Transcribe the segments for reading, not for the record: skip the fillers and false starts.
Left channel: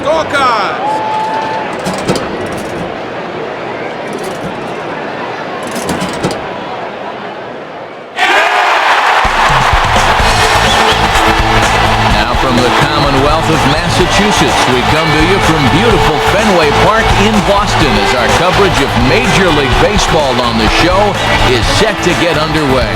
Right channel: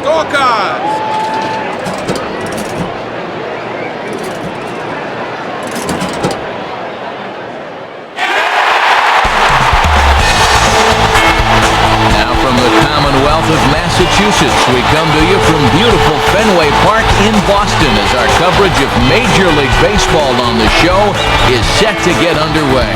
scorecards. From the Commonwealth of Massachusetts, we come to you from beautiful Fenway Park in Boston as our coverage of Major League Baseball on the show is set to get underway.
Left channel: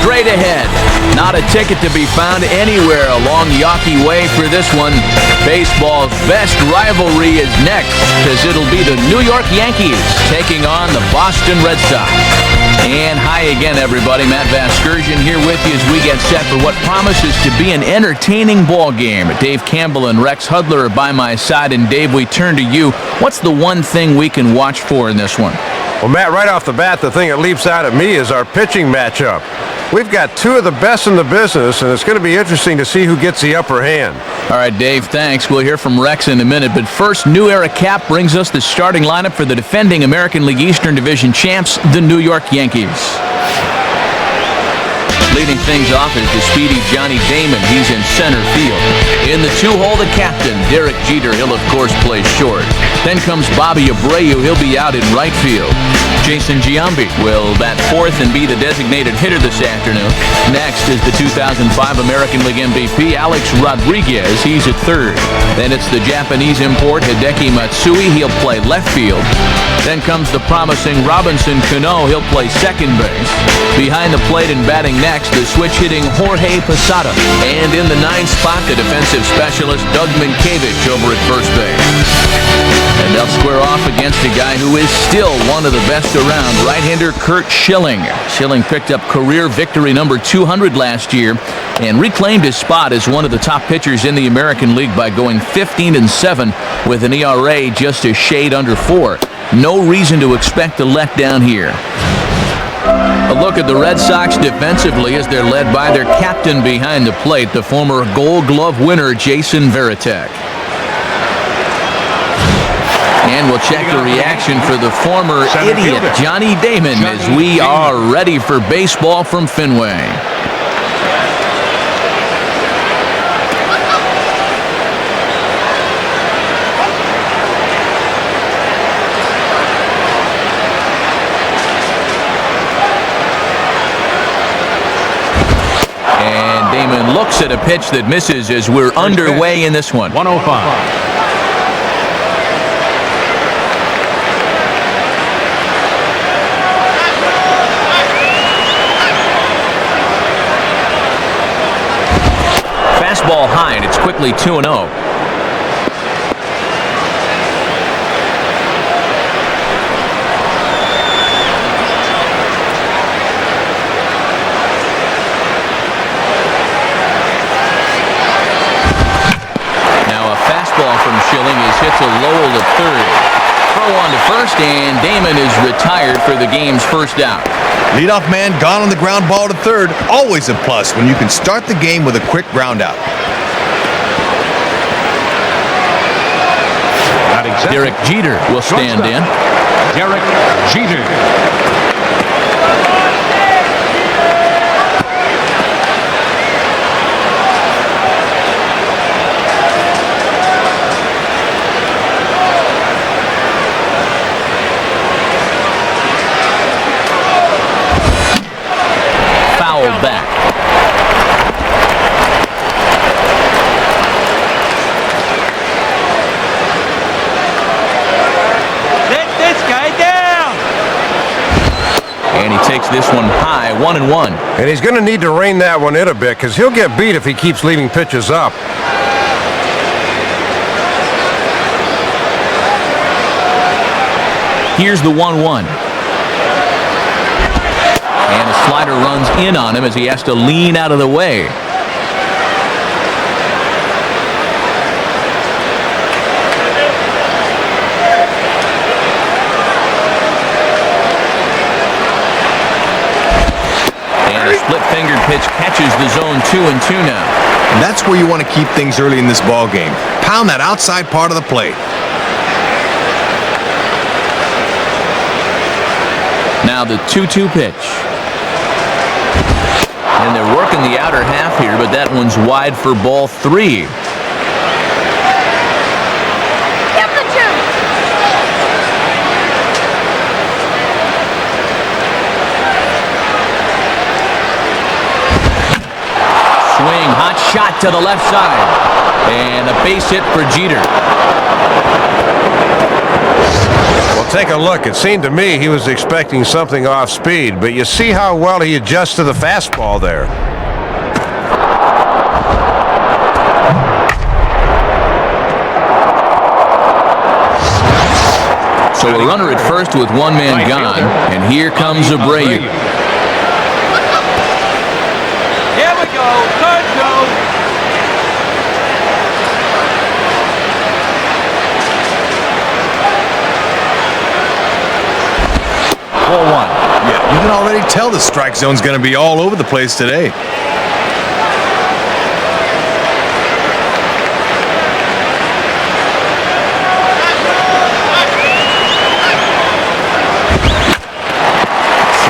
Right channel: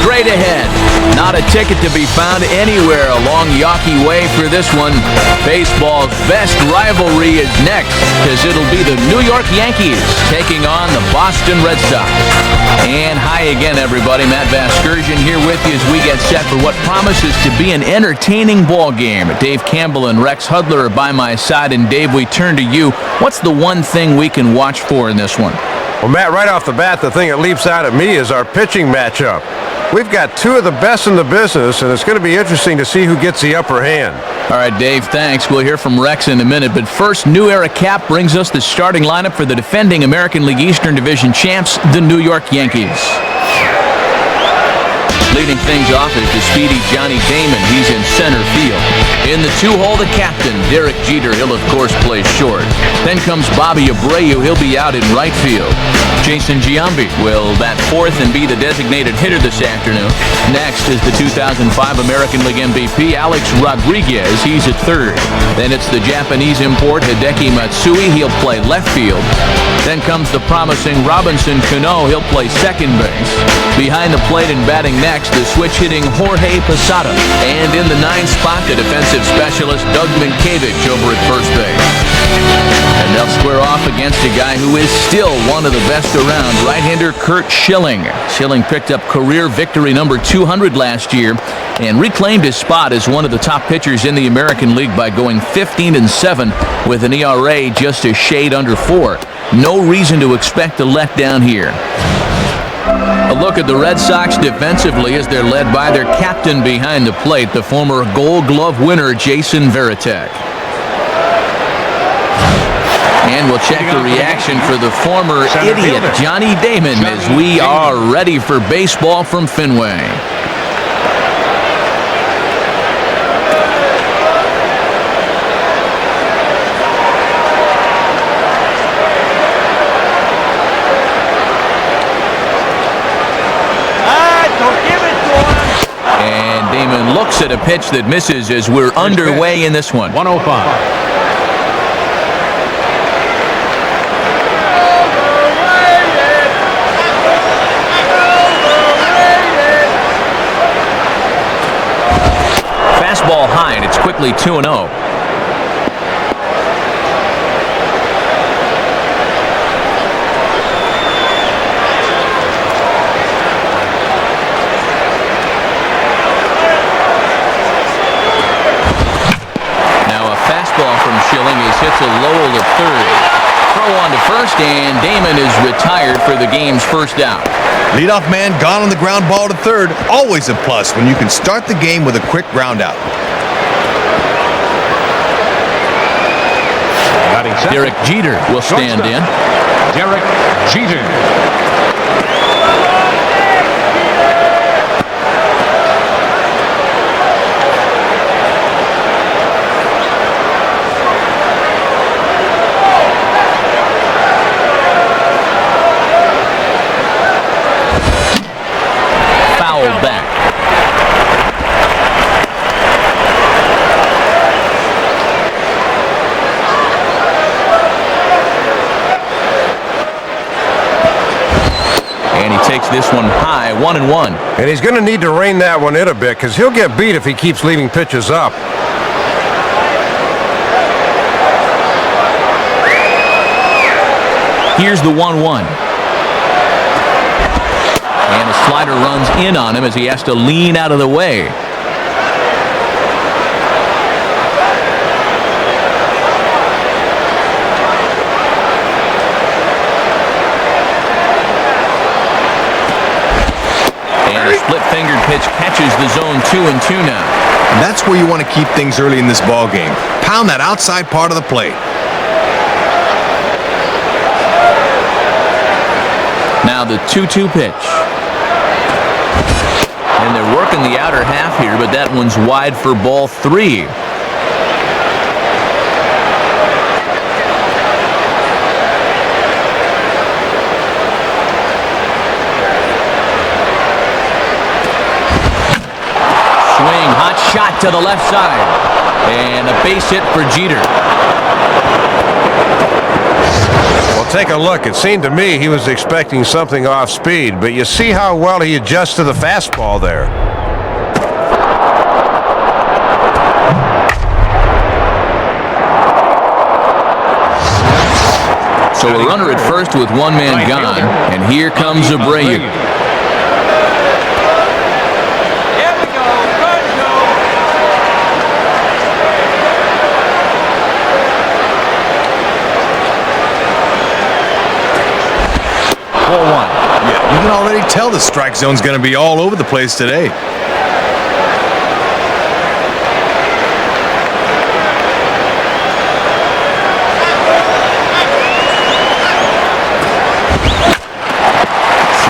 Straight ahead, not a ticket to be found anywhere along Yawkey Way for this one. Baseball's best rivalry is next, because it'll be the New York Yankees taking on the Boston Red Sox. And hi again, everybody. Matt Vasgersian here with you as we get set for what promises to be an entertaining ball game. Dave Campbell and Rex Hudler are by my side. And Dave, we turn to you. What's the one thing we can watch for in this one? Well, Matt, right off the bat, the thing that leaps out at me is our pitching matchup. We've got two of the best in the business, and it's going to be interesting to see who gets the upper hand. All right, Dave, thanks. We'll hear from Rex in a minute. But first, New Era Cap brings us the starting lineup for the defending American League Eastern Division champs, the New York Yankees. Leading things off is the speedy Johnny Damon. He's in center field. In the two-hole, the captain, Derek Jeter. He'll, of course, play short. Then comes Bobby Abreu. He'll be out in right field. Jason Giambi will bat fourth and be the designated hitter this afternoon. Next is the 2005 American League MVP, Alex Rodriguez. He's at third. Then it's the Japanese import, Hideki Matsui. He'll play left field. Then comes the promising Robinson Cano. He'll play second base. Behind the plate and batting next, the switch-hitting Jorge Posada. And in the ninth spot, the defensive specialist Doug Minkiewicz over at first base. And they'll square off against a guy who is still one of the best around, right-hander Curt Schilling. Schilling picked up career victory number 200 last year and reclaimed his spot as one of the top pitchers in the American League by going 15-7 with an ERA just a shade under 4. No reason to expect a letdown here. A look at the Red Sox defensively as they're led by their captain behind the plate, the former Gold Glove winner Jason Varitek. And we'll check the reaction for the former idiot Johnny Damon as we are ready for baseball from Fenway. And Damon looks at a pitch that misses as we're underway in this one. 105. Fastball high, and it's quickly 2-0. Now a fastball from Schilling is hit to Lowell at third. Throw on to first, and Damon is retired for the game's first out. Leadoff man gone on the ground ball to third. Always a plus when you can start the game with a quick ground out. Derek Jeter will stand in. Back. And he takes this one high, 1-1. And he's going to need to rein that one in a bit because he'll get beat if he keeps leaving pitches up. Here's the 1-1. And a slider runs in on him as he has to lean out of the way. And a split-fingered pitch catches the zone 2-2 now. And that's where you want to keep things early in this ball game. Pound that outside part of the plate. Now the 2-2 pitch. And they're working the outer half here, but that one's wide for ball 3. swing, hot shot to the left side. And a base hit for Jeter. Well, take a look. It seemed to me he was expecting something off speed, but you see how well he adjusts to the fastball there. So a runner at first with one man gone, and here comes Abreu. Ball one. Yeah, you can already tell the strike zone's going to be all over the place today.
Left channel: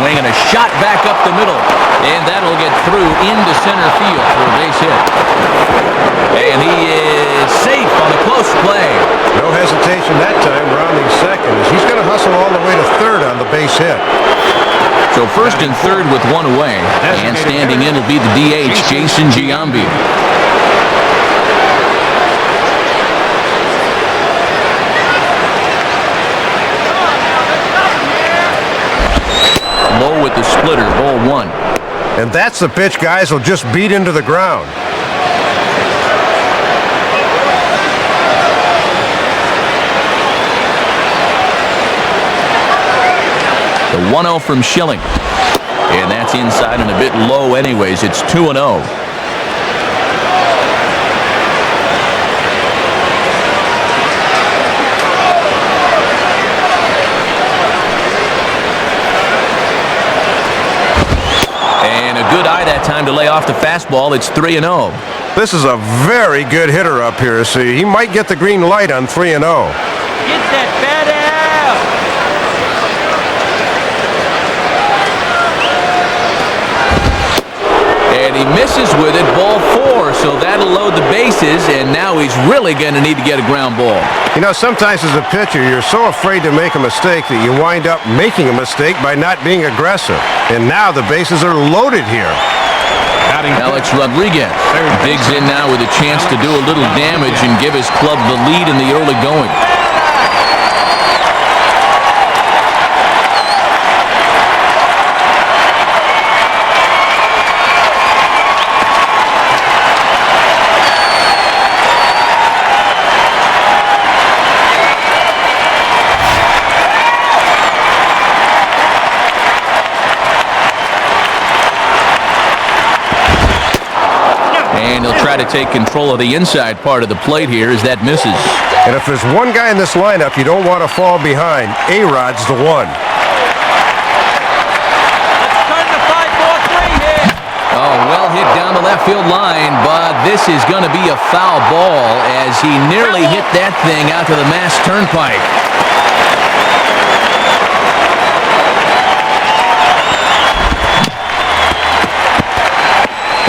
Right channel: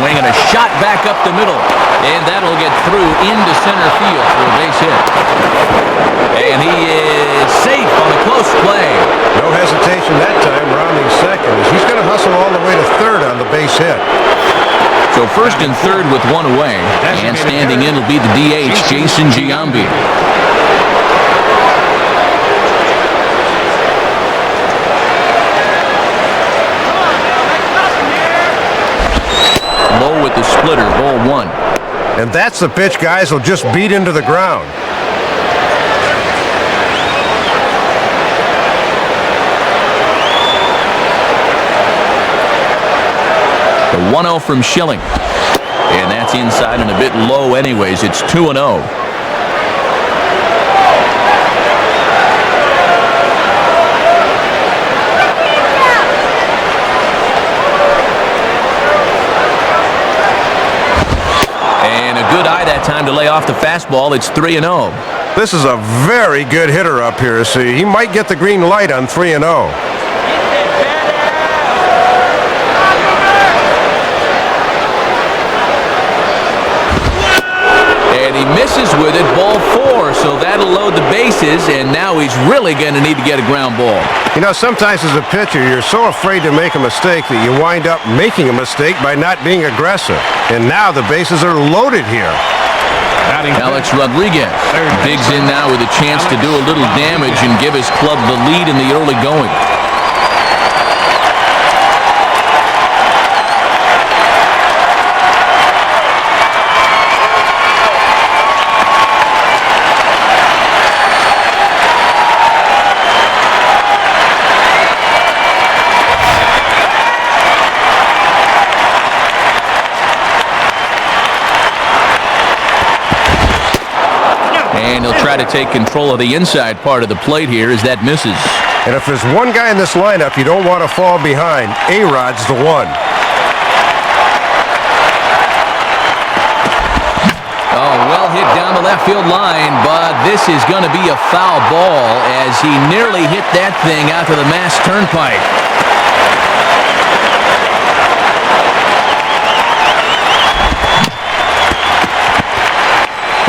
Swing and a shot back up the middle. And that'll get through into center field for a base hit. And he is safe on a close play. No hesitation that time, rounding second, as he's going to hustle all the way to third on the base hit. So first and third with one away. And standing in will be the DH, Jason Giambi. Low with the splitter, ball one. And that's the pitch guys will just beat into the ground. The 1-0 from Schilling. And that's inside and a bit low anyways. It's 2-0. And a good eye that time to lay off the fastball. It's 3-0. This is a very good hitter up here. See, he might get the green light on 3-0. And he misses with it, ball four, so that'll load the bases, and now he's really going to need to get a ground ball. You know, sometimes as a pitcher, you're so afraid to make a mistake that you wind up making a mistake by not being aggressive. And now the bases are loaded here. Alex Rodriguez digs in now with a chance to do a little damage and give his club the lead in the early going. And he'll try to take control of the inside part of the plate here as that misses. And if there's one guy in this lineup you don't want to fall behind, A-Rod's the one. Oh, well hit down the left field line, but this is going to be a foul ball as he nearly hit that thing out to the Mass Turnpike.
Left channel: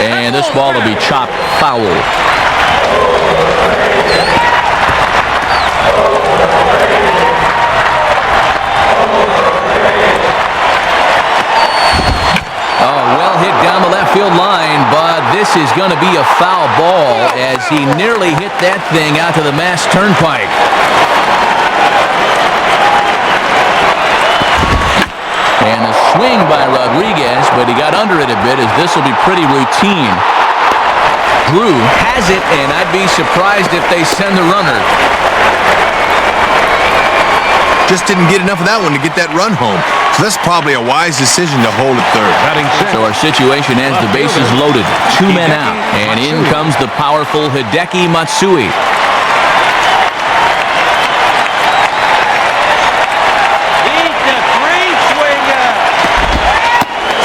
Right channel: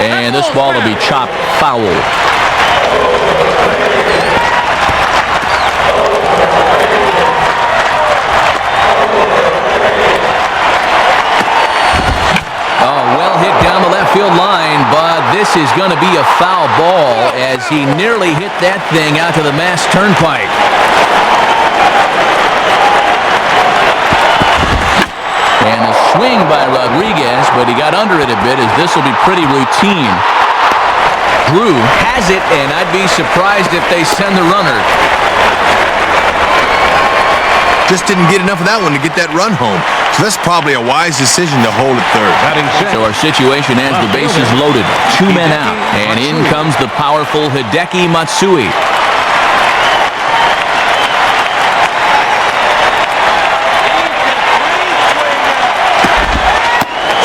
And this ball will be chopped foul. Oh, well hit down the left field line, but this is going to be a foul ball as he nearly hit that thing out to the Mass Turnpike. And a swing by Rodriguez, but he got under it a bit as this will be pretty routine. Drew has it, and I'd be surprised if they send the runner. Just didn't get enough of that one to get that run home. So that's probably a wise decision to hold at third. So our situation has the bases loaded, 2 men out, and in comes the powerful Hideki Matsui.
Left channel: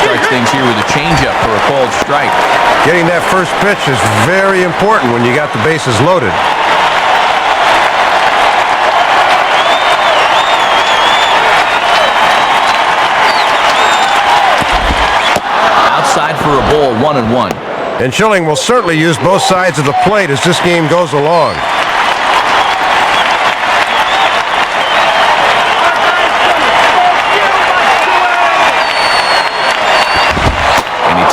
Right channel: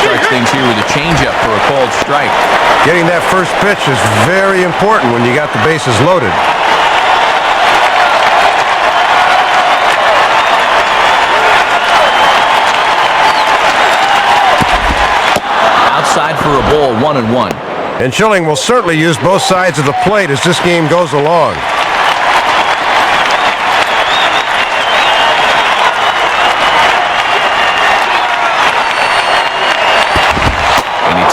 Strikes things here with a changeup for a called strike. Getting that first pitch is very important when you got the bases loaded. Outside for a ball, 1-1. And Schilling will certainly use both sides of the plate as this game goes along.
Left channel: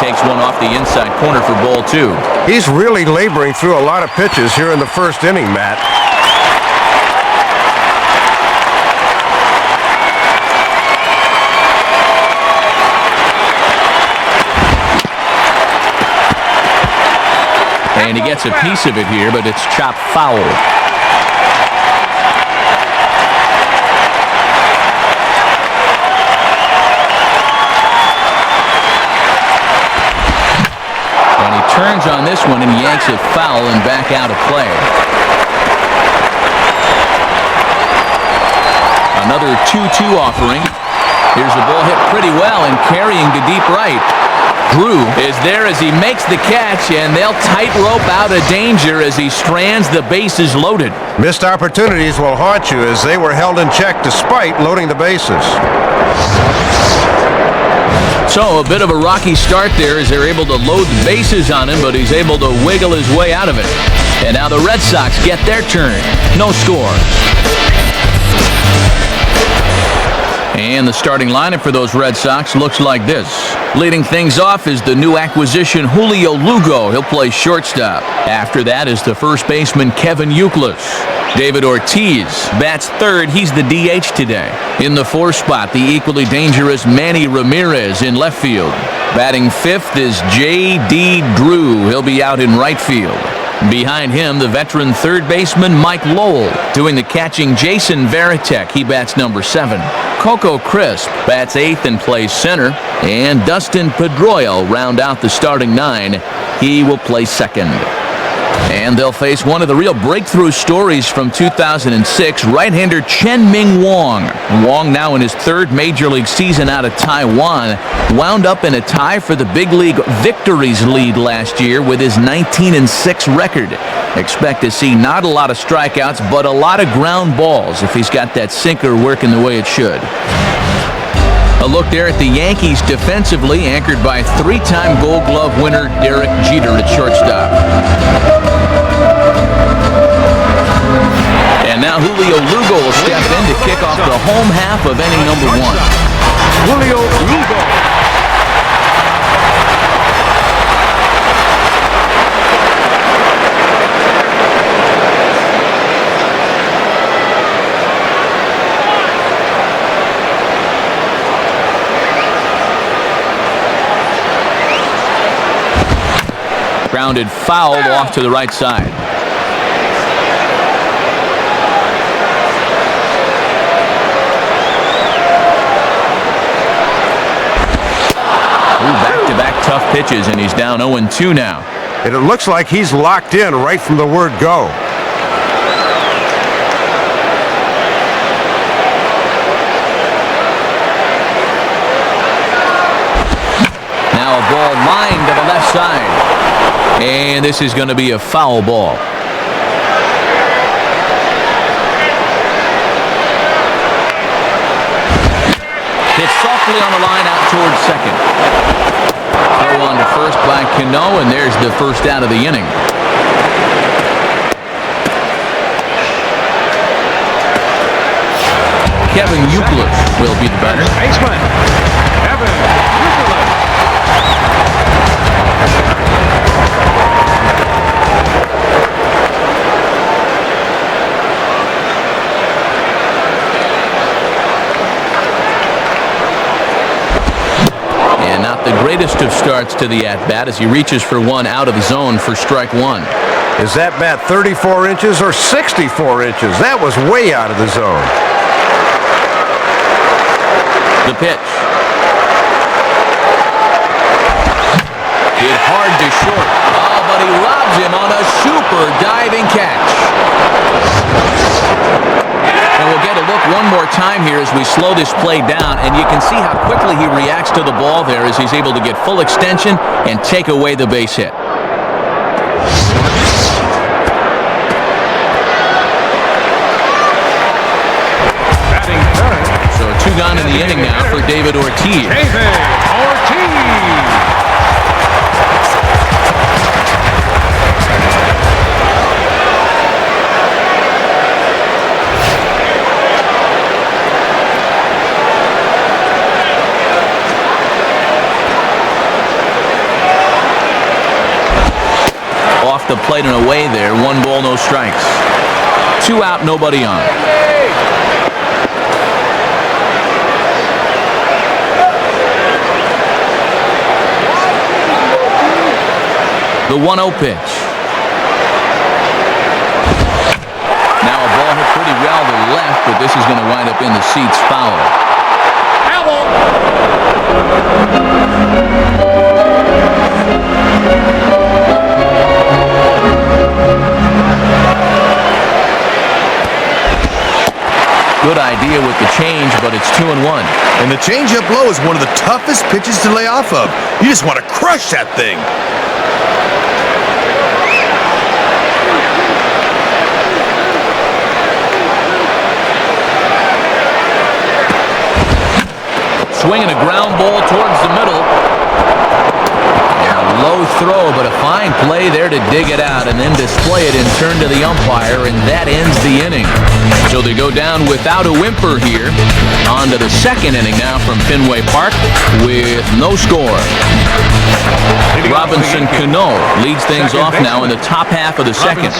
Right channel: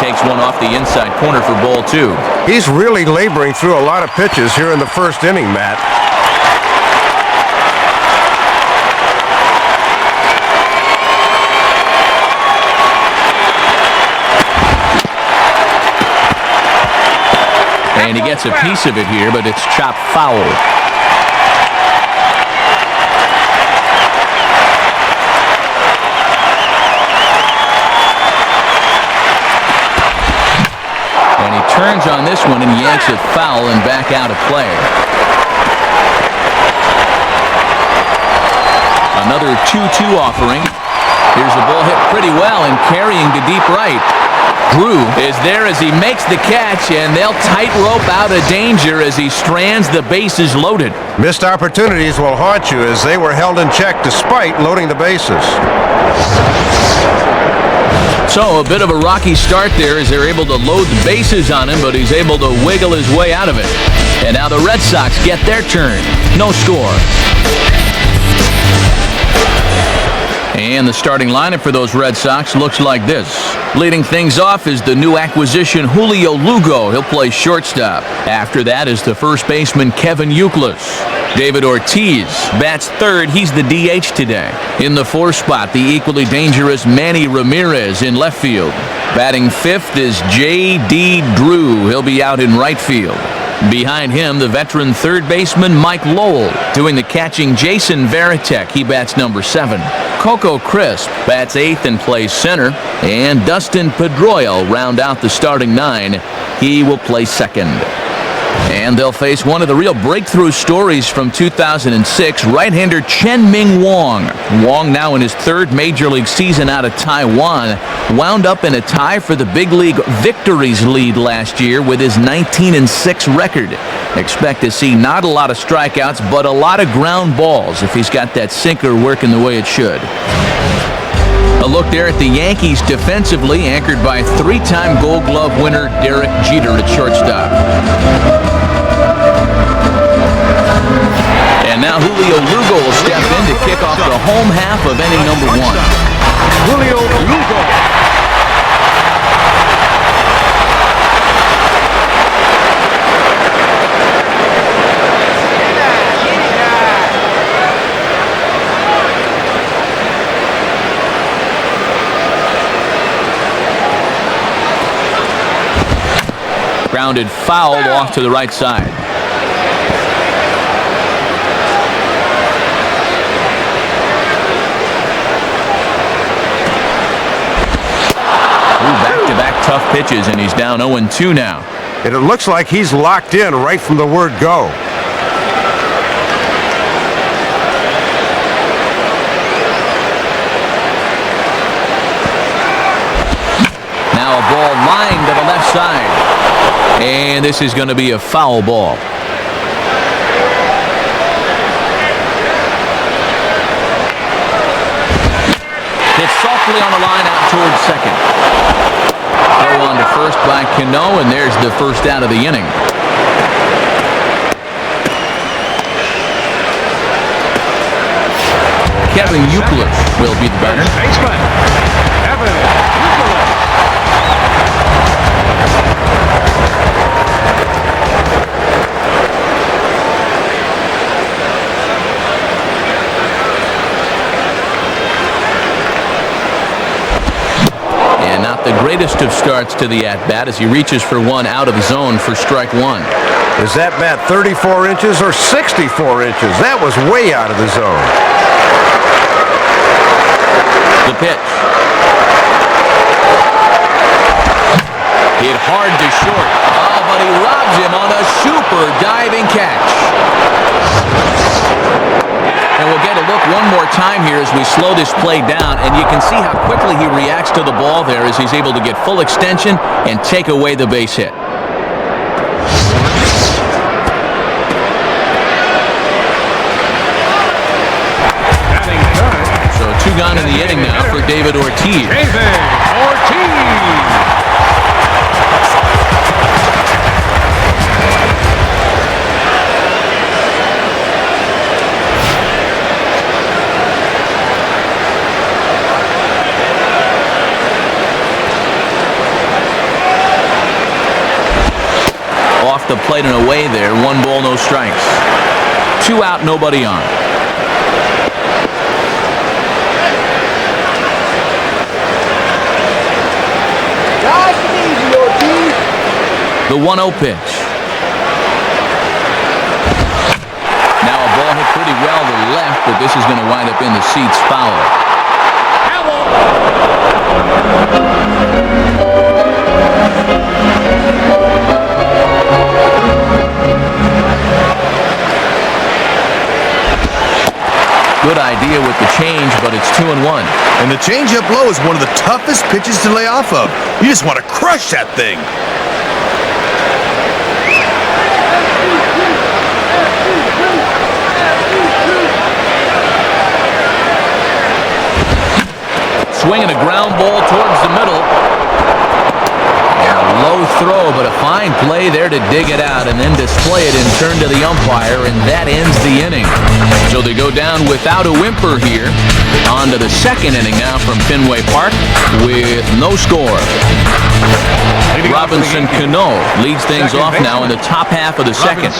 takes one off the inside corner for ball 2. He's really laboring through a lot of pitches here in the first inning, Matt. And he gets a piece of it here, but it's chopped foul. And he turns on this one and yanks it foul and back out of play. Another 2-2 offering. Here's the ball hit pretty well and carrying to deep right. Drew is there as he makes the catch, and they'll tightrope out of danger as he strands the bases loaded. Missed opportunities will haunt you as they were held in check despite loading the bases. So a bit of a rocky start there as they're able to load the bases on him, but he's able to wiggle his way out of it. And now the Red Sox get their turn. No score. And the starting lineup for those Red Sox looks like this. Leading things off is the new acquisition Julio Lugo. He'll play shortstop. After that is the first baseman Kevin Youkilis. David Ortiz bats third. He's the DH today. In the fourth spot, the equally dangerous Manny Ramirez in left field. Batting fifth is J.D. Drew. He'll be out in right field. Behind him, the veteran third baseman Mike Lowell. Doing the catching, Jason Varitek. He bats number 7. Coco Crisp bats 8th and plays center. And Dustin Pedroia round out the starting 9. He will play second. And they'll face one of the real breakthrough stories from 2006, right-hander Chen-Ming Wong. Wong, now in his third major league season out of Taiwan, wound up in a tie for the big league victories lead last year with his 19-6 record. Expect to see not a lot of strikeouts, but a lot of ground balls if he's got that sinker working the way it should. A look there at the Yankees defensively, anchored by 3-time Gold Glove winner Derek Jeter at shortstop. And now Julio Lugo will step in to kick off the home half of inning number 1. Grounded foul off to the right side. Back-to-back tough pitches, and he's down 0-2 now. And it looks like he's locked in right from the word go. Now a ball lined to the left side. And this is going to be a foul ball. Hit softly on the line out towards second. Throw on to first by Cano, and there's the first out of the inning. Kevin Youkilis will be the batter. The greatest of starts to the at-bat as he reaches for one out of the zone for strike 1. Is that bat 34 inches or 64 inches? That was way out of the zone. The pitch. Hit hard to short. Oh, but he robs him on a super diving catch. And we'll get a look one more time here as we slow this play down, and you can see how quickly he reacts to the ball there as he's able to get full extension and take away the base hit. So 2 gone in the inning now for David Ortiz. Off the plate and away there. 1 ball, no strikes. 2 out, nobody on. The 1-0 pitch. Now a ball hit pretty well to left, but this is going to wind up in the seats foul. Good idea with the change, but it's 2-1. And the changeup low is one of the toughest pitches to lay off of. You just want to crush that thing. Swinging a ground ball towards the middle. And a low throw, but a fine play there to dig it out and then display it and turn to the umpire, and that ends the inning. So they go down without a whimper here. On to the second inning now from Fenway Park with no score. Robinson Cano leads things off now in the top half of the second.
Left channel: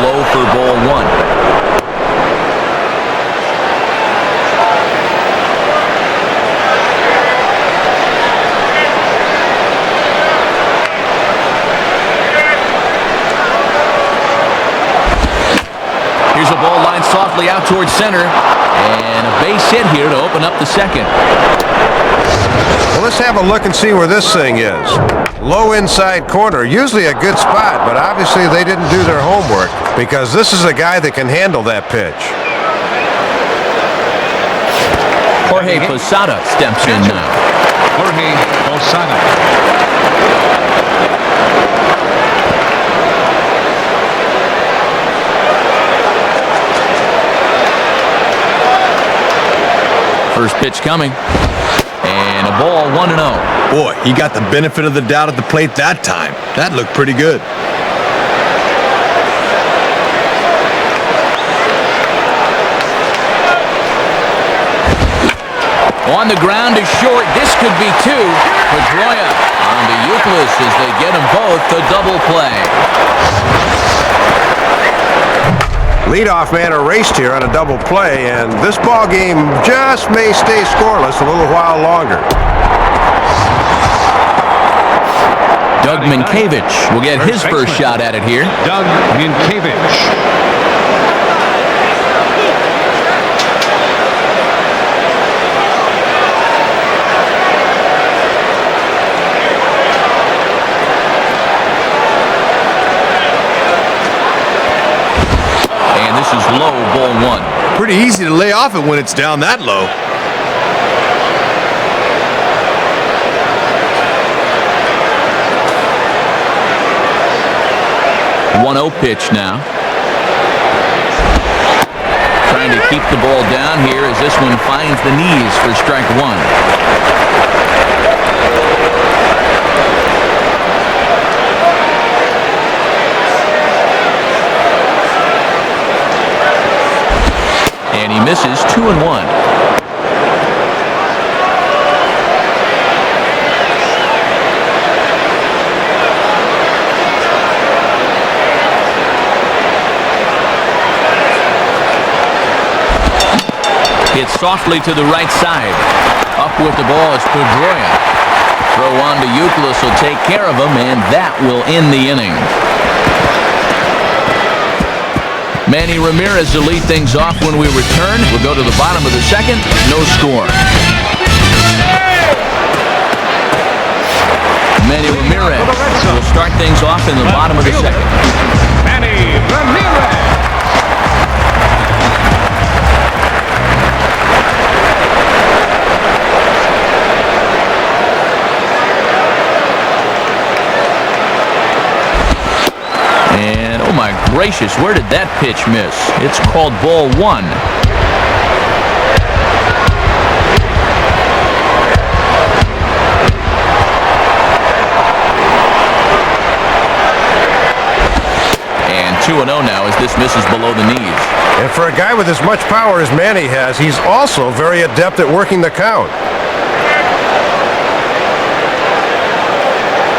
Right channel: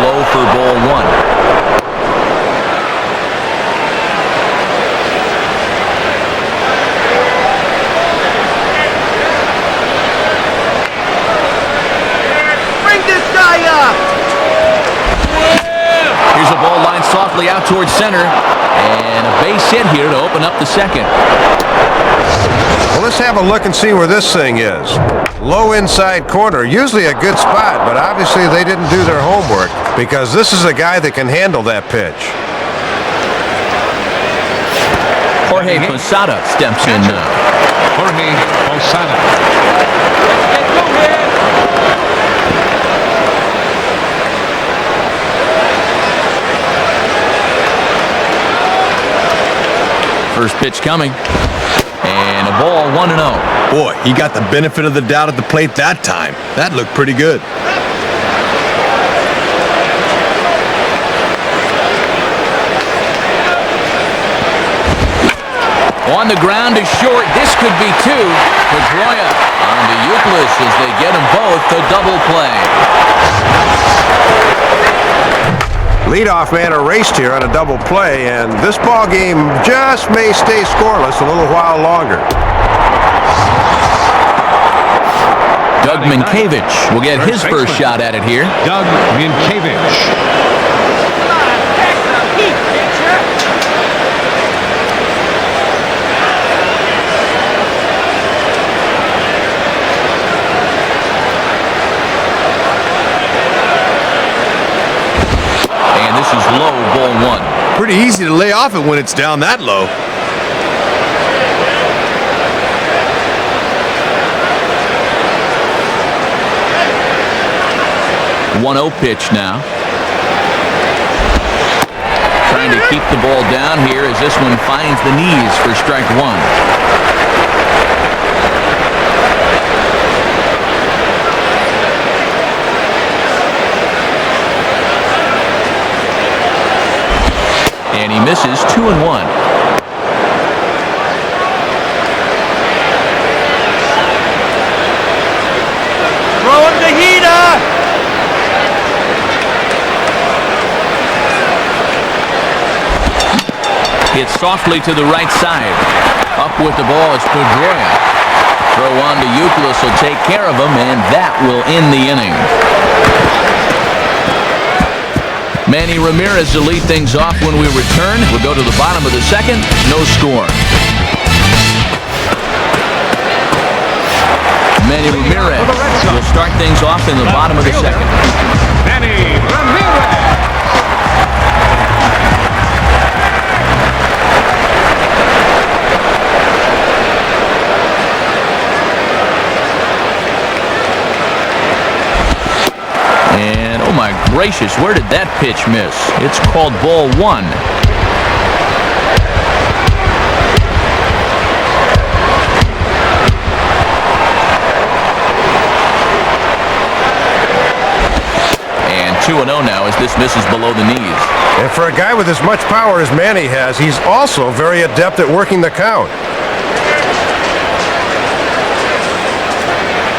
Low for ball 1. Here's a ball lined softly out towards center, and a base hit here to open up the second. Well, let's have a look and see where this thing is. Low inside corner, usually a good spot, but obviously they didn't do their homework because this is a guy that can handle that pitch. Jorge Posada steps in now. First pitch coming. And a ball, 1-0. Boy, he got the benefit of the doubt at the plate that time. That looked pretty good. On the ground is short. This could be 2. Pedroia on to Euclid as they get them both a double play. Leadoff man erased here on a double play, and this ball game just may stay scoreless a little while longer. Doug Minkiewicz will get his first shot at it here. This is low, ball 1. Pretty easy to lay off it when it's down that low. The 1-0 pitch now. Trying to keep the ball down here as this one finds the knees for strike 1. And he misses 2-1. Hit softly to the right side. Up with the ball is Pedroia. Throw on to Euclid will take care of him, and that will end the inning. Manny Ramirez to lead things off when we return. We'll go to the bottom of the second. No score. Manny Ramirez will start things off in the bottom of the second. And oh my gracious, where did that pitch miss? It's called ball 1. And 2-0 now as this misses below the knees. And for a guy with as much power as Manny has, he's also very adept at working the count.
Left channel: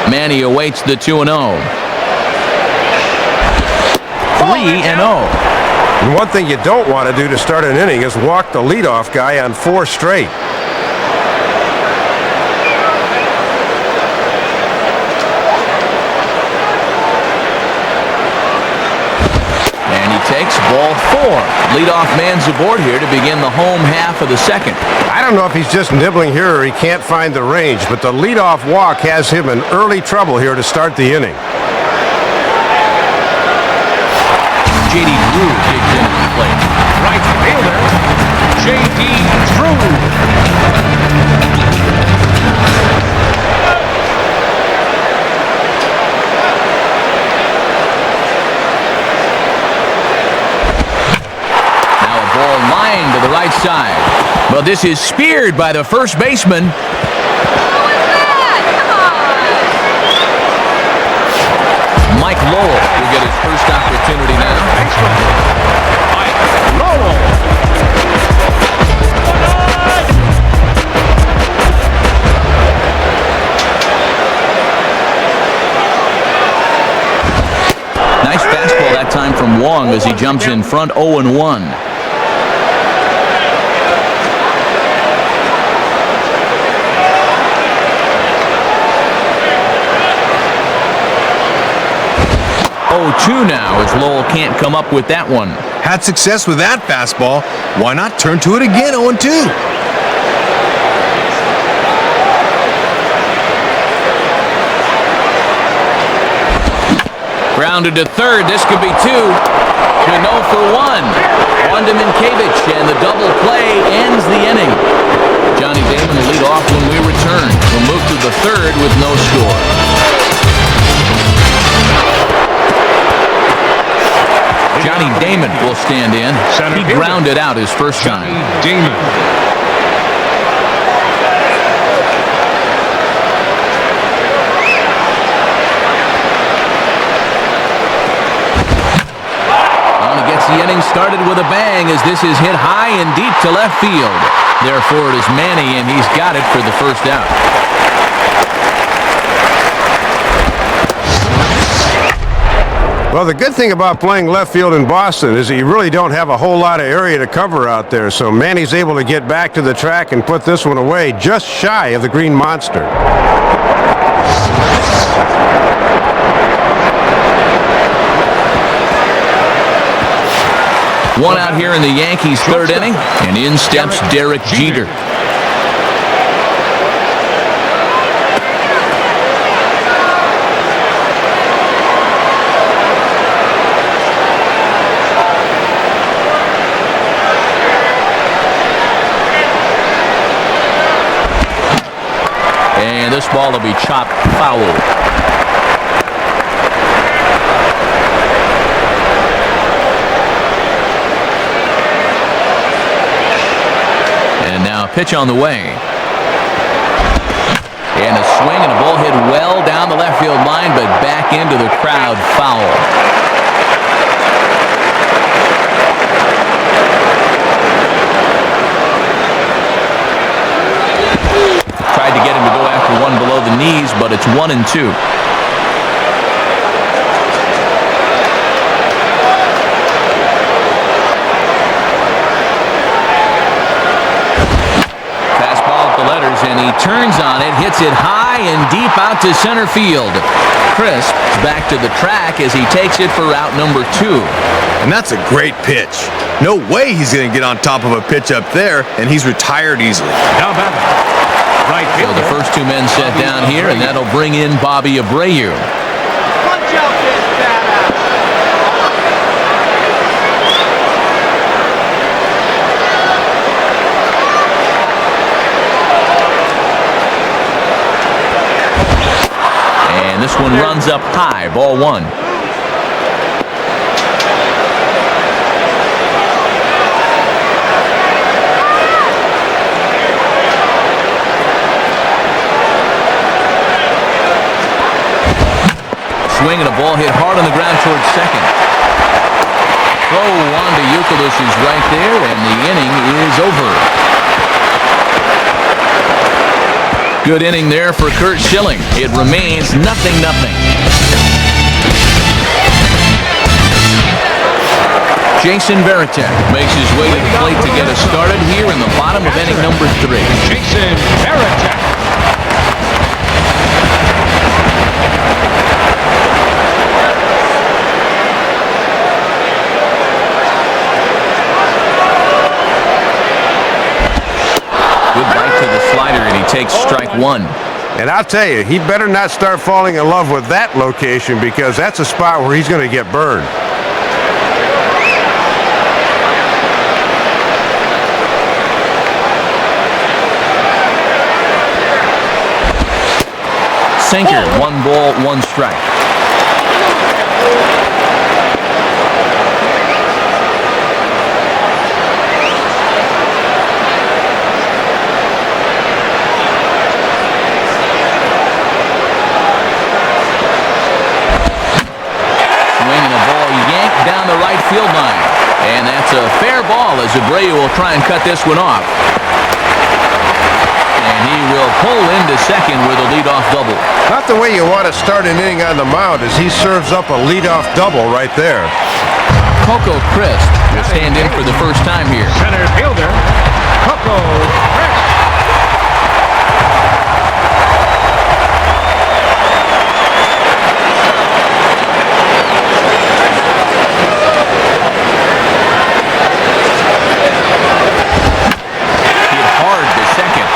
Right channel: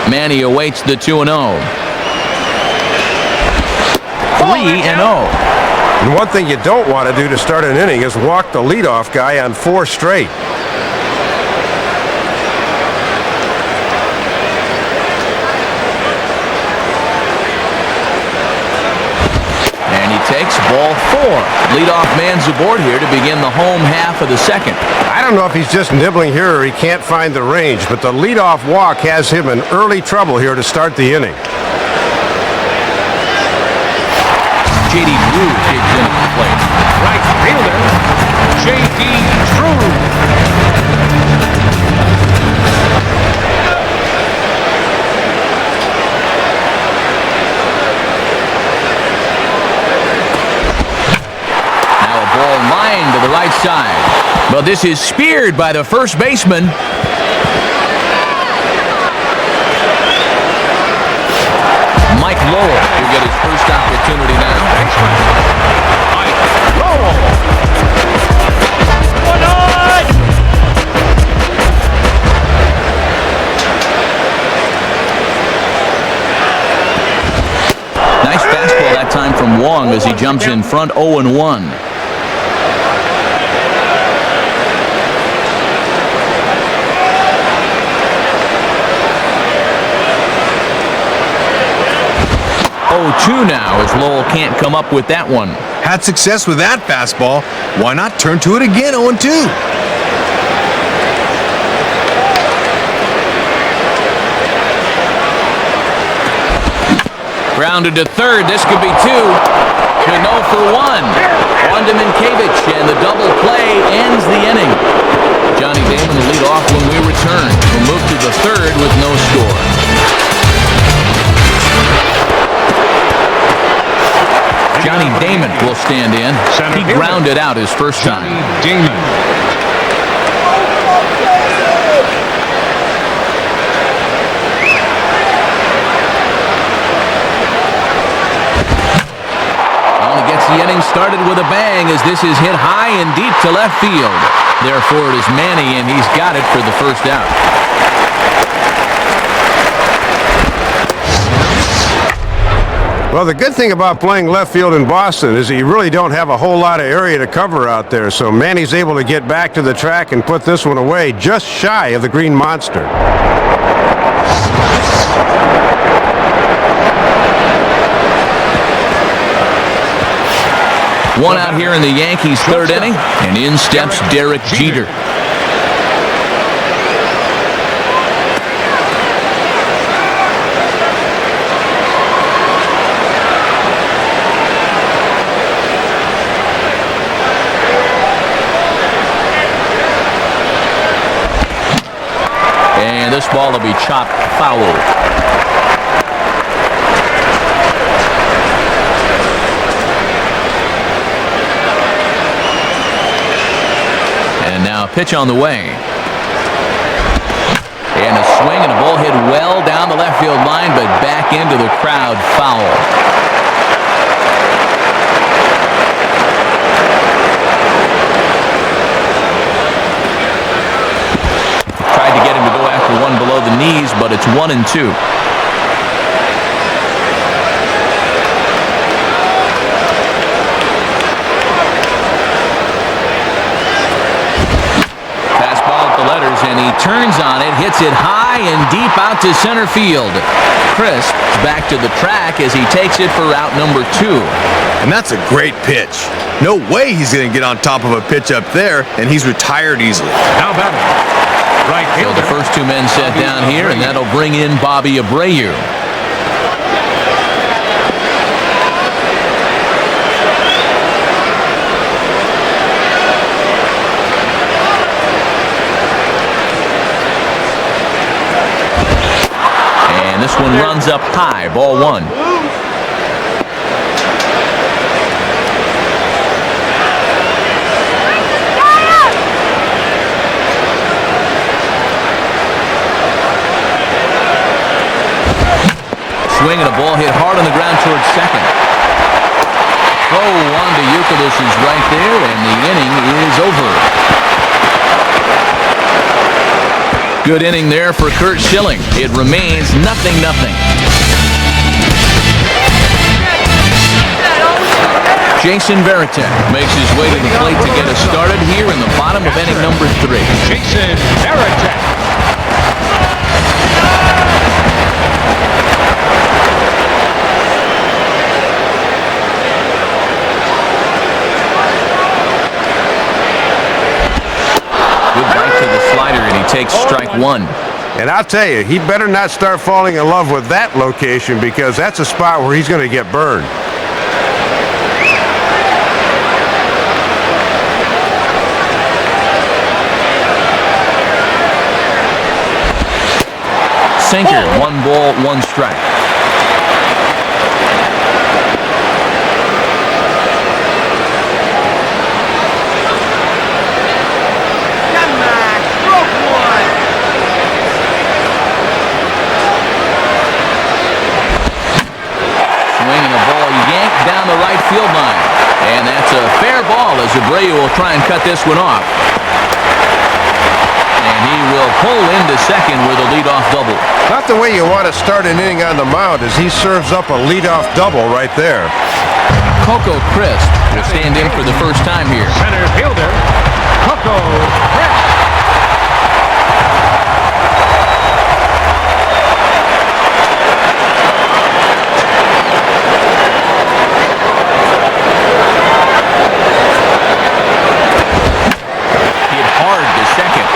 Manny awaits the 2-0. 3-0. And one thing you don't want to do to start an inning is walk the leadoff guy on 4 straight. And he takes ball 4. Leadoff man's aboard here to begin the home half of the second. I don't know if he's just nibbling here or he can't find the range, but the leadoff walk has him in early trouble here to start the inning. J.D. Drew digs in at the plate. Now a ball lined to the right side. But this is speared by the first baseman. Mike Lowell will get his first opportunity now. Nice fastball that time from Wong as he jumps in front 0-1. Two now as Lowell can't come up with that one. Had success with that fastball. Why not turn to it again? 0-2. Grounded to third. This could be 2. To no for 1. On to Minkiewicz, and the double play ends the inning. Johnny Damon will lead off when we return. We'll move to the third with no score. Johnny Damon will stand in. He grounded out his first time. Well, he gets the inning started with a bang as this is hit high and deep to left field. Therefore, it is Manny, and he's got it for the first out. Well, the good thing about playing left field in Boston is that you really don't have a whole lot of area to cover out there, so Manny's able to get back to the track and put this one away just shy of the Green Monster. One out here in the Yankees' third inning, and in steps Derek Jeter. And this ball will be chopped foul. And now a pitch on the way. And a swing and a ball hit well down the left field line, but back into the crowd, foul. Tried to get him to go after one below the knees, but it's 1-2. And he turns on it, hits it high and deep out to center field. Crisp back to the track as he takes it for route number 2. And that's a great pitch. No way he's going to get on top of a pitch up there, and he's retired easily. So the first 2 men set down here, and that'll bring in Bobby Abreu. This one runs up high, ball 1. Swing and a ball hit hard on the ground towards second. Oh, Wanda Euclid is right there, and the inning is over. Good inning there for Curt Schilling. It remains 0-0. Jason Varitek makes his way to the plate to get us started here in the bottom of inning number 3. Good bite to the slider, and he takes strike 1. And I'll tell you, he better not start falling in love with that location, because that's a spot where he's going to get burned. Sinker, 1 ball, 1 strike. Down the right field line, and that's a fair ball as Abreu will try and cut this one off, and he will pull into second with a leadoff double. Not the way you want to start an inning on the mound, as he serves up a leadoff double right there. Coco Crisp will stand in for the first time here. Hard to second.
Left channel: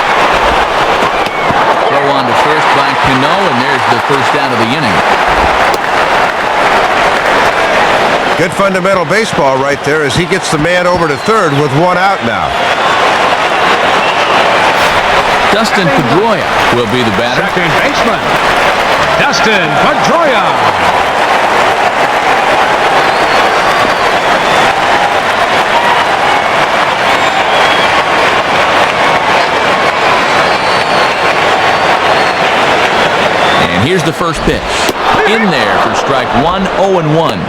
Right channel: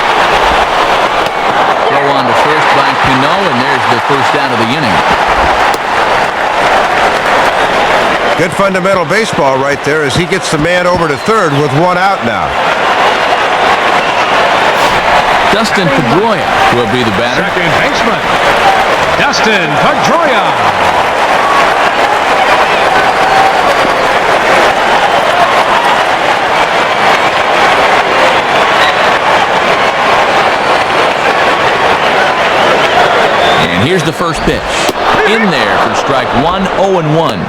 Throw on to first by Cano, and there's the first out of the inning. Good fundamental baseball right there as he gets the man over to third with 1 out now. Dustin Pedroia will be the batter. Here's the first pitch. In there for strike 1, 0-1.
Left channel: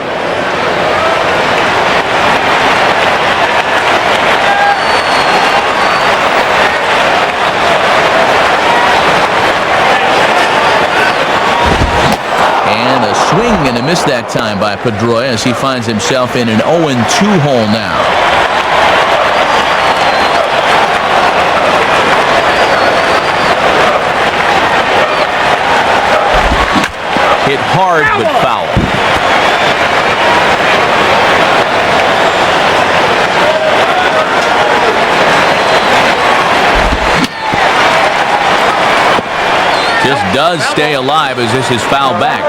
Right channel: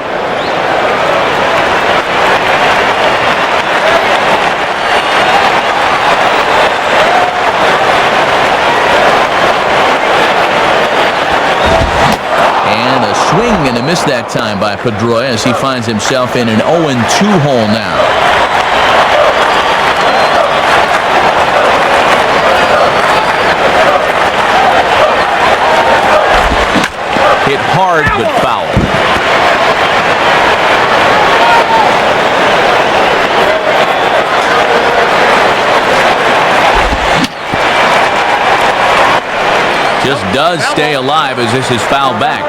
And a swing and a miss that time by Pedroia as he finds himself in an 0-2 hole now. Hit hard but foul. Just does stay alive as this is fouled back.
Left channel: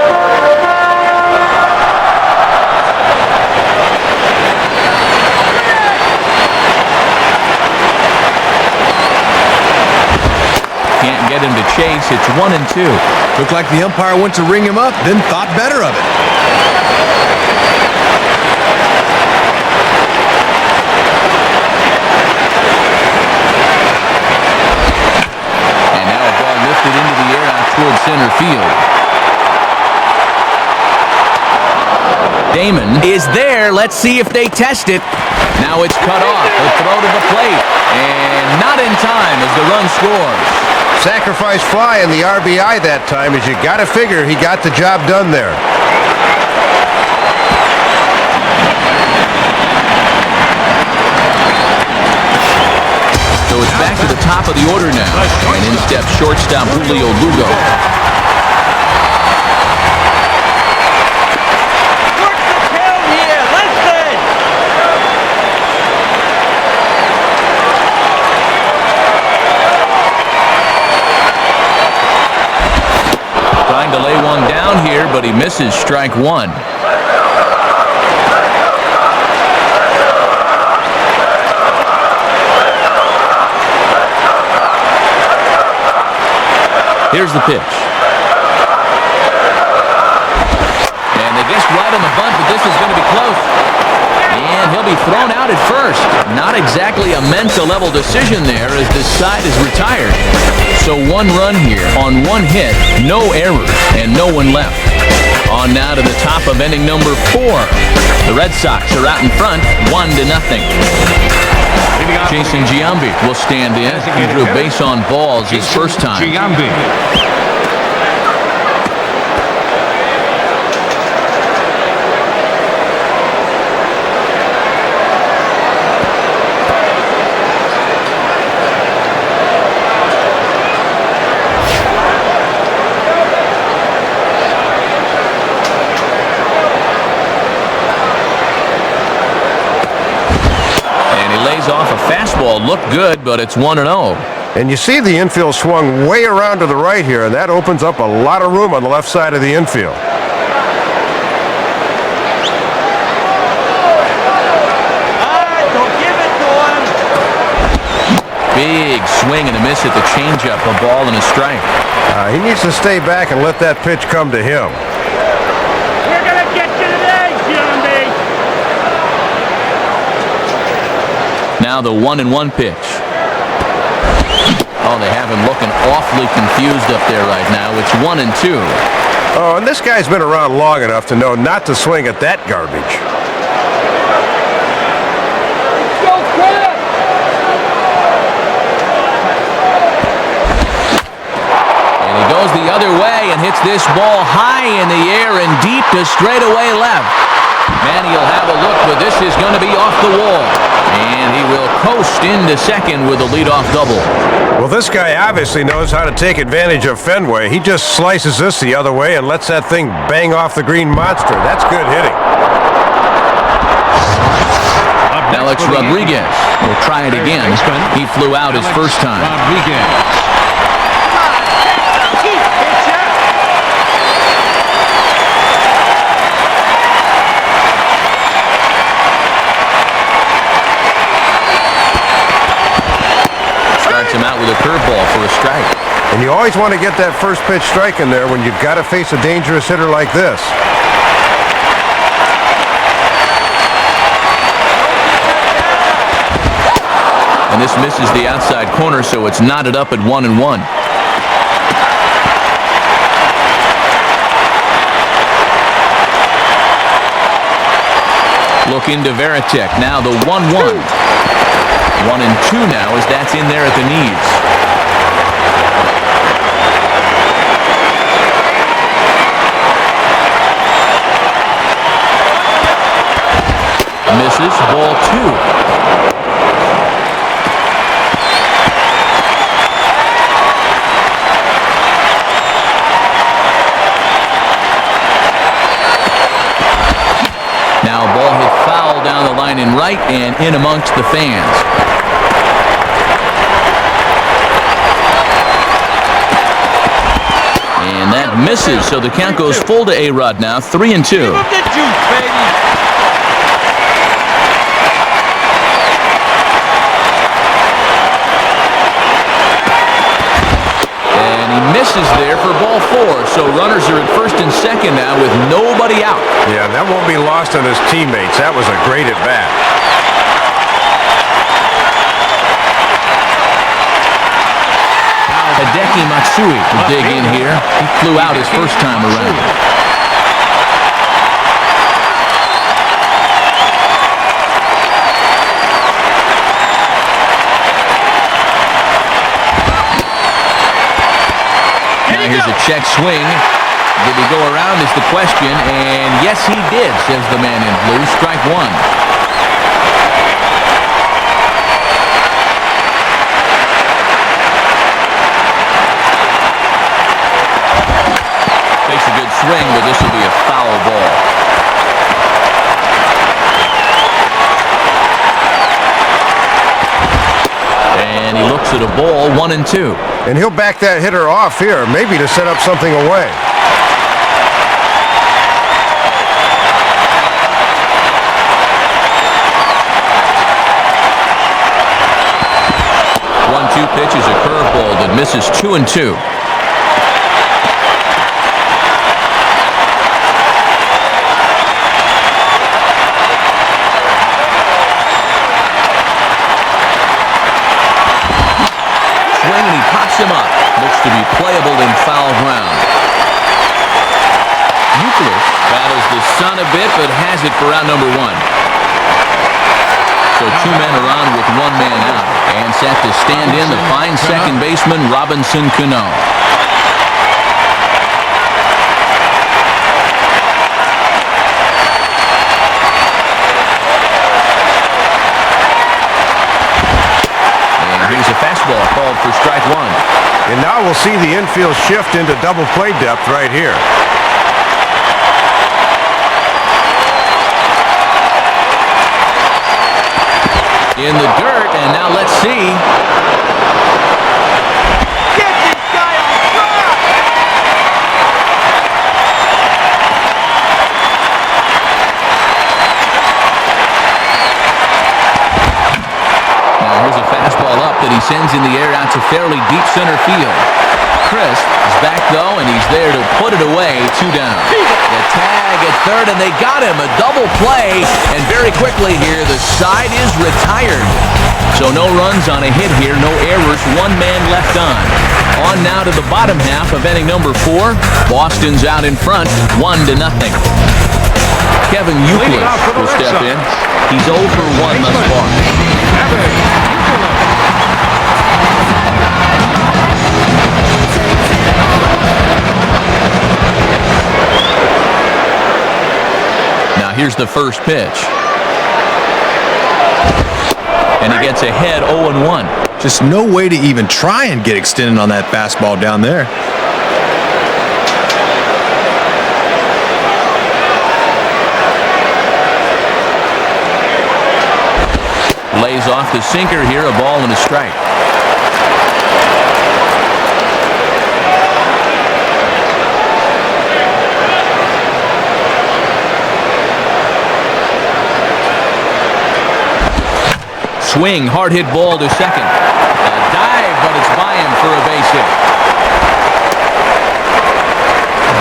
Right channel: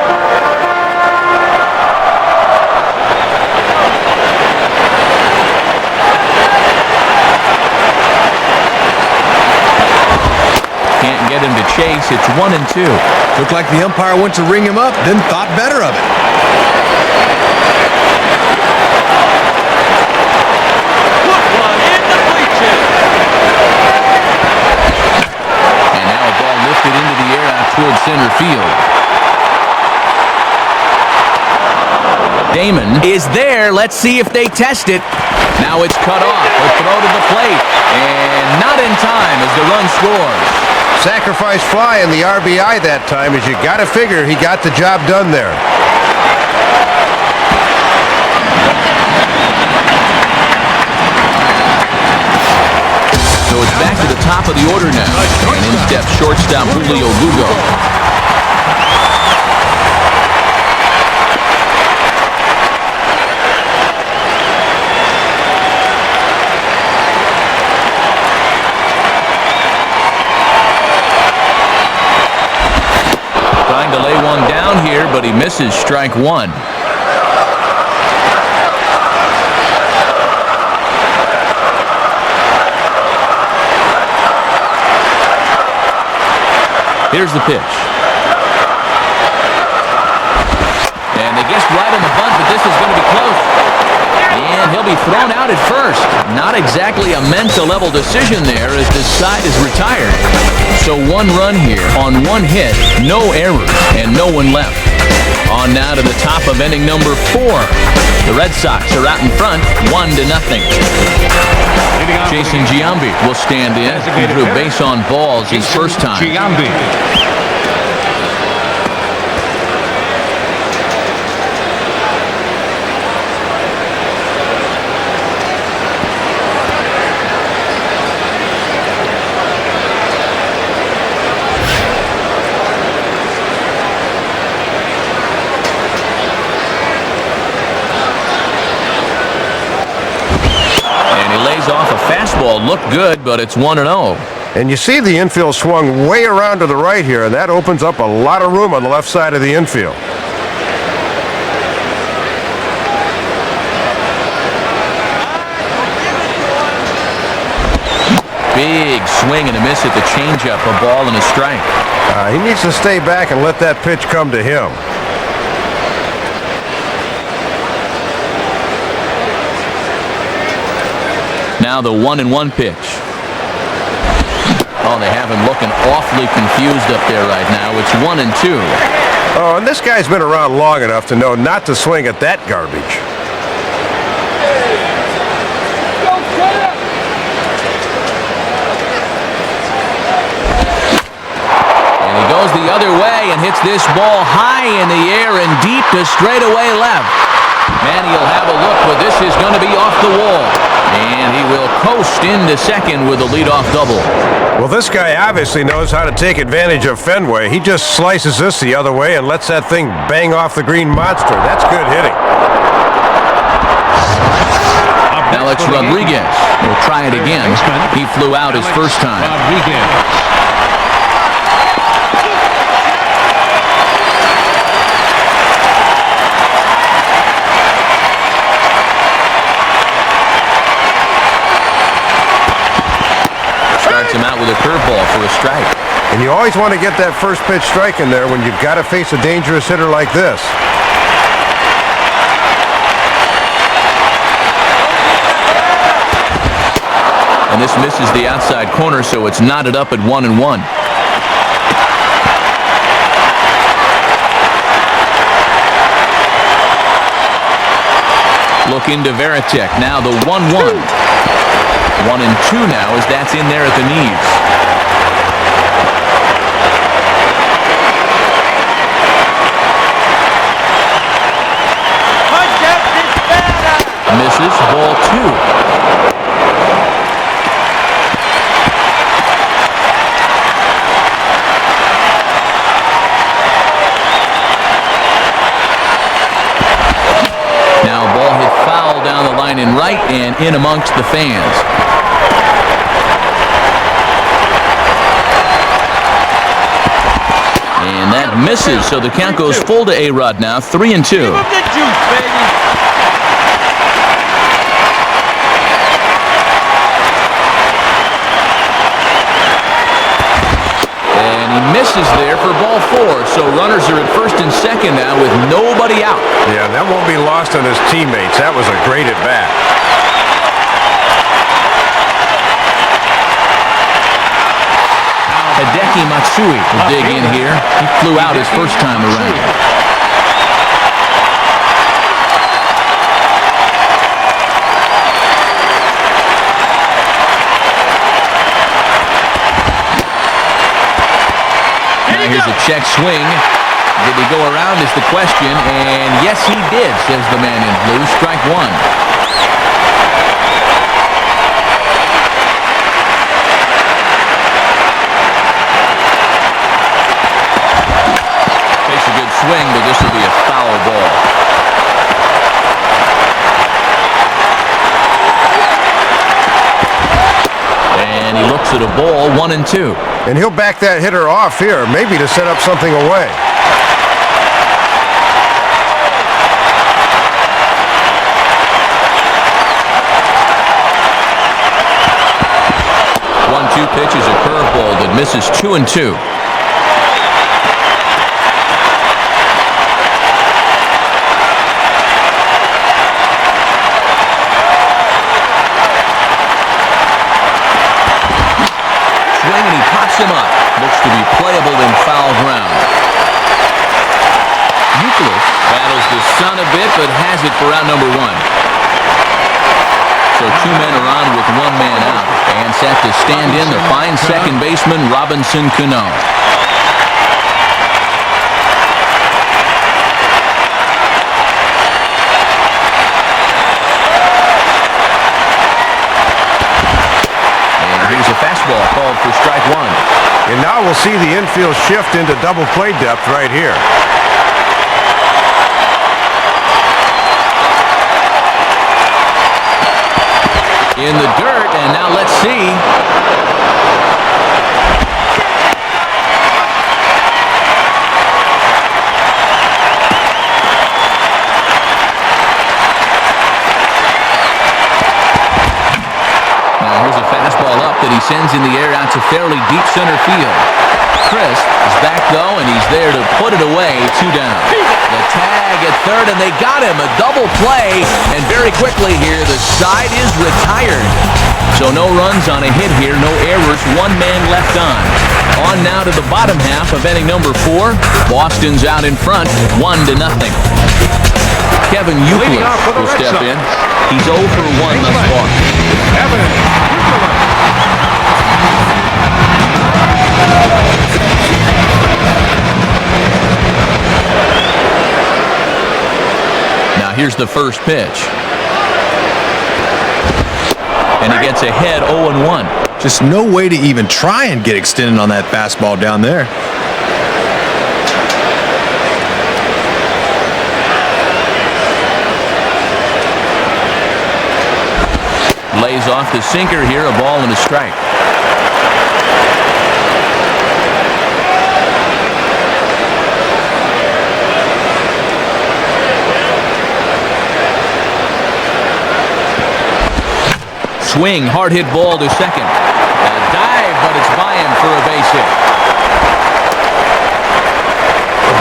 Can't get him to chase. It's 1-2. Looked like the umpire went to ring him up, then thought better of it. And now a ball lifted into the air out towards center field. Damon is there. Let's see if they test it. Now it's cut off. A throw to the plate. And not in time as the run scores. Sacrifice fly in the RBI that time, as you got to figure he got the job done there. So it's back to the top of the order now, and in steps shortstop Julio Lugo. To lay one down here, but he misses strike 1. Here's the pitch. And they guessed right on the bunt, but this is going to be close. And he'll be thrown out at first. Not exactly a Menta-level decision there as this side is retired. So 1 run here on 1 hit, no errors, and no one left. On now to the top of inning number 4. The Red Sox are out in front, 1-0. Jason Giambi will stand in. He drew base on balls his first time. Off a fastball, looked good, but it's 1-0. And you see the infield swung way around to the right here, and that opens up a lot of room on the left side of the infield. Big swing and a miss at the changeup, a ball and a strike. He needs to stay back and let that pitch come to him. Now the 1-1 pitch. Oh, they have him looking awfully confused up there right now. It's 1-2. Oh, and this guy's been around long enough to know not to swing at that garbage. And he goes the other way and hits this ball high in the air and deep to straightaway left. Manny will have a look, but this is going to be off the wall. And he will coast into second with a leadoff double. Well, this guy obviously knows how to take advantage of Fenway. He just slices this the other way and lets that thing bang off the green monster. That's good hitting. Alex Rodriguez will try it again. He flew out his first time. Him out with a curveball for a strike. And you always want to get that first pitch strike in there when you've got to face a dangerous hitter like this. And this misses the outside corner, so it's knotted up at 1-1. Look into Varitek. Now the 1-1. 1-2 now as that's in there at the knees. Misses, ball 2. Now ball hit foul down the line in right and in amongst the fans. And that misses, so the count goes full to A-Rod now, 3-2. Give him the juice, baby. And he misses there for ball 4, so runners are at first and second now with nobody out. Yeah, that won't be lost on his teammates. That was a great at-bat. Hideki Matsui will dig in here. He flew out his first time around. Now here's a check swing. Did he go around is the question, and yes he did, says the man in blue. Strike 1. A good swing, but this will be a foul ball. And he looks at a ball, 1-2. And he'll back that hitter off here, maybe to set up something away. One-two pitch is a curveball that misses 2-2. And he pops him up. Looks to be playable in foul ground. You Euclid battles the sun a bit, but has it for out number 1. So 2 men are on with 1 man out, and set to stand in the fine second baseman Robinson Cano. Here's a fastball called for strike 1. And now we'll see the infield shift into double play depth right here. In the dirt, and now let's see. Fastball up that he sends in the air out to fairly deep center field. Chris is back though, and he's there to put it away. 2 down. The tag at third, and they got him. A double play, and very quickly here, the side is retired. So no runs on a hit here, no errors, 1 man left on. On now to the bottom half of inning number 4. Boston's out in front, 1-0. Kevin Euclid will step in. He's 0 for 1 thus far. Now here's the first pitch. And he gets ahead 0-1. Just no way to even try and get extended on that fastball down there. Lays off the sinker here, a ball and a strike. Swing, hard hit ball to second. A dive, but it's by him for a base hit.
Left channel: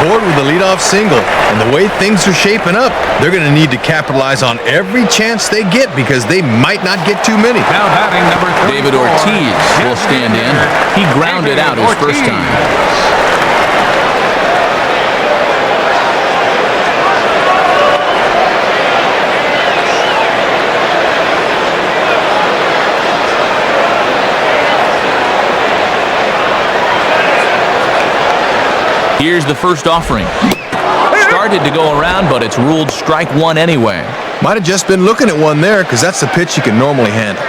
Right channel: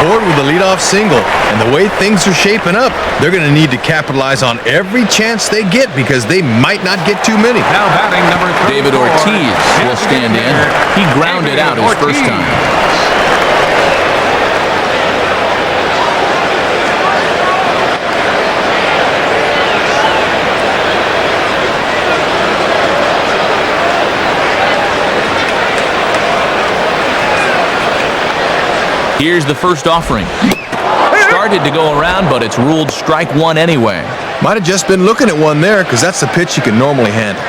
Aboard with a leadoff single, and the way things are shaping up, they're going to need to capitalize on every chance they get because they might not get too many. David Ortiz will stand in. He grounded out his first time. Here's the first offering. Started to go around, but it's ruled strike 1 anyway. Might have just been looking at one there because that's the pitch you can normally handle.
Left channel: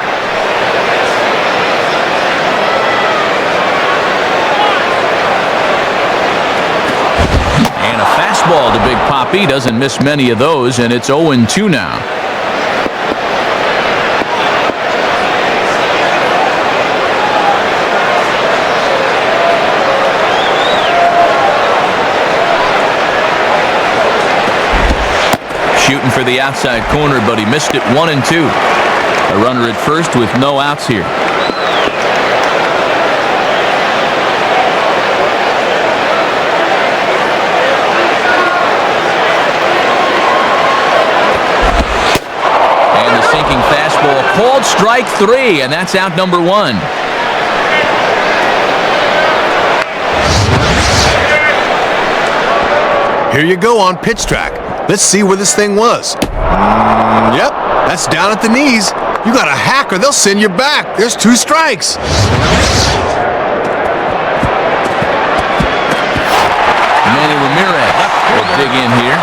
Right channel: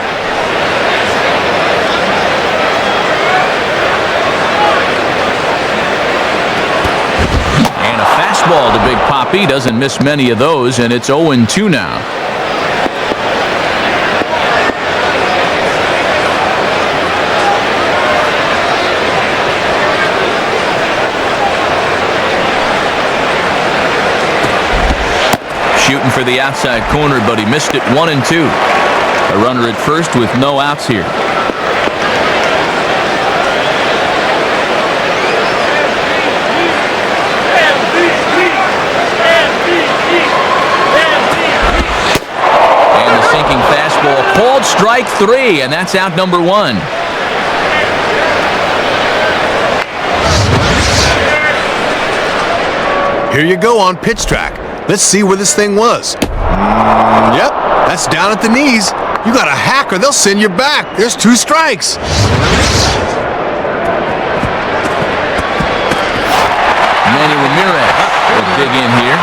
And a fastball to Big Papi. Doesn't miss many of those, and it's 0-2 now. Shooting for the outside corner, but he missed it 1-2. A runner at first with no outs here. And the sinking fastball called strike 3, and that's out number 1. Here you go on pitch track. Let's see where this thing was. Yep, that's down at the knees. You got a hack or they'll send you back. There's 2 strikes. Manny Ramirez will dig in here.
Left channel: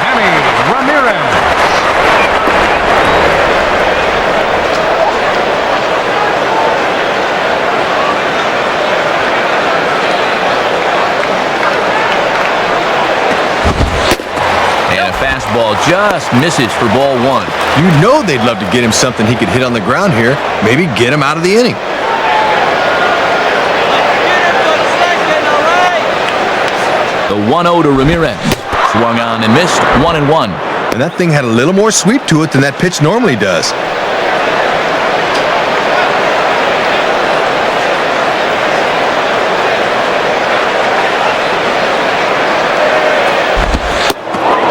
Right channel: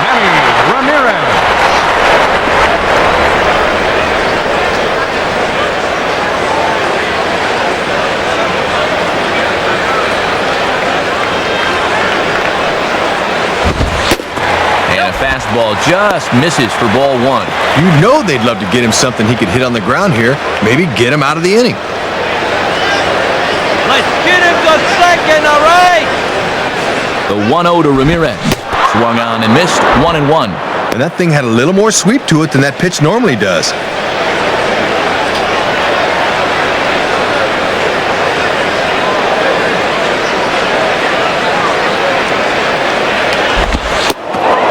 And a fastball just misses for ball 1. You know they'd love to get him something he could hit on the ground here. Maybe get him out of the inning. The 1-0 to Ramirez. Swung on and missed, 1-1. And that thing had a little more sweep to it than that pitch normally does.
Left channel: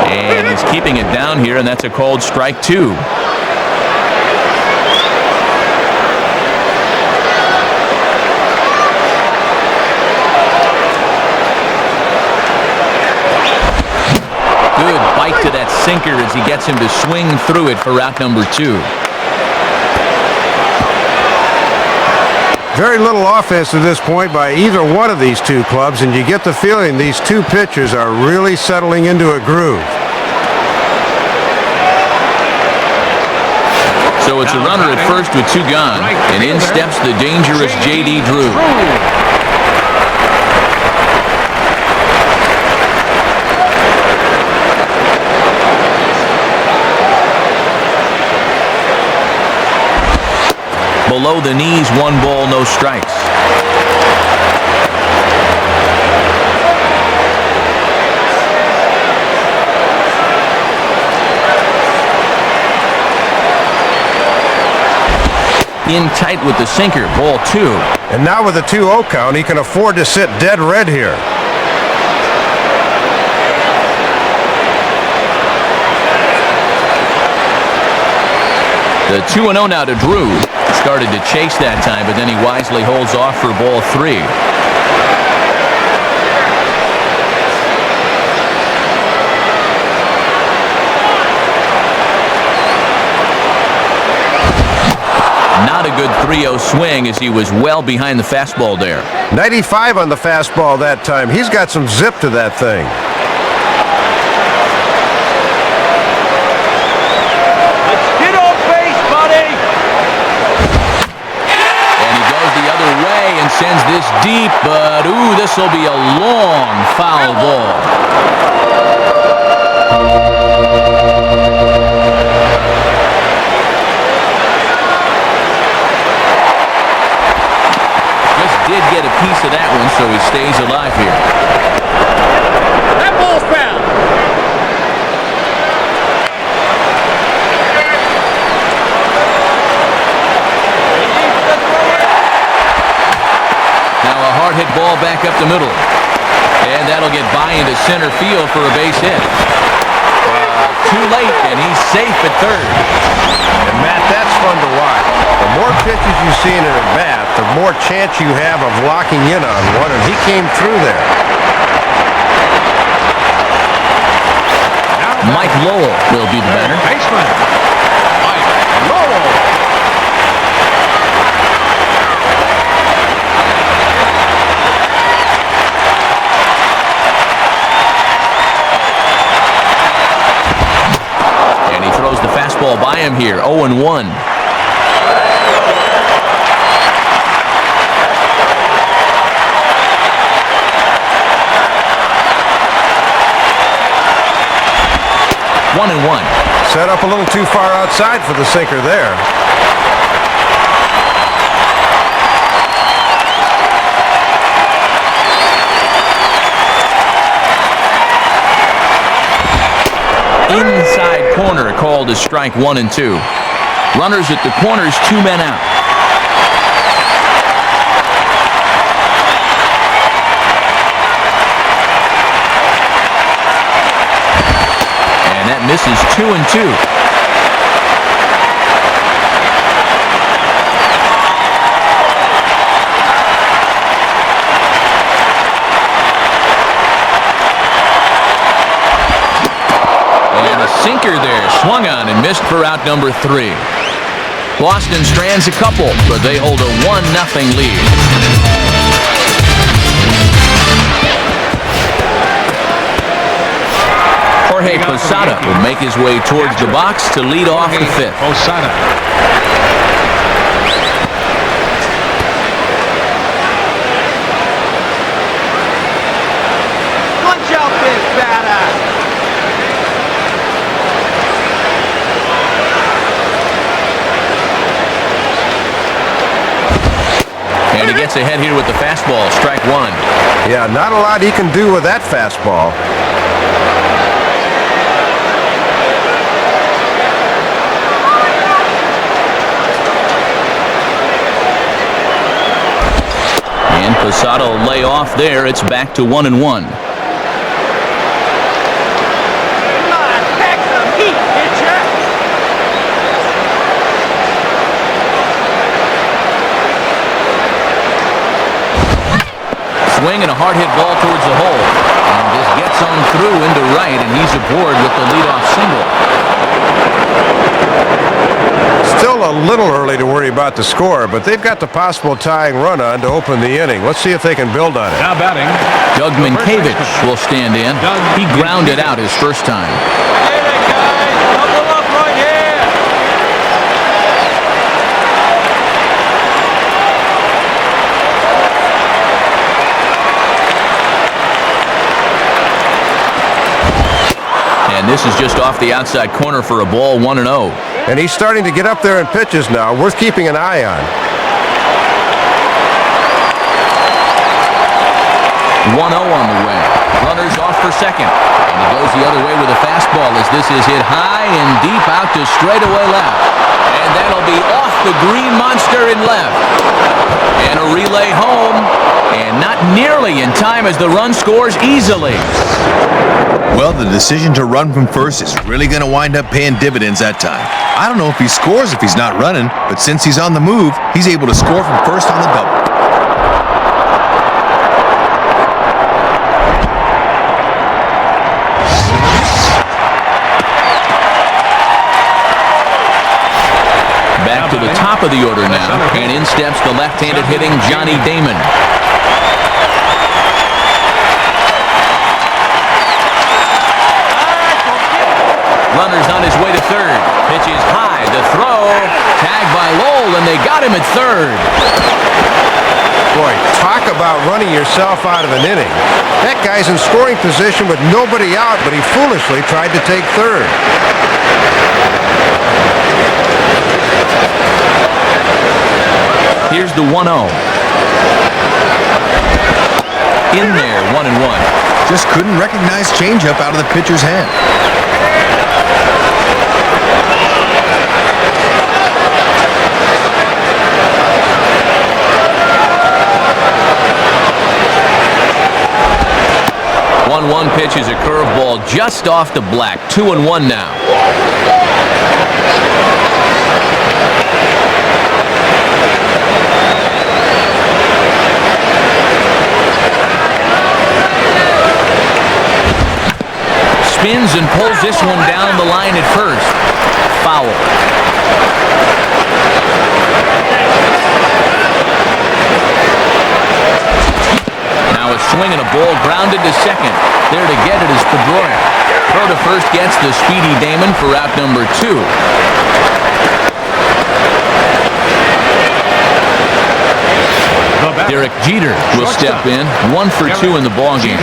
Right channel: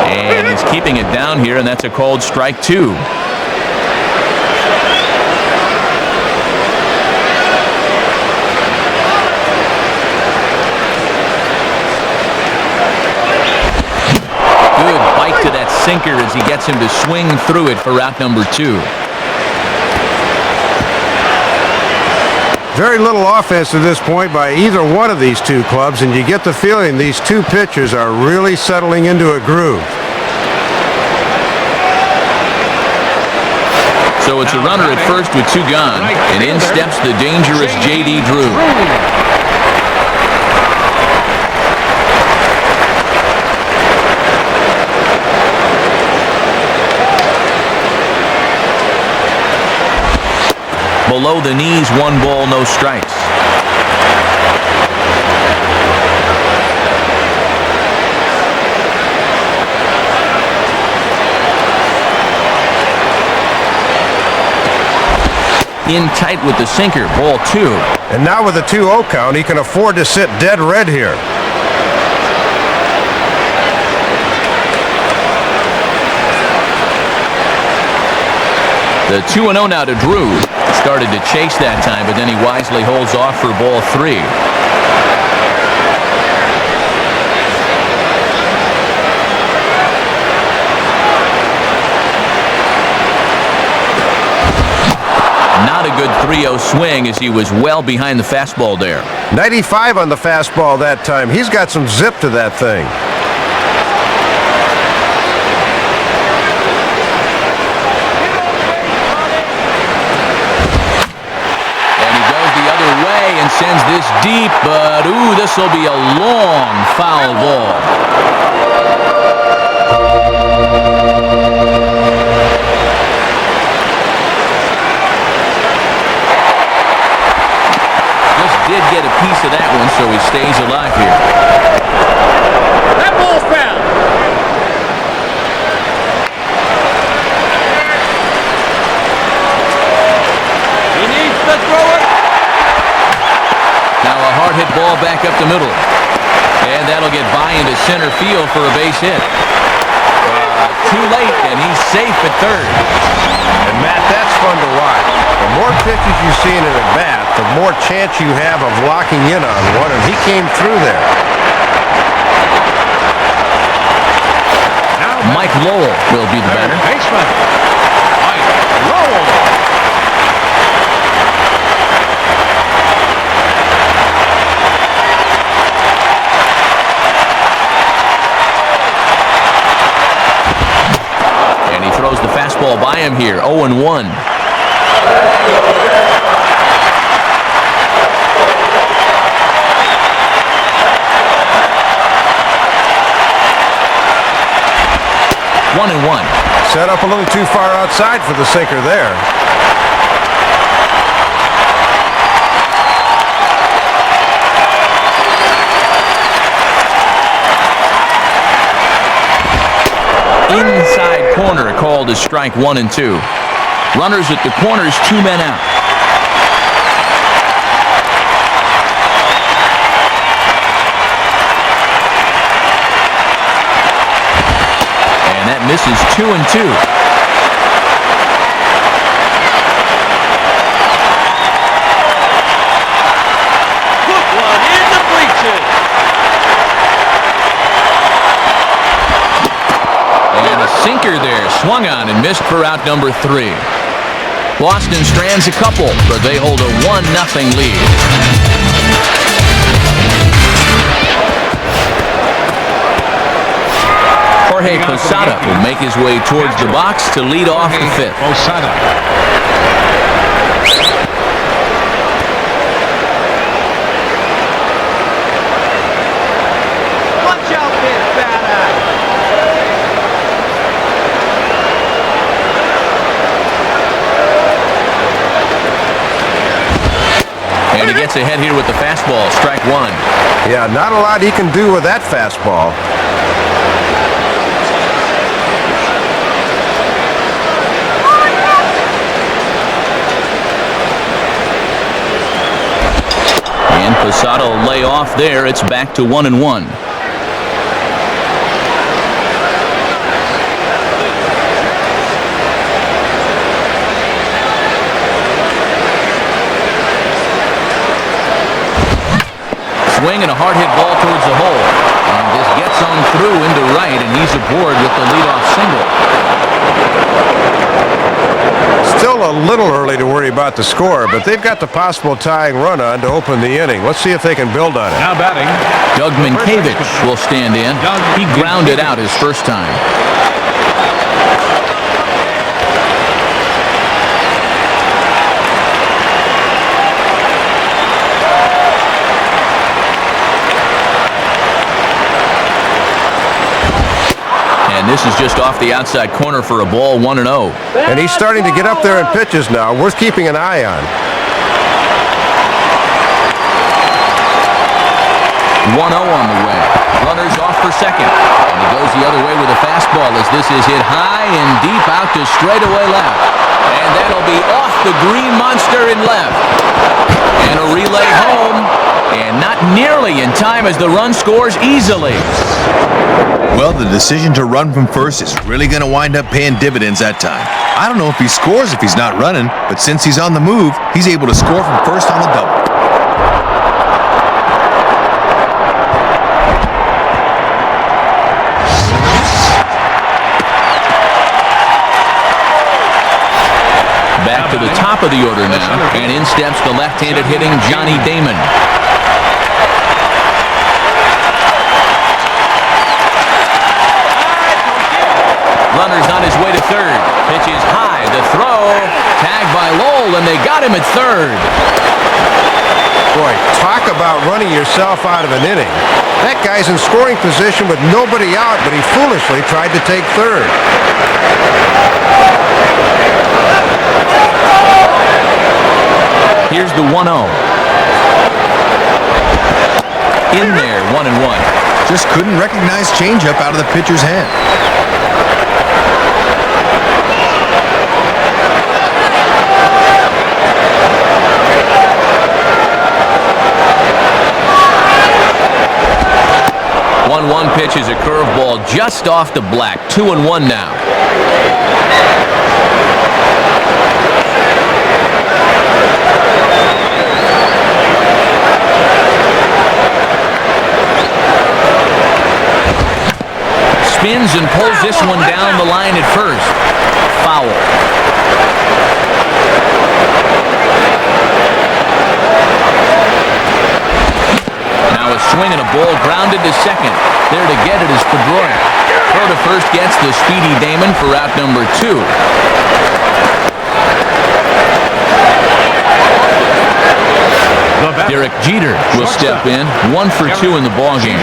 And he's keeping it down here, and that's a called strike 2. Good bite to that sinker as he gets him to swing through it for out number 2. Very little offense at this point by either one of these two clubs, and you get the feeling these two pitchers are really settling into a groove. So it's a runner at first with 2 gone, and in steps the dangerous J.D. Drew. Below the knees, 1 ball, no strikes. In tight with the sinker, ball 2. And now with a 2-0 count, he can afford to sit dead red here. The 2-0 now to Drew. Started to chase that time, but then he wisely holds off for ball 3. Not a good 3-0 swing as he was well behind the fastball there. 95 on the fastball that time. He's got some zip to that thing. Get on base, buddy! And he goes the other way and sends this deep, but ooh, this will be a long foul ball. Did get a piece of that one, so he stays alive here. That ball's foul! Now a hard hit ball back up the middle. And that'll get by into center field for a base hit. Too late, and he's safe at third. And Matt, that's fun to watch. The more pitches you see in an at-bat, the more chance you have of locking in on one, and he came through there. Mike Lowell will be the batter. And he throws the fastball by him here, 0-1. One and one. Set up a little too far outside for the sinker there. Inside corner called as strike 1 and 2. Runners at the corners, 2 men out. And that misses 2 and 2. And a sinker there, swung on and missed for out number 3. Boston strands a couple, but they hold a 1-0 lead. Jorge Posada will make his way towards the box to lead off the 5th. And he gets ahead here with the fastball, strike 1. Yeah, not a lot he can do with that fastball. And Posada will lay off there. It's back to 1-1. Swing and a hard hit ball towards the hole. And this gets gets on through into right, and he's aboard with the leadoff single. Still a little early to worry about the score, but they've got the possible tying run on to open the inning. Let's see if they can build on it. Doug Minkiewicz will stand in. He grounded out his first time. And this is just off the outside corner for a ball, 1-0. And he's starting to get up there in pitches now, worth keeping an eye on. 1-0 on the way. Runners off for second. And he goes the other way with a fastball as this is hit high and deep out to straightaway left. And that'll be off the green monster in left. And a relay home. And not nearly in time as the run scores easily. Well, the decision to run from first is really going to wind up paying dividends that time. I don't know if he scores if he's not running, but since he's on the move, he's able to score from first on the double. Back to the top of the order now, and in steps the left-handed hitting Johnny Damon. Runner's on his way to third. Pitch is high. The throw. Tagged by Lowell, and they got him at third. Boy, talk about running yourself out of an inning. That guy's in scoring position with nobody out, but he foolishly tried to take third. Here's the 1-0. In there, 1-1. Just couldn't recognize changeup out of the pitcher's hand. One pitch is a curveball just off the black. 2-1 now. Spins and pulls this one down the line at first. Foul. Now a swing and a ball grounded to second. There to get it is Pedroia. Throw to first gets the speedy Damon for out number 2. Derek Jeter will step in. 1 for 2 in the ballgame.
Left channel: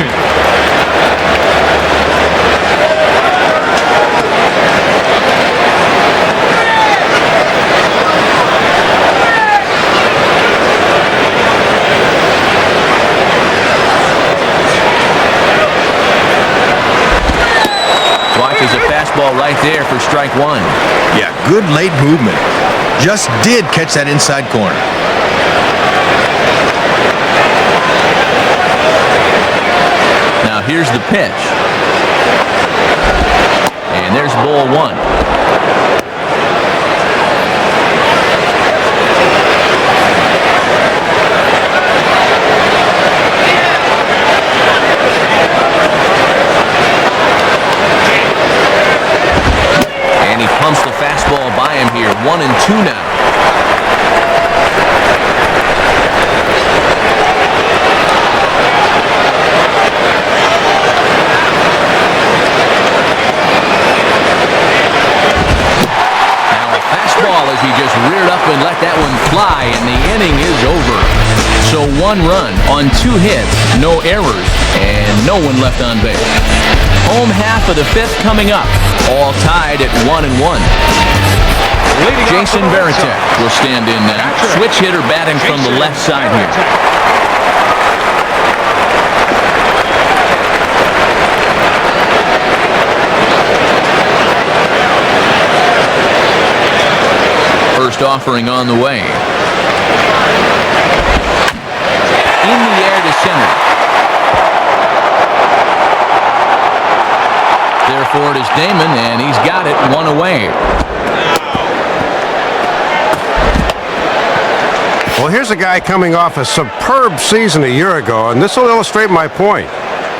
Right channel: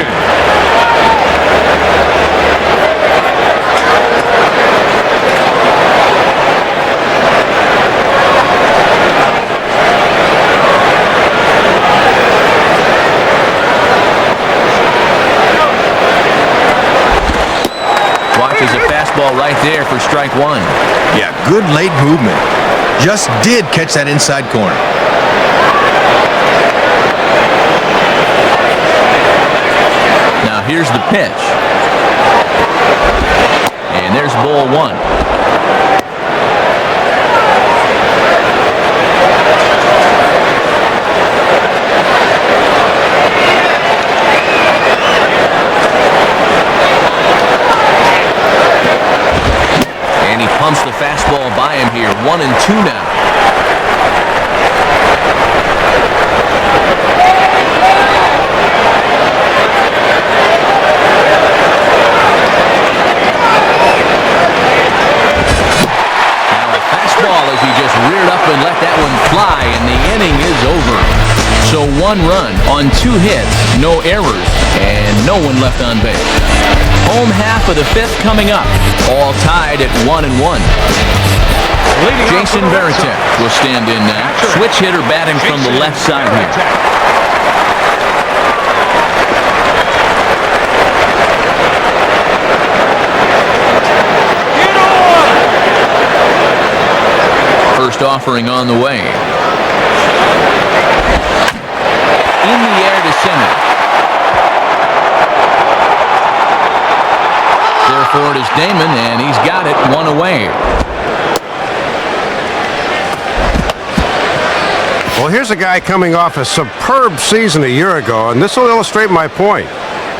Watches a fastball right there for strike 1. Yeah, good late movement. Just did catch that inside corner. Now here's the pitch. And there's ball 1. He pumps the fastball by him here. 1-2 now. Now a fastball as he just reared up and let that one fly, and the inning is over. So 1 run on 2 hits, no errors, and no one left on base. Home half of the 5th coming up. All tied at 1-1. Jason Varitek will stand in now. Switch hitter batting from the left side here. First offering on the way. In the air to center. Therefore, it is Damon, and he's got it 1 away. Well, here's a guy coming off a superb season a year ago, and this will illustrate my point.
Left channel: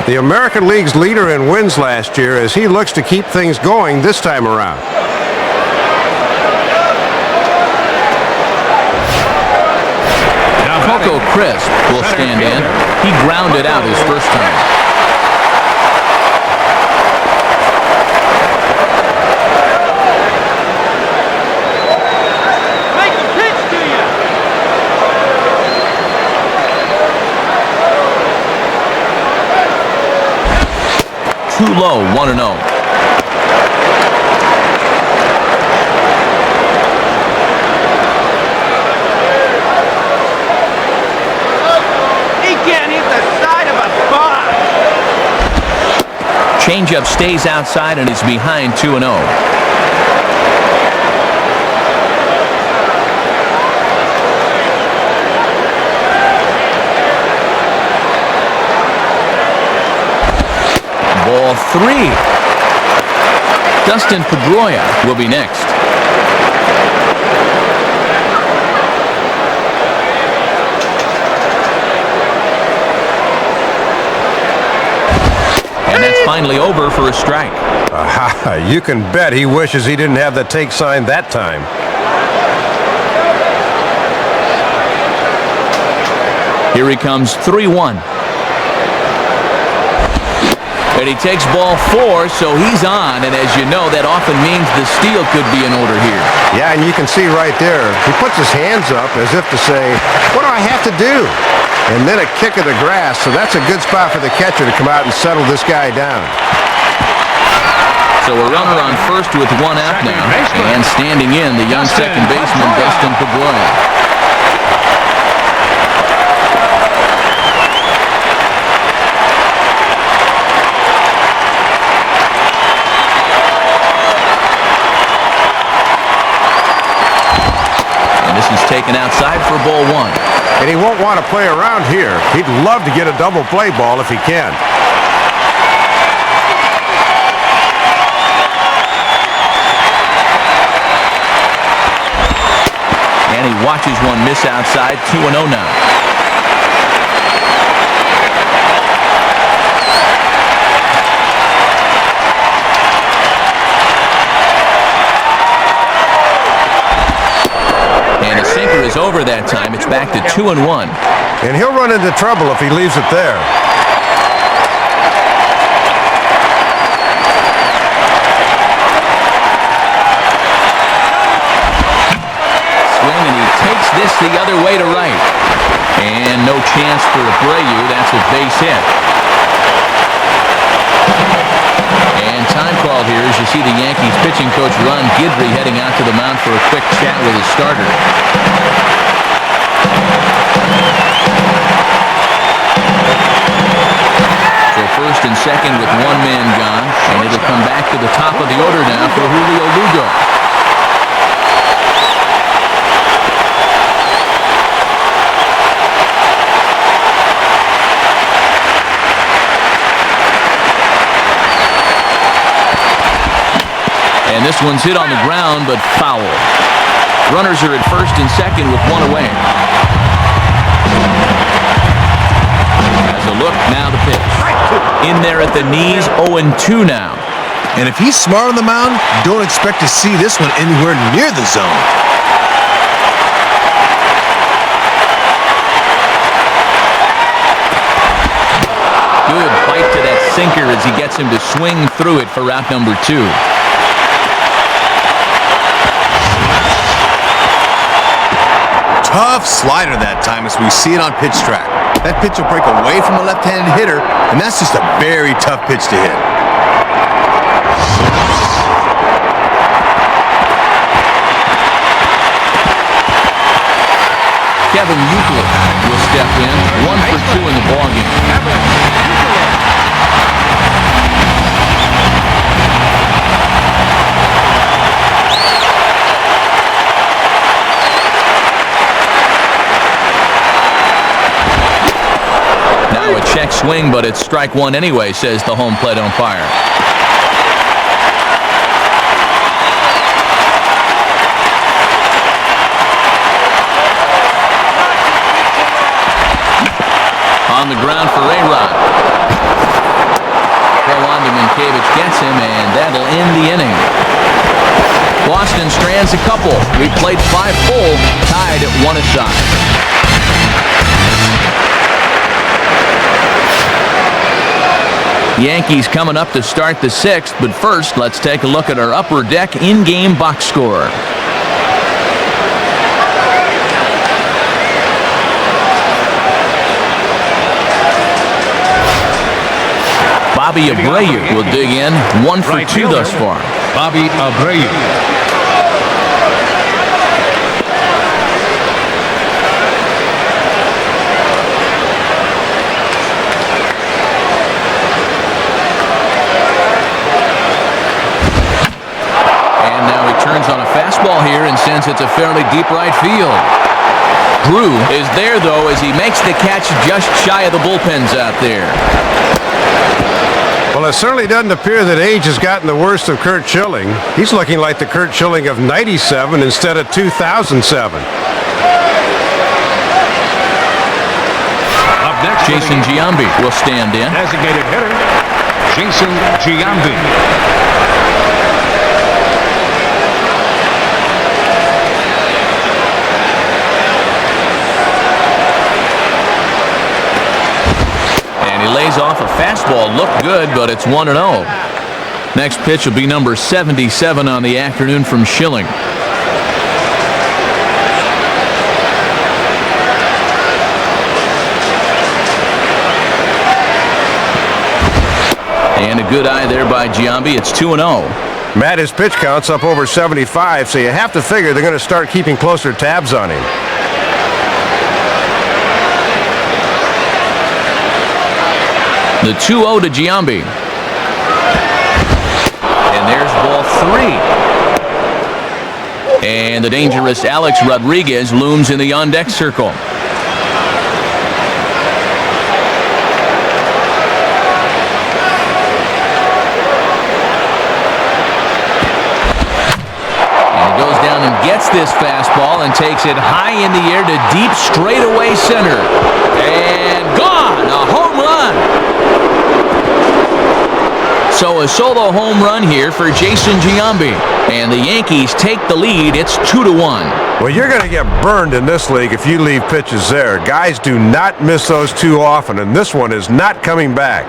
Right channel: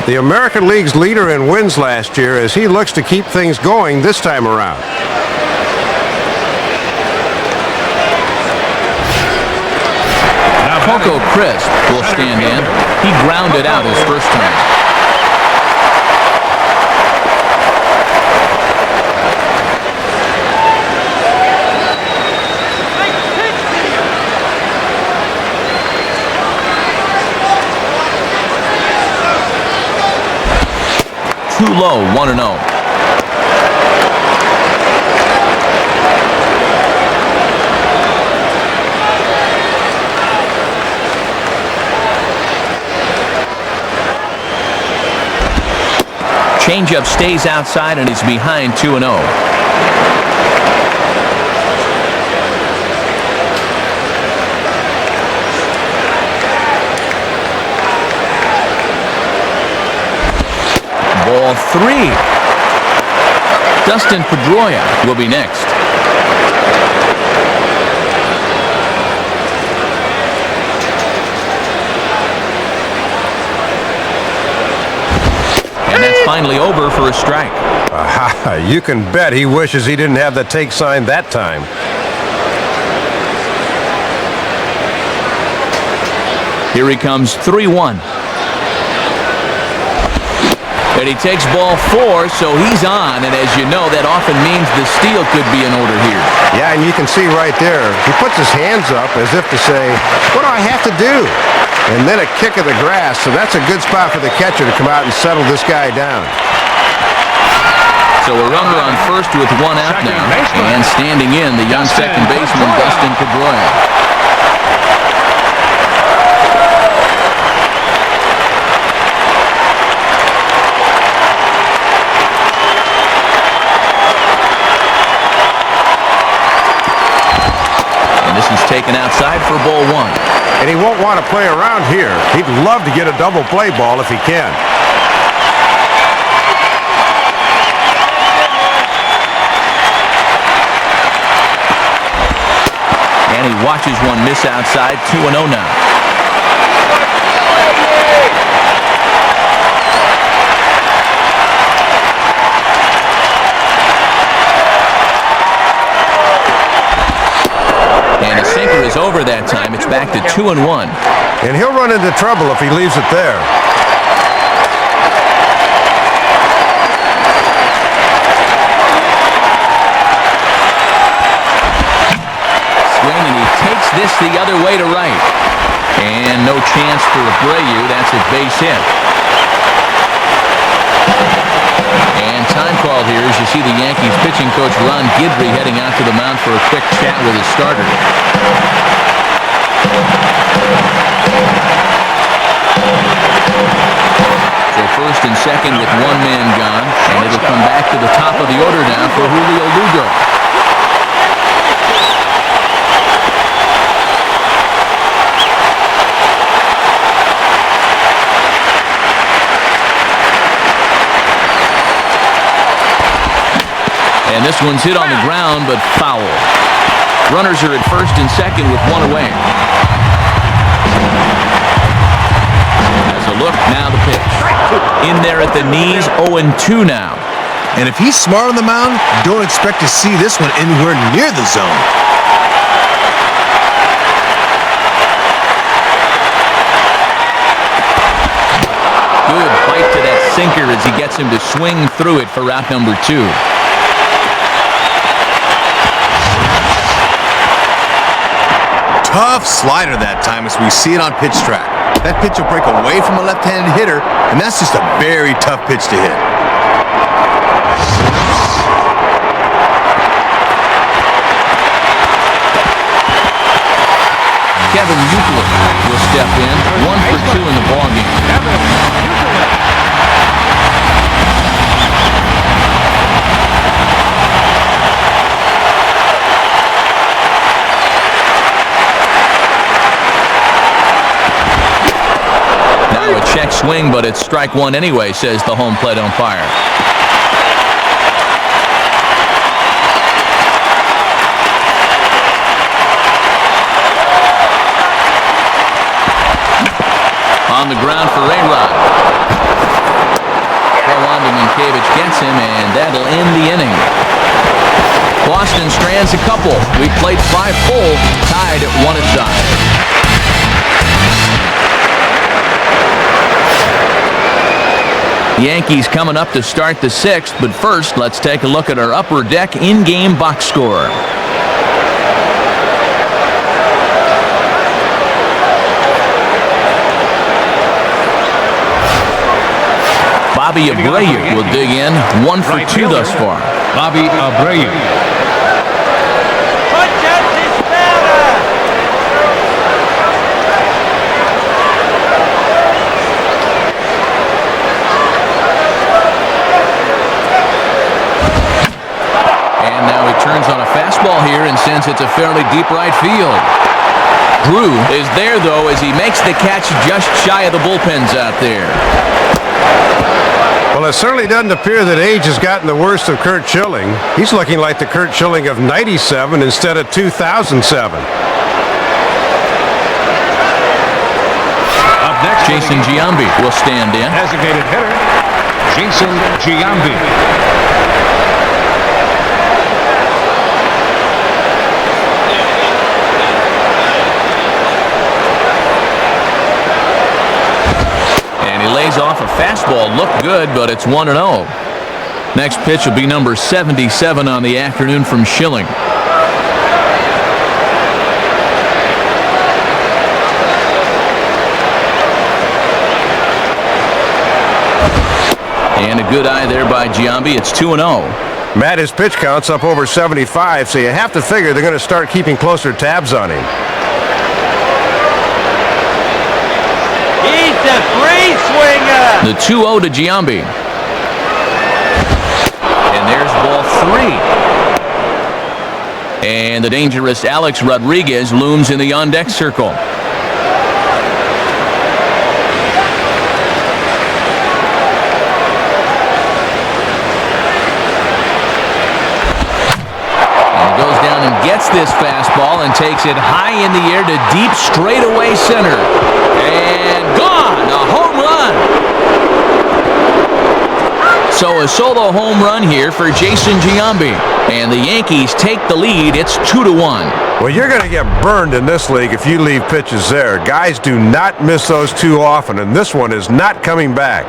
the American League's leader in wins last year, as he looks to keep things going this time around. Coco Crisp will stand in. He grounded out his first time. Too low, 1-0. Changeup stays outside and is behind 2-0. Ball 3. Dustin Pedroia will be next. And that's finally over for a strike. You can bet he wishes he didn't have the take sign that time. Here he comes, 3-1. And he takes ball 4, so he's on. And as you know, that often means the steal could be in order here. Yeah, and you can see right there, he puts his hands up as if to say, what do I have to do? And then a kick of the grass, so that's a good spot for the catcher to come out and settle this guy down. So a runner on first with 1 out now. And standing in, the young second baseman, Dustin Pedroia. This is taken outside for ball 1. And he won't want to play around here. He'd love to get a double play ball if he can. And he watches one miss outside, 2-0 now. And a sinker is over that time. It's back to 2-1. And he'll run into trouble if he leaves it there. Swing, and he takes this the other way to right. And no chance for Abreu. That's a base hit. And time called here as you see the Yankees pitching coach Ron Guidry heading out to the mound for a quick chat with his starter. So first and second with 1 man gone, and it'll come back to the top of the order now for Julio Lugo. And this one's hit on the ground, but foul. Runners are at first and second with 1 away. As a look, now the pitch. In there at the knees, 0-2 now. And if he's smart on the mound, don't expect to see this one anywhere near the zone. Good bite to that sinker as he gets him to swing through it for route number 2. Tough slider that time as we see it on pitch track. That pitch will break away from a left-handed hitter, and that's just a very tough pitch to hit. Kevin Euclid will step in, 1 for 2 in the ballgame. Now a check swing, but it's strike 1 anyway, says the home plate umpire. On the ground for A-Rod. gets him, and that'll end the inning. Boston strands a couple. We've played 5 full, tied at 1 aside. Yankees coming up to start the 6th, but first, let's take a look at our upper deck in-game box score. Bobby Abreu will dig in, 1 for 2 thus far. Bobby Abreu. And now he turns on a fastball here and sends it to fairly deep right field. Drew is there, though, as he makes the catch just shy of the bullpens out there. Well, it certainly doesn't appear that age has gotten the worst of Curt Schilling. He's looking like the Curt Schilling of '97 instead of 2007. Jason Giambi will stand in. Lays off a fastball. Looked good, but it's 1-0. Next pitch will be number 77 on the afternoon from Schilling. And a good eye there by Giambi. It's 2-0. Matt, his pitch count's up over 75, so you have to figure they're going to start keeping closer tabs on him. The 2-0 to Giambi. And there's ball 3. And the dangerous Alex Rodriguez looms in the on-deck circle. And he goes down and gets this fastball and takes it high in the air to deep straightaway center. And gone! A home run! So a solo home run here for Jason Giambi. And the Yankees take the lead. It's 2-1. Well, you're going to get burned in this league if you leave pitches there. Guys do not miss those too often, and this one is not coming back.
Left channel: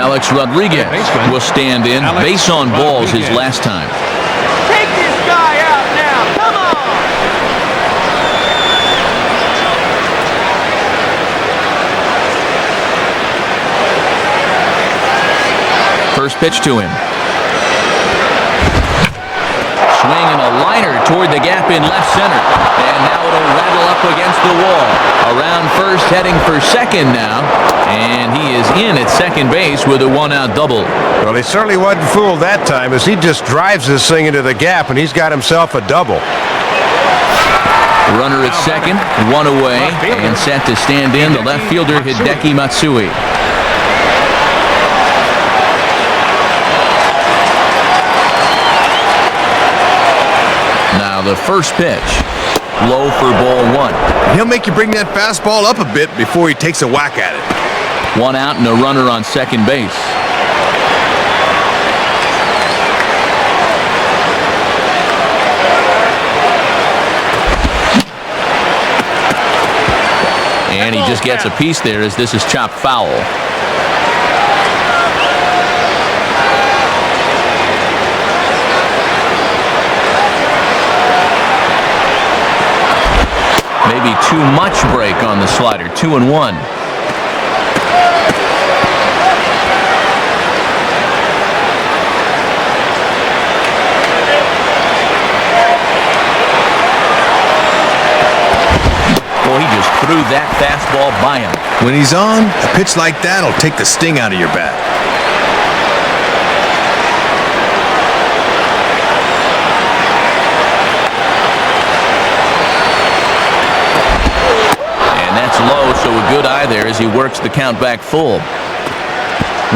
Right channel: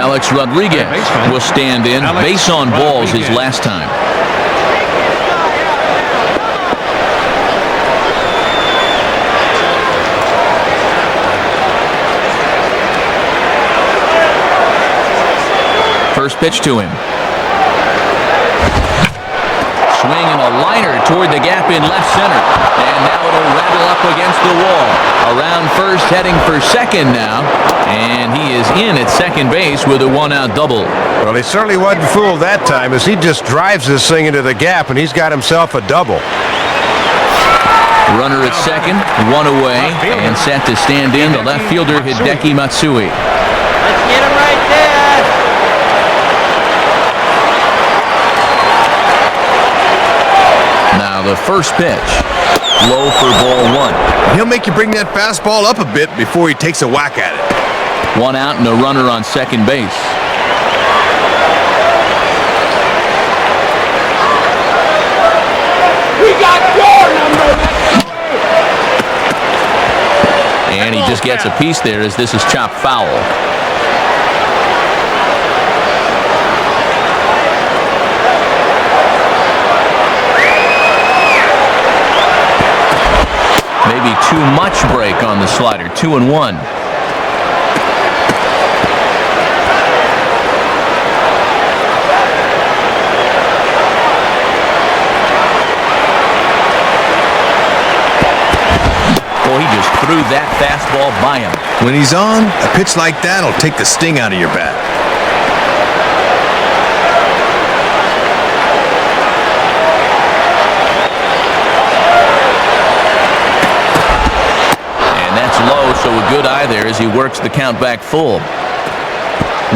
Alex Rodriguez will stand in. Base on balls his last time. First pitch to him. Swinging a liner toward the gap in left center. And now it'll rattle up against the wall. Around first, heading for second now. And he is in at second base with a one-out double. Well, he certainly wasn't fooled that time, as he just drives this thing into the gap, and he's got himself a double. Runner at second, 1 away, and set to stand in the left fielder Hideki Matsui. Now the first pitch, low for ball 1. He'll make you bring that fastball up a bit before he takes a whack at it. 1 out and a runner on second base. And he just gets a piece there as this is chopped foul. Maybe too much break on the slider. 2-1. Boy, he just threw that fastball by him. When he's on, a pitch like that will take the sting out of your bat. Low, so a good eye there as he works the count back full.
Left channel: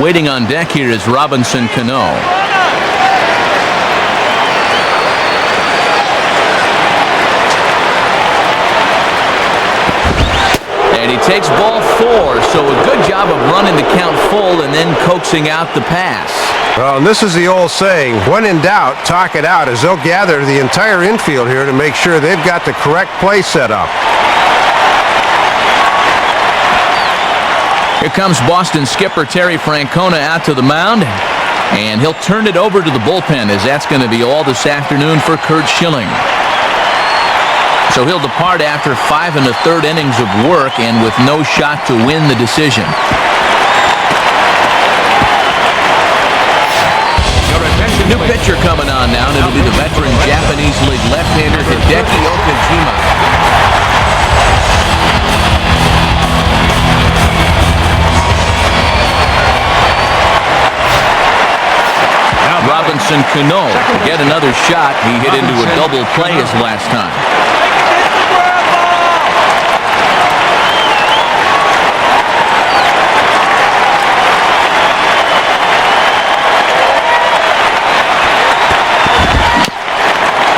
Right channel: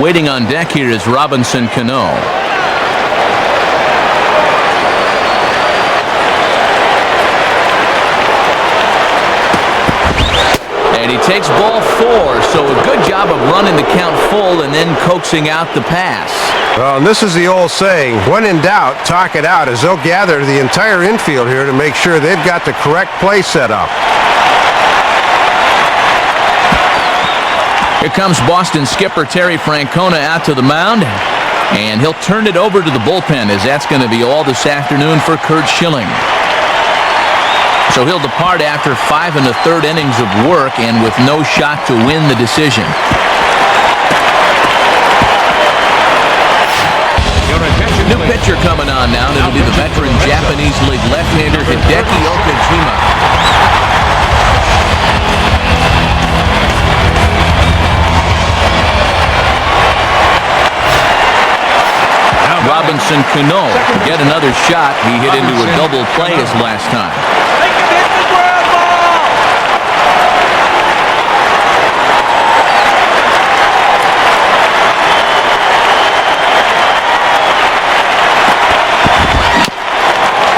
Waiting on deck here is Robinson Cano. And he takes ball 4, so a good job of running the count full and then coaxing out the pass. Well, and this is the old saying, when in doubt, talk it out, as they'll gather the entire infield here to make sure they've got the correct play set up. Here comes Boston skipper Terry Francona out to the mound, and he'll turn it over to the bullpen, as that's going to be all this afternoon for Curt Schilling. So he'll depart after 5 1/3 innings of work and with no shot to win the decision. New pitcher coming on now, and it'll be the veteran Japanese League left-hander Hideki Okajima. Robinson Cano to get another shot. He hit into a double play his last time. Make him hit the ground ball!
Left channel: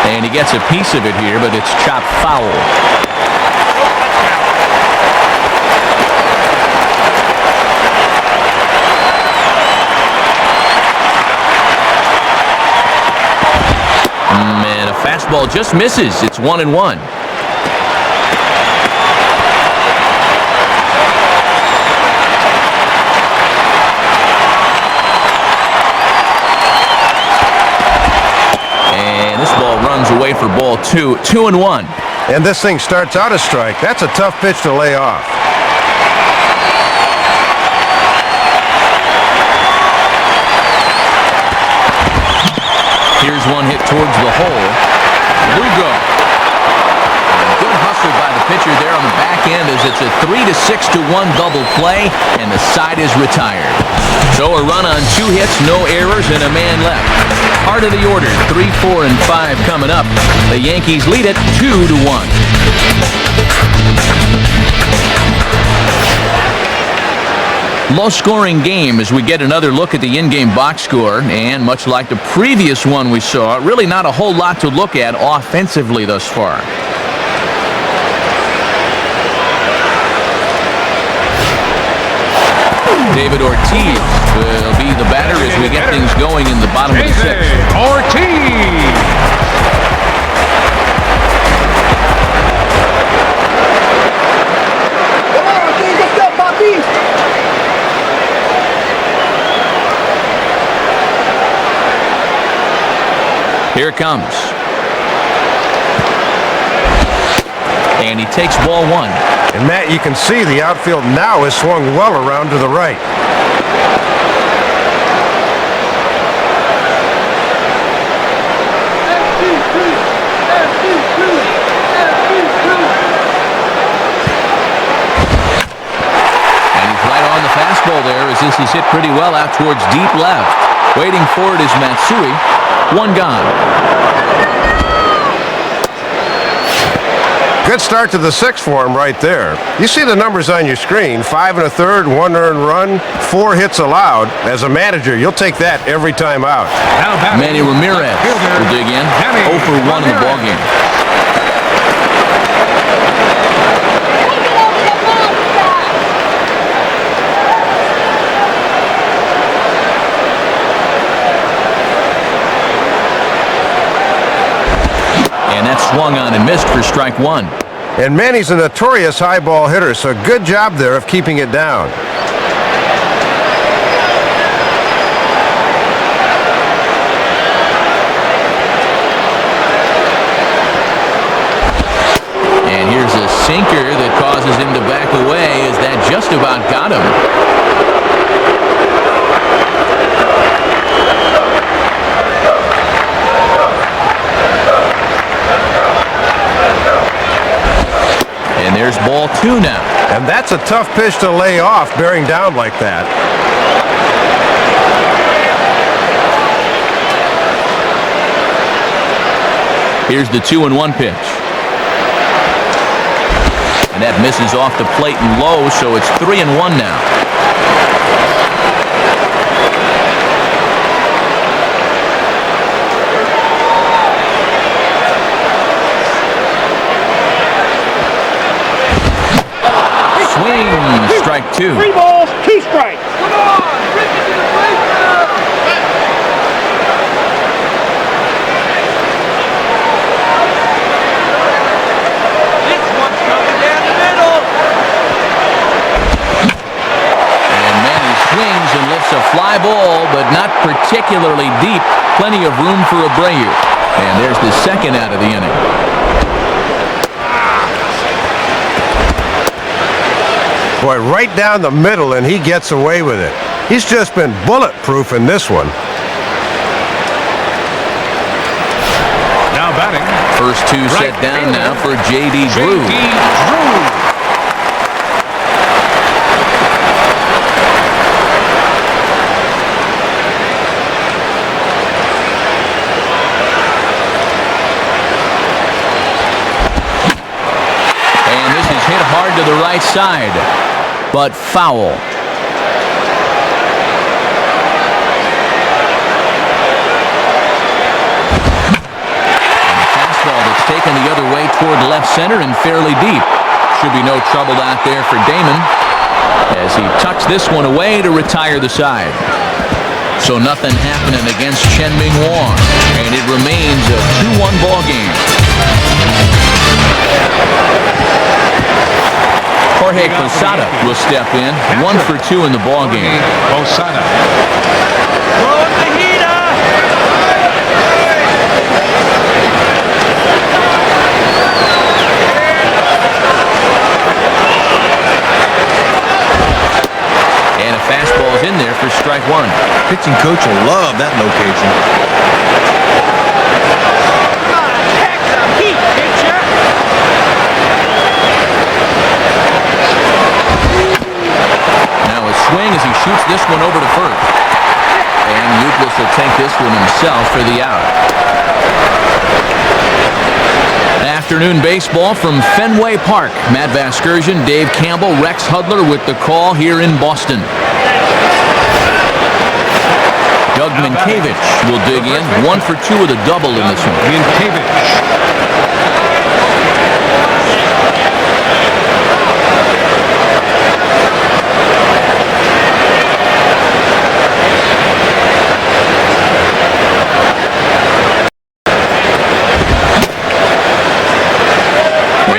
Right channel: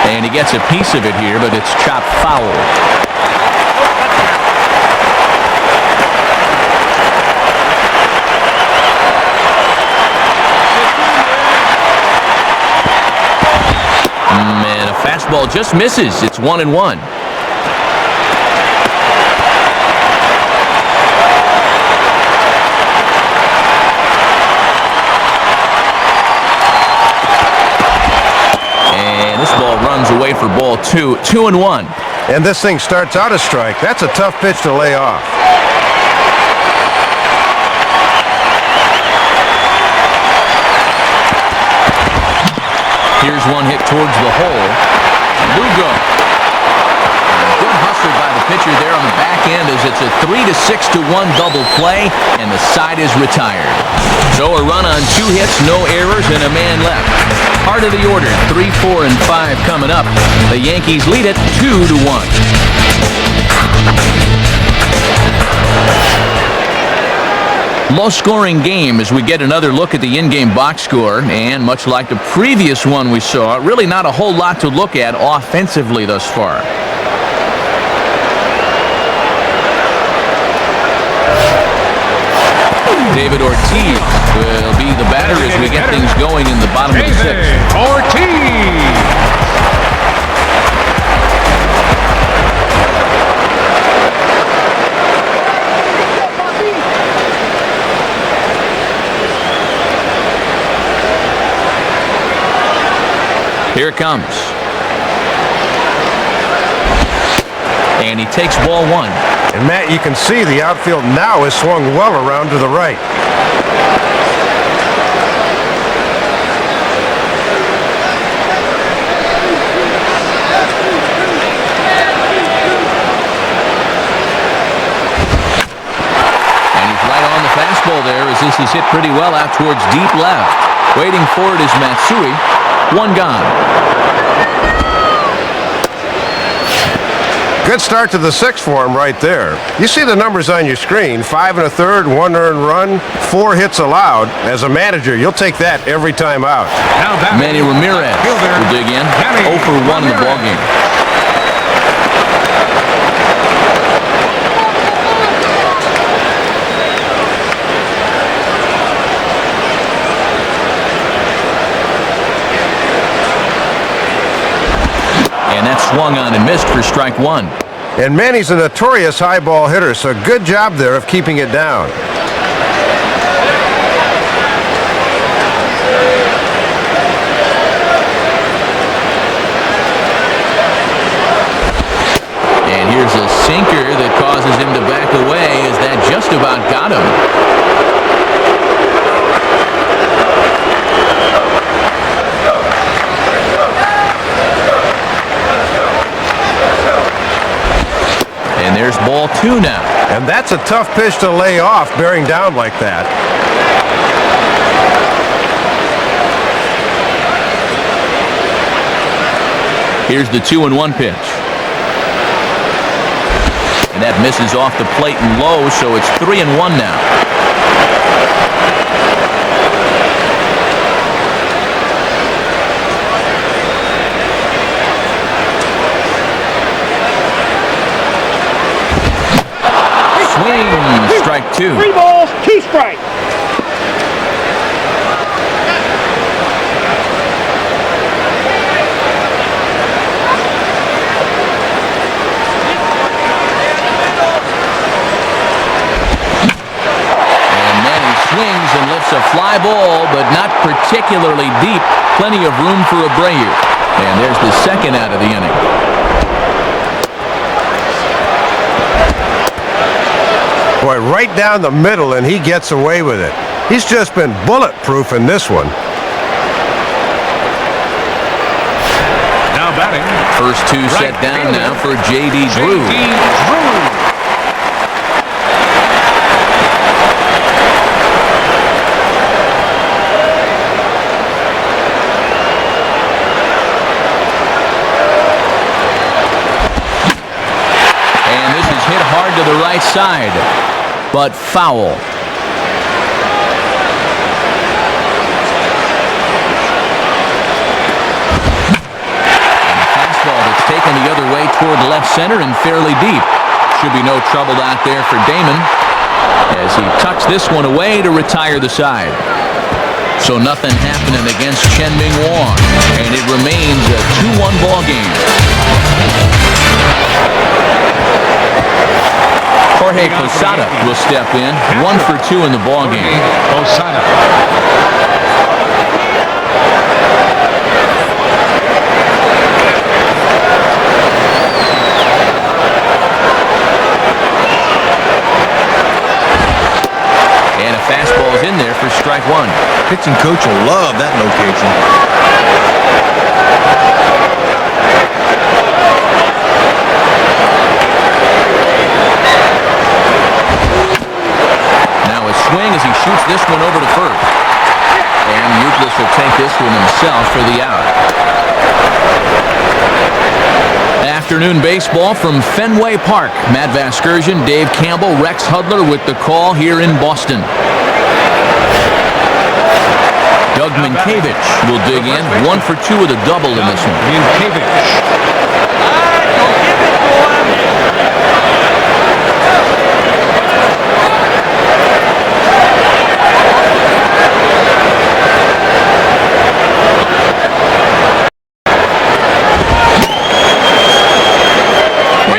And he gets a piece of it here, but it's chopped foul. And a fastball just misses. It's 1-1. And this ball runs away for ball 2. 2-1. And this thing starts out a strike. That's a tough pitch to lay off. Here's one hit towards the hole. Lugo. Good hustle by the pitcher there on the back end, as it's a 3-6-1 double play, and the side is retired. So a run on 2 hits, no errors, and a man left. Heart of the order, 3, 4, and 5 coming up. The Yankees lead it 2-1. Low-scoring game as we get another look at the in-game box score, and much like the previous one we saw, really not a whole lot to look at offensively thus far. David Ortiz will be the batter as we get things going in the bottom of the 6th. Here it comes. And he takes ball 1. And Matt, you can see the outfield now is swung well around to the right. And he's right on the fastball there, as this is hit pretty well out towards deep left. Waiting for it is Matsui. 1 gone. Good start to the 6th for him right there. You see the numbers on your screen. 5 1/3, 1 earned run, 4 hits allowed. As a manager, you'll take that every time out. Manny Ramirez will dig in. 0 for 1 in the ballgame. And that swung on and missed for strike 1. And Manny's a notorious high ball hitter, so good job there of keeping it down. And here's a sinker that causes him to back away, as that just about got him. And there's ball 2 now. And that's a tough pitch to lay off, bearing down like that. Here's the 2-1 pitch. And that misses off the plate and low, so it's 3-1 now. 2. 3 balls, 2 strikes. Swings and lifts a fly ball, but not particularly deep. Plenty of room for Abreu. And there's the second out of the inning. Boy, right down the middle, and he gets away with it. He's just been bulletproof in this one. First 2 set down now for J.D. Drew. Hit hard to the right side, but foul. And a fastball that's taken the other way toward left center and fairly deep. Should be no trouble out there for Damon as he tucks this one away to retire the side. So nothing happening against Chen-Ming Wong, and it remains a 2-1 ball game. Jorge Posada will step in, 1 for 2 in the ball game. And a fastball is in there for strike 1. Pitching coach will love that location. Swing as he shoots this one over to first. And Euclid will take this one himself for the out. Afternoon baseball from Fenway Park. Matt Vasgersian, Dave Campbell, Rex Hudler with the call here in Boston. Doug Minkiewicz will dig in, 1 for 2 with a double in this one.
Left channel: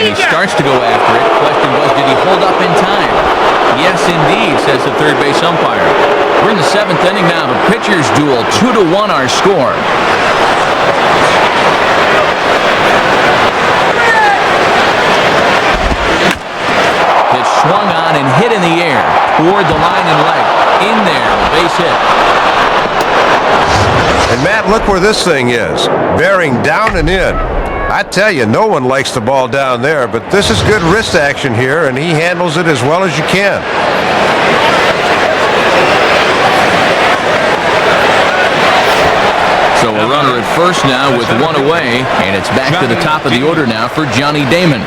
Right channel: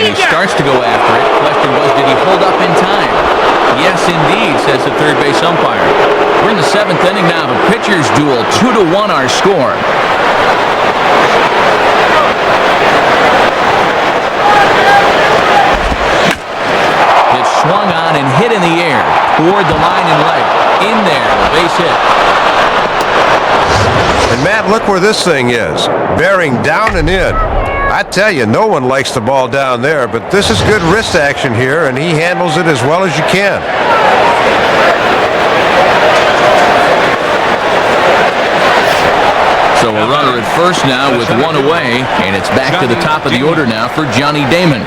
He starts to go after it. Question was, did he hold up in time? Yes, indeed, says the third base umpire. We're in the 7th inning now. The pitchers duel, 2-1 our score. It's swung on and hit in the air toward the line and right. In there, a base hit. And Matt, look where this thing is. Bearing down and in. I tell you, no one likes the ball down there, but this is good wrist action here, and he handles it as well as you can. So a runner at first now with 1 away, and it's back to the top of the order now for Johnny Damon.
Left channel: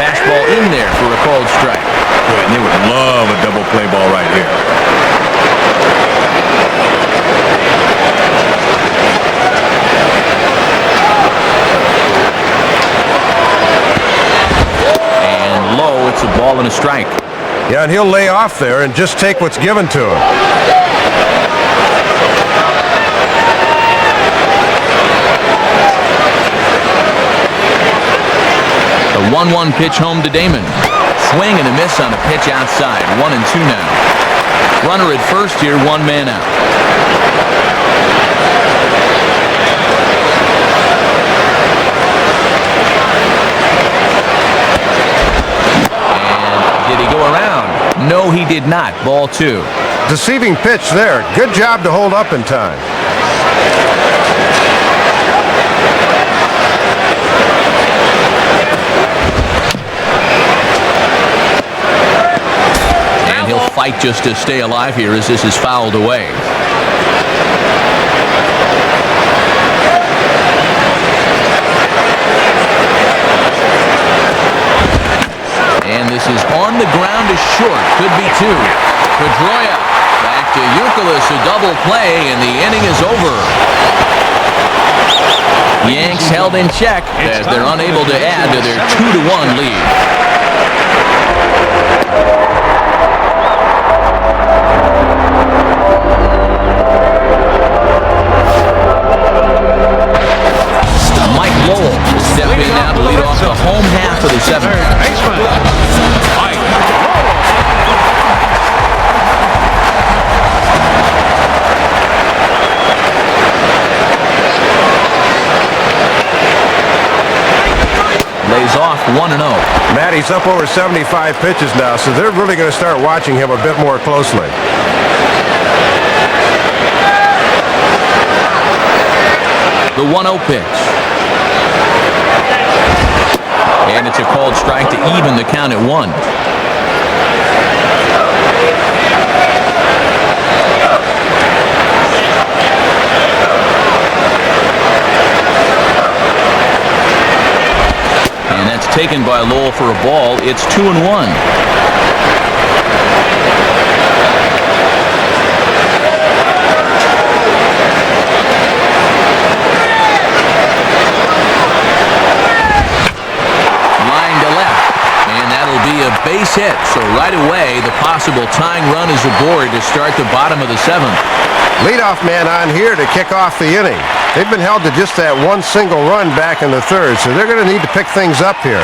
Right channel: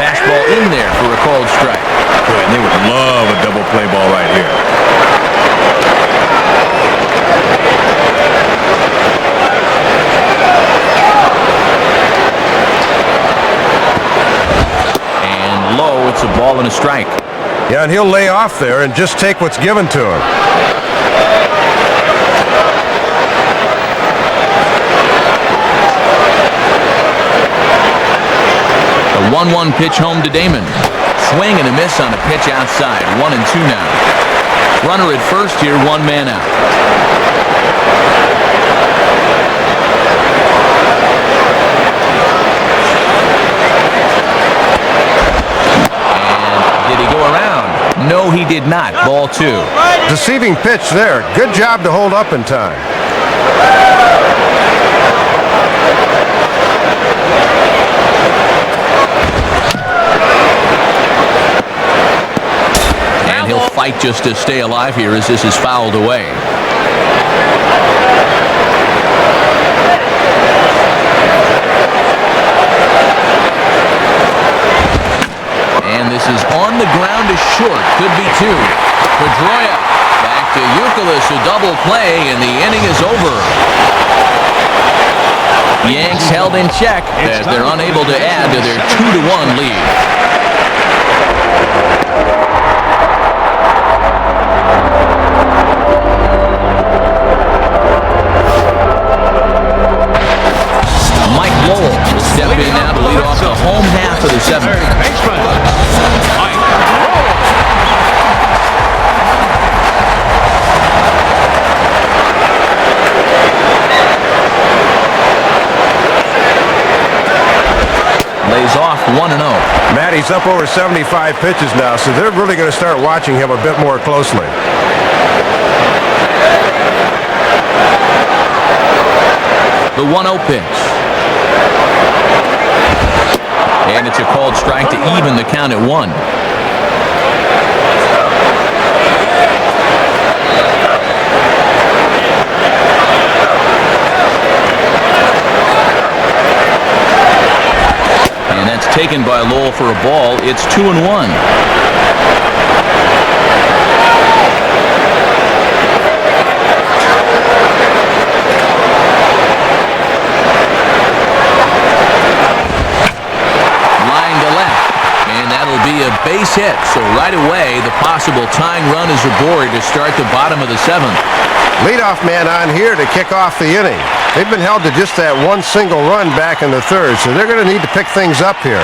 Fastball in there for a called strike. Boy, and they would love a double play ball right here. And low, it's a ball and a strike. Yeah, and he'll lay off there and just take what's given to him. The 1-1 pitch home to Damon. Swing and a miss on a pitch outside. 1-2 now. Runner at first here, 1 man out. And did he go around? No, he did not. Ball 2. Deceiving pitch there. Good job to hold up in time. And he'll fight just to stay alive here as this is fouled away. And this is on the ground to short. Could be 2. Pedroia back to Euclid, a double play, and the inning is over. Yanks held in check as they're unable to add to their 2-1 lead. Mike Lowell will step in now to lead off the home half of the 7th. Lays off 1-0. Matt, he's up over 75 pitches now, so they're really going to start watching him a bit more closely. The 1-0 pitch. And it's a called strike to even the count at 1. And that's taken by Lowell for a ball. It's 2-1. Be a base hit, so right away the possible tying run is aboard to start the bottom of the 7th. Leadoff man on here to kick off the inning. They've been held to just that one single run back in the 3rd, so they're going to need to pick things up here.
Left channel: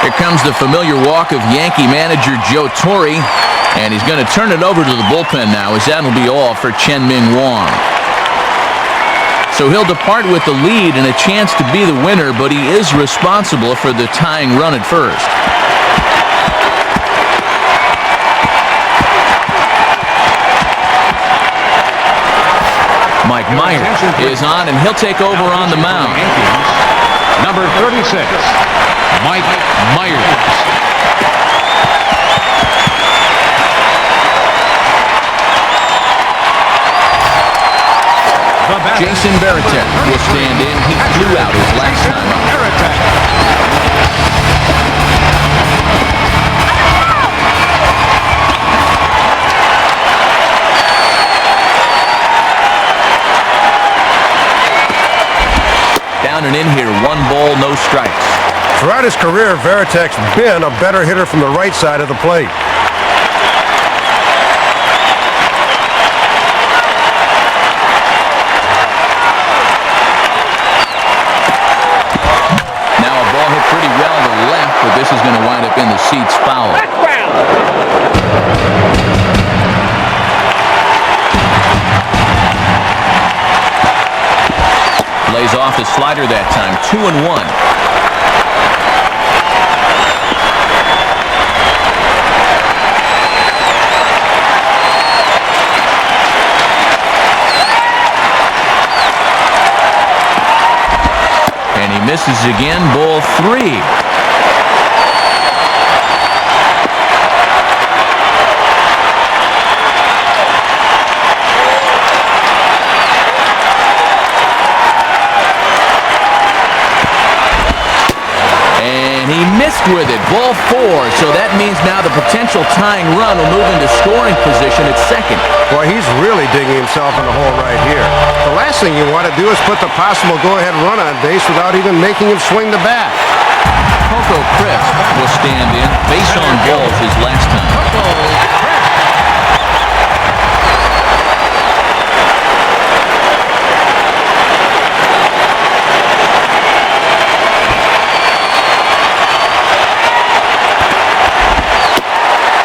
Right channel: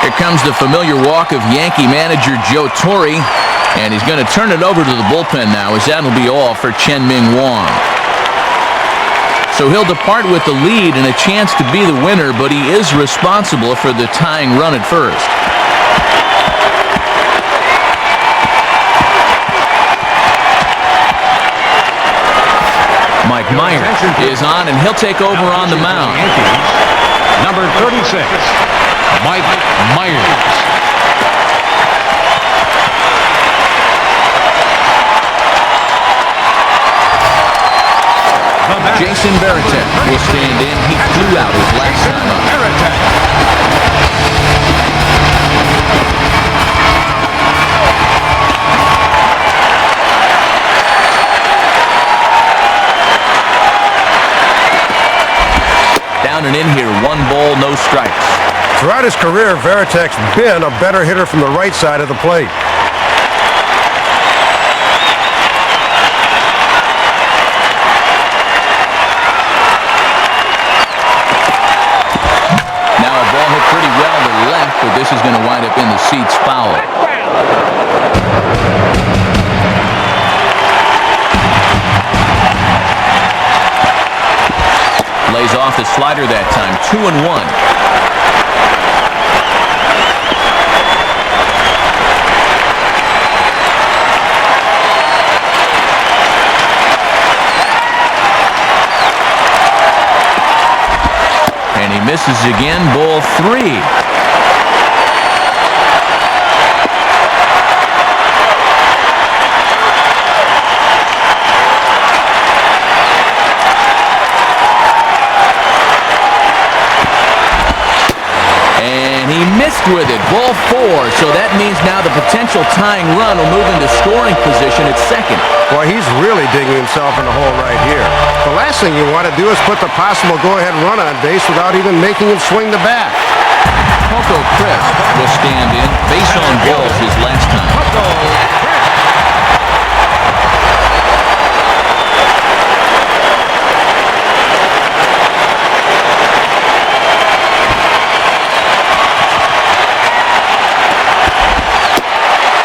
Here comes the familiar walk of Yankee manager Joe Torre, and he's going to turn it over to the bullpen now, as that'll be all for Chen-Ming Wang. So he'll depart with the lead and a chance to be the winner, but he is responsible for the tying run at first. Mike Myers is on, and he'll take over on the mound. Number 36, Mike Myers. Jason Varitek will stand in. He flew out his last time up. Down and in here, 1 ball, no strikes. Throughout his career, Varitek's been a better hitter from the right side of the plate. Pretty well to left, but this is going to wind up in the seats foul. Lays off the slider that time. 2-1. And he misses again, ball 3. And he missed with it, ball 4. So that means now the potential tying run will move into scoring position at 2nd. Boy, he's really digging himself in the hole right here. The last thing you want to do is put the possible go-ahead run on base without even making him swing the bat. Coco Crisp will stand in. Base on balls his last time.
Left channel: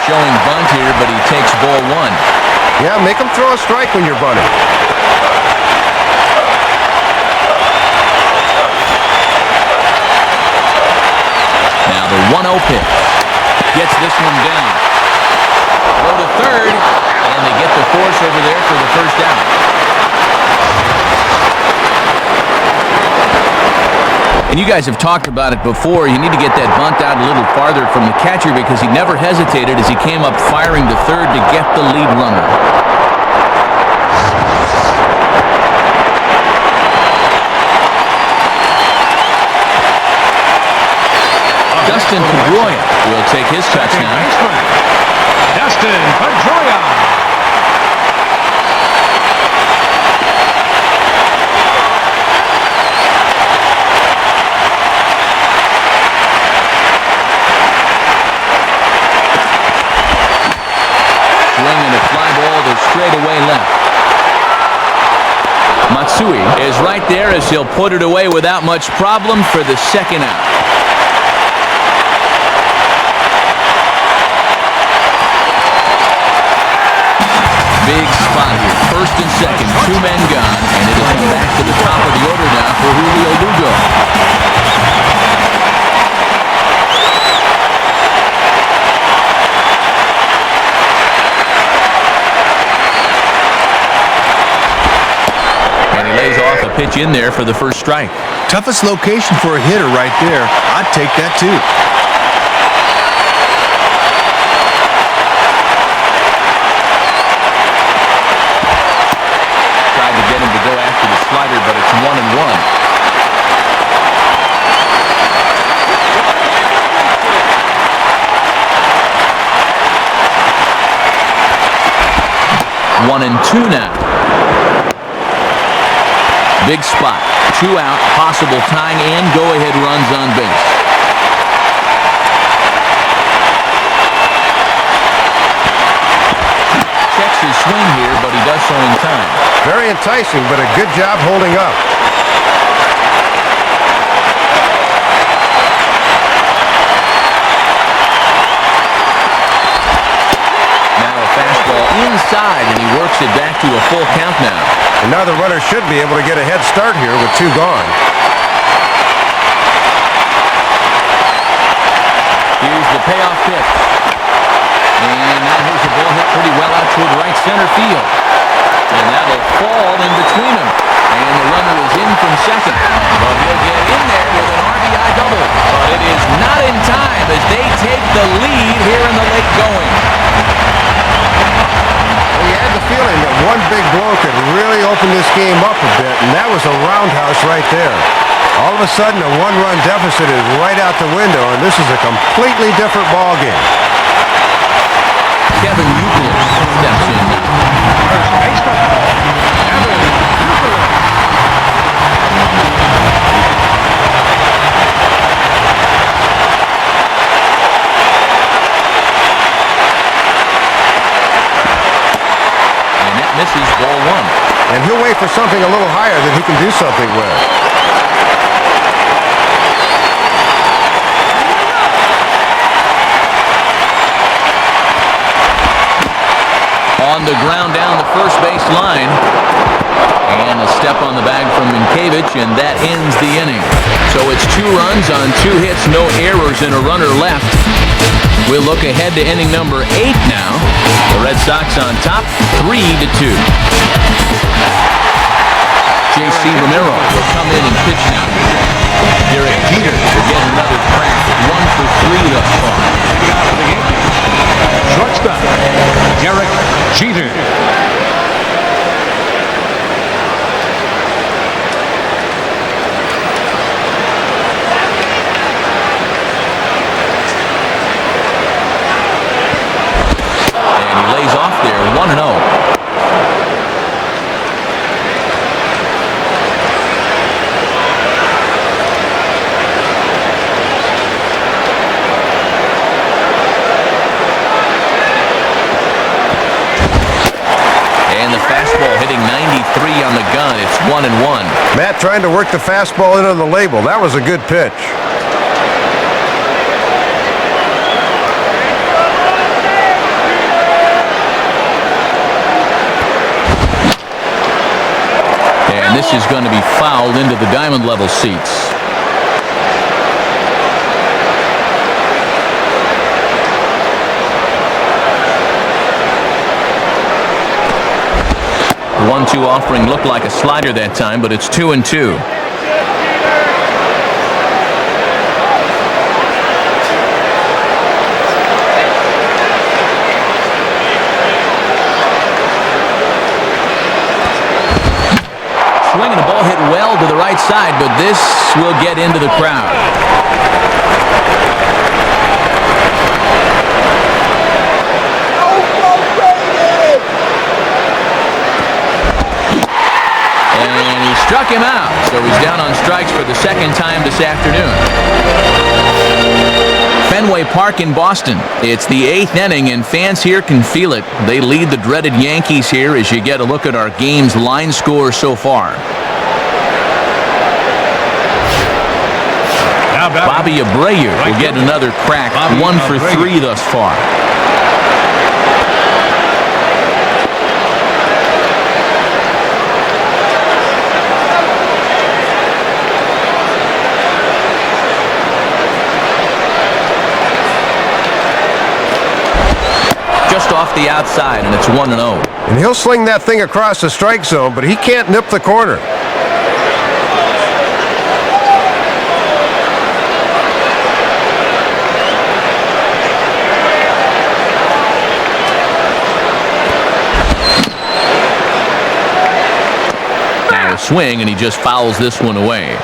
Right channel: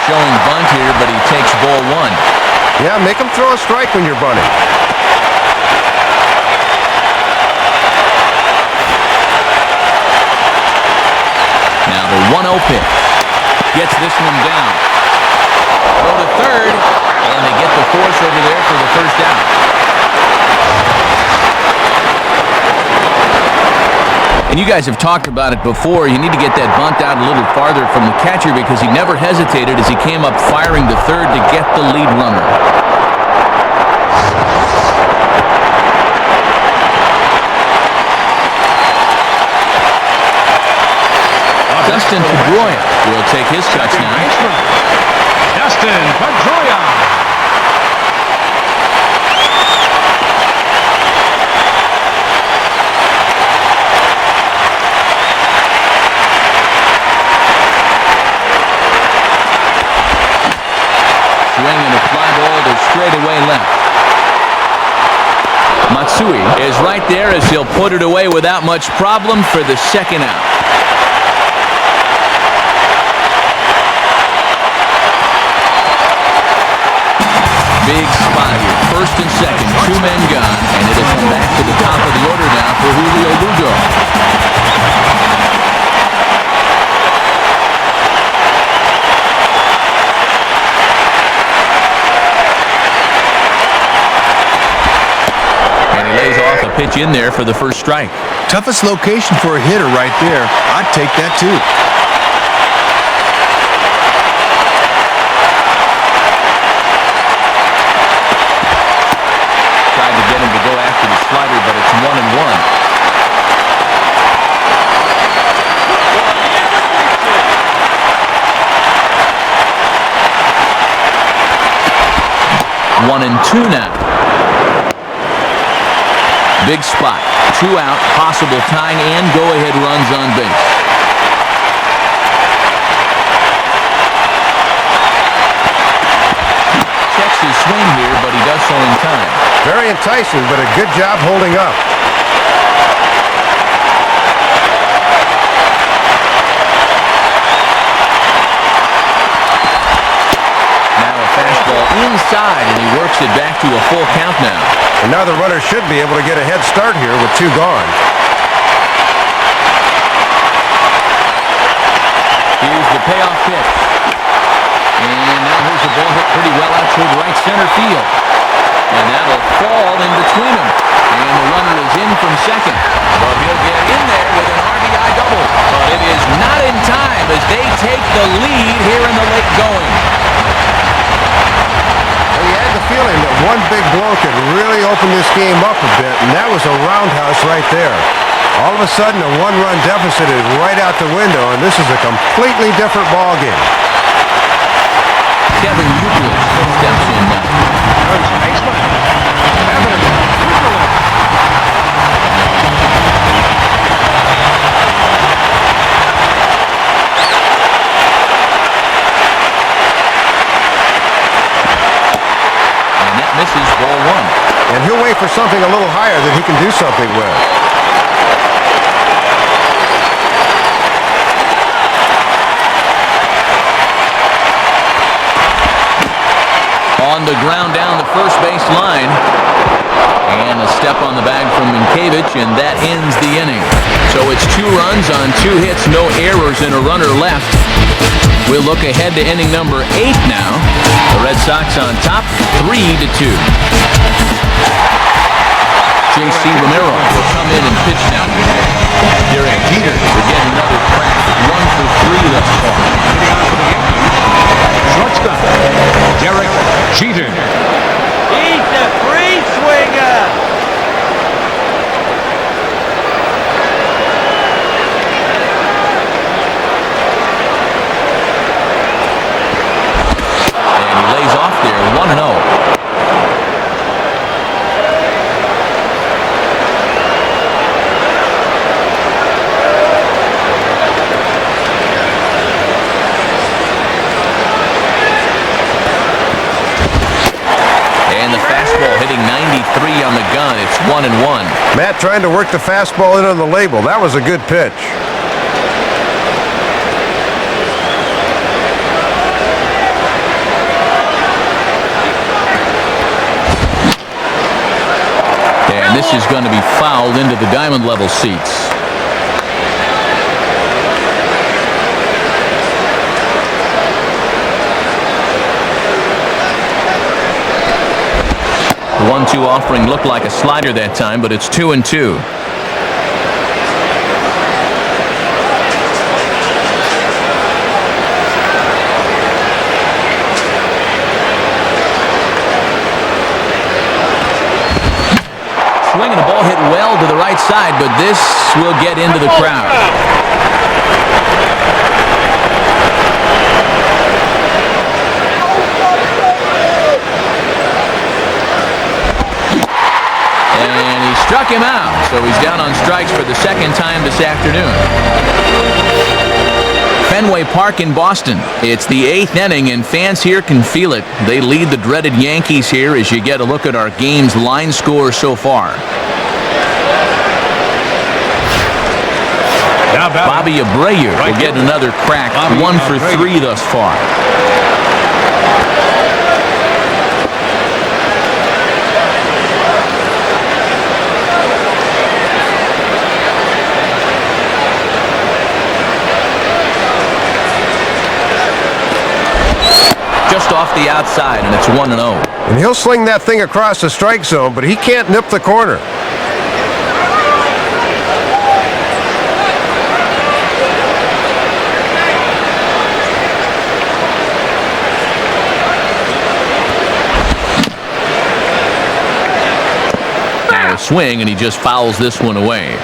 Showing bunt here, but he takes ball 1. Yeah, make him throw a strike when you're bunting. Now the 1-0 pitch. Gets this one down. Go to 3rd, and they get the force over there for the first down. And you guys have talked about it before. You need to get that bunt out a little farther from the catcher because he never hesitated as he came up firing to 3rd to get the lead runner. Dustin Pedroia will take his cuts now. straightaway left. Matsui is right there as he'll put it away without much problem for the second out. Big spot here. First and second, two men gone, and it'll come back to the top of the order now for Julio Lugo. And he lays off a pitch in there for the first strike. Toughest location for a hitter right there. I'd take that too. Get him to go after the slider, but it's 1-1. One and two now. Big spot. 2 out, possible tying and go-ahead runs on base. Checks his swing here, but he does so in time. Very enticing, but a good job holding up. Now a fastball inside, and he works it back to a full count now. And now the runner should be able to get a head start here with 2 gone. Here's the payoff pitch. And now here's a ball hit pretty well out toward right center field. And that'll fall in between them. And the runner is in from second. But he'll get in there with an RBI double. But it is not in time as they take the lead here in the late going. Well, you had the feeling that one big blow could really open this game up a bit, and that was a roundhouse right there. All of a sudden, a 1-run deficit is right out the window, and this is a completely different ball game. Kevin Euclid steps in now. Misses ball 1. And he'll wait for something a little higher that he can do something with. On the ground down the first base line. And a step on the bag from Minkiewicz, and that ends the inning. So it's 2 runs on 2 hits, no errors, and a runner left. We'll look ahead to inning number 8 now. The Red Sox on top, 3-2. J.C. Romero will come in and pitch now. Derek Jeter will get another crack, 1 for 3 thus far. There, 1-0. And the fastball hitting 93 on the gun. It's 1-1. Matt trying to work the fastball in on the label. That was a good pitch. And this is going to be fouled into the diamond level seats. The 1-2 offering looked like a slider that time, but it's 2-2. Swinging the ball hit well to the right side, but this will get into the crowd. And he struck him out, so he's down on strikes for the second time this afternoon. Fenway Park in Boston. It's the 8th inning, and fans here can feel it. They lead the dreaded Yankees here as you get a look at our game's line score so far. Bobby Abreu will get another crack, 1 for 3 thus far. Just off the outside, and it's 1-0. And he'll sling that thing across the strike zone, but he can't nip the corner. Now a swing, and he just fouls this one away.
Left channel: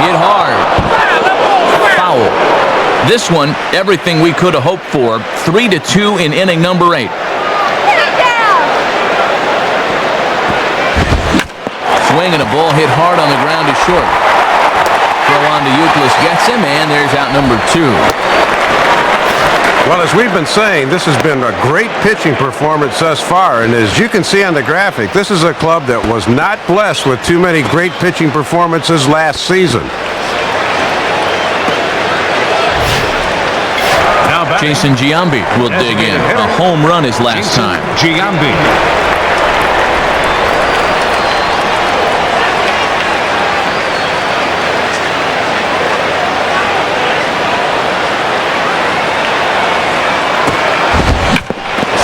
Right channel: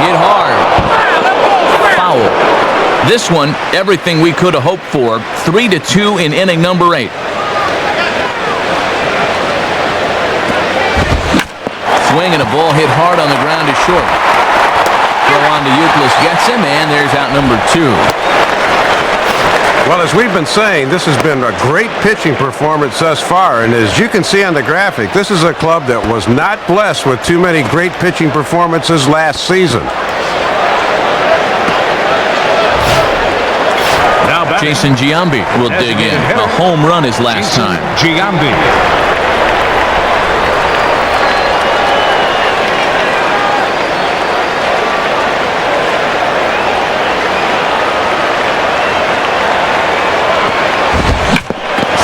Hit hard. Foul. This one, everything we could have hoped for. 3-2 in inning number 8. Swing and a ball hit hard on the ground is short. Throw on to Euclid gets him, and there's out number 2. Well, as we've been saying, this has been a great pitching performance thus far, and as you can see on the graphic, this is a club that was not blessed with too many great pitching performances last season. Jason Giambi will dig in. A home run his last time.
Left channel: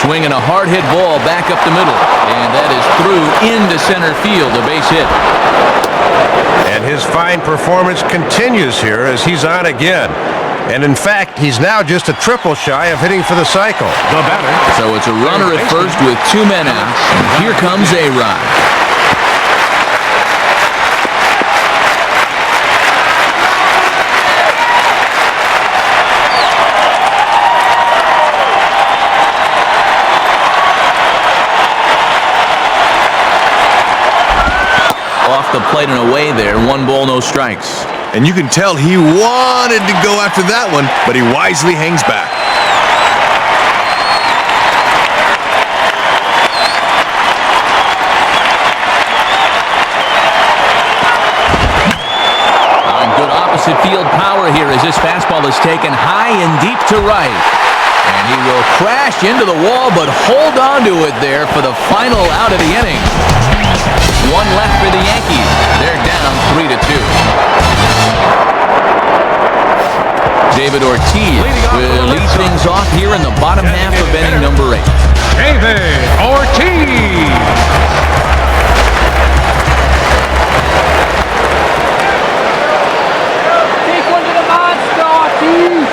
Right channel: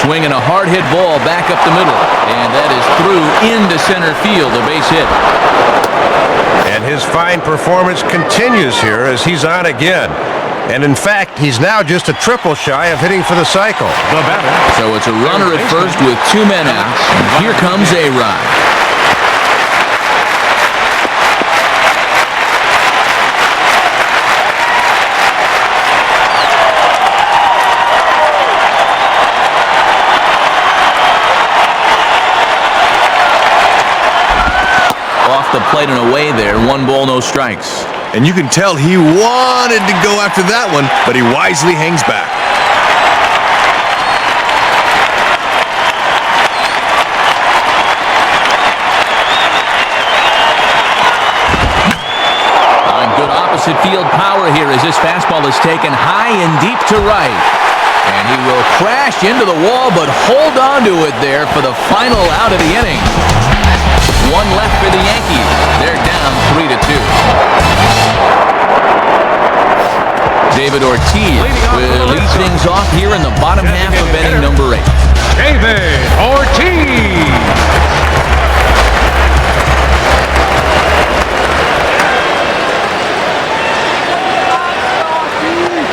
Swinging a hard-hit ball back up the middle. And that is through into center field, a base hit. And his fine performance continues here as he's on again. And in fact, he's now just a triple shy of hitting for the cycle. So it's a runner at first with 2 men out. And here comes A-Rod. Off the plate and away there. 1 ball, no strikes. And you can tell he wanted to go after that one, but he wisely hangs back. On good opposite field power here as this fastball is taken high and deep to right. And he will crash into the wall, but hold on to it there for the final out of the inning. 1 left for the Yankees. They're down 3-2. David Ortiz will lead things off here in the bottom half of inning number 8. Take one to the monster, Ortiz.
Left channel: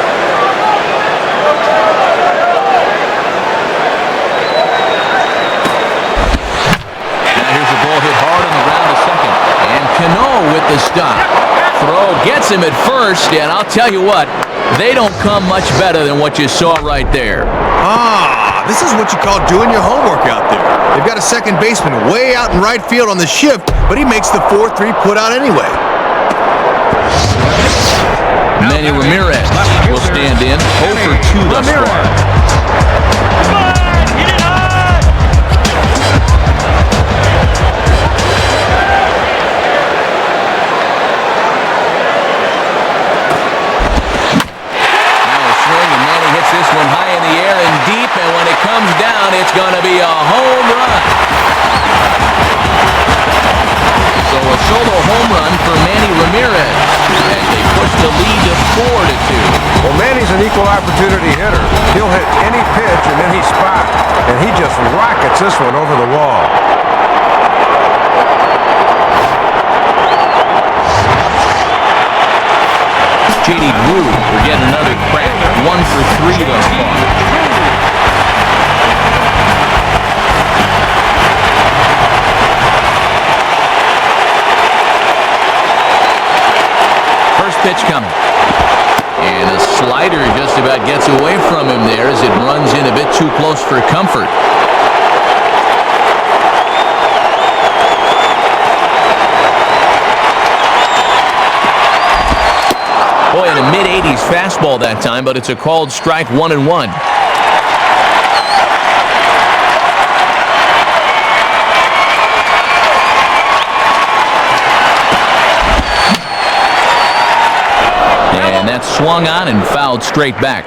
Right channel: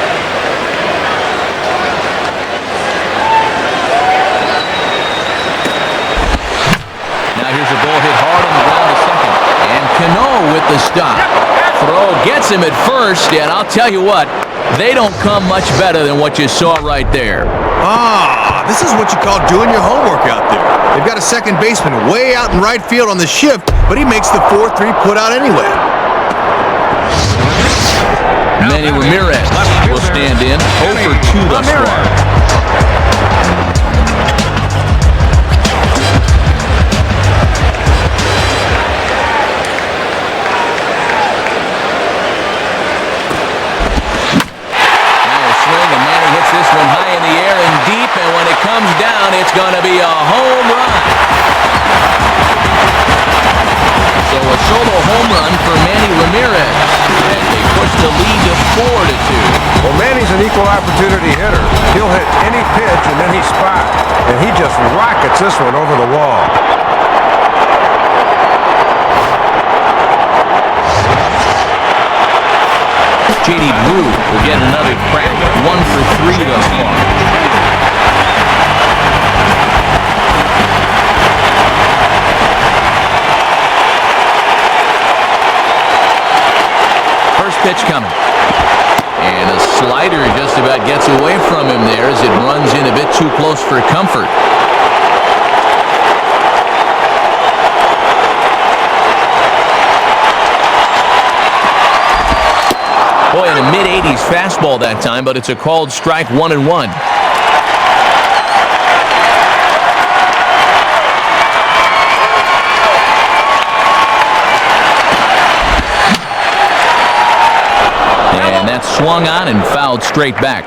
Now here's a ball hit hard on the ground to second. And Cano with the stop. Throw gets him at first, and I'll tell you what, they don't come much better than what you saw right there. This is what you call doing your homework out there. They've got a second baseman way out in right field on the shift, but he makes the 4-3 put out anyway. Manny Ramirez will stand in, 0 for 2 thus far. This one high in the air and deep, and when it comes down, it's going to be a home run. So a solo home run for Manny Ramirez as they push the lead to 4-2. Well, Manny's an equal opportunity hitter. He'll hit any pitch in any spot, and he just rockets this one over the wall. J.D. Drew will get another crack. 1 for 3 thus far. First pitch coming. And a slider just about gets away from him there as it runs in a bit too close for comfort. Boy, in a mid-80s fastball that time, but it's a called strike, 1-1. And that's swung on and fouled straight back.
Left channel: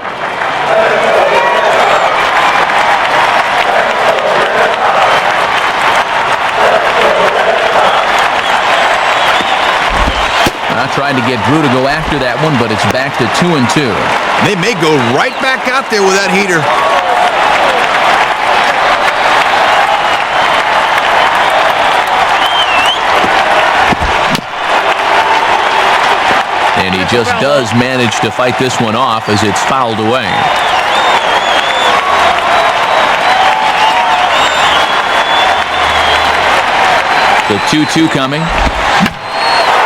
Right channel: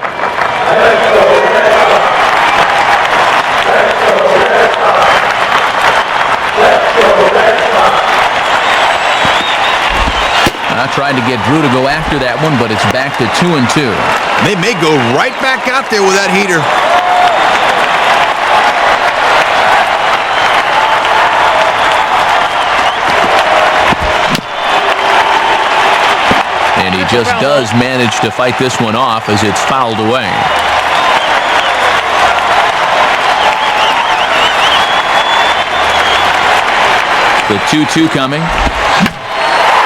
I tried to get Drew to go after that one, but it's back to 2-2. They may go right back out there with that heater. And he just does manage to fight this one off as it's fouled away. The 2-2 coming.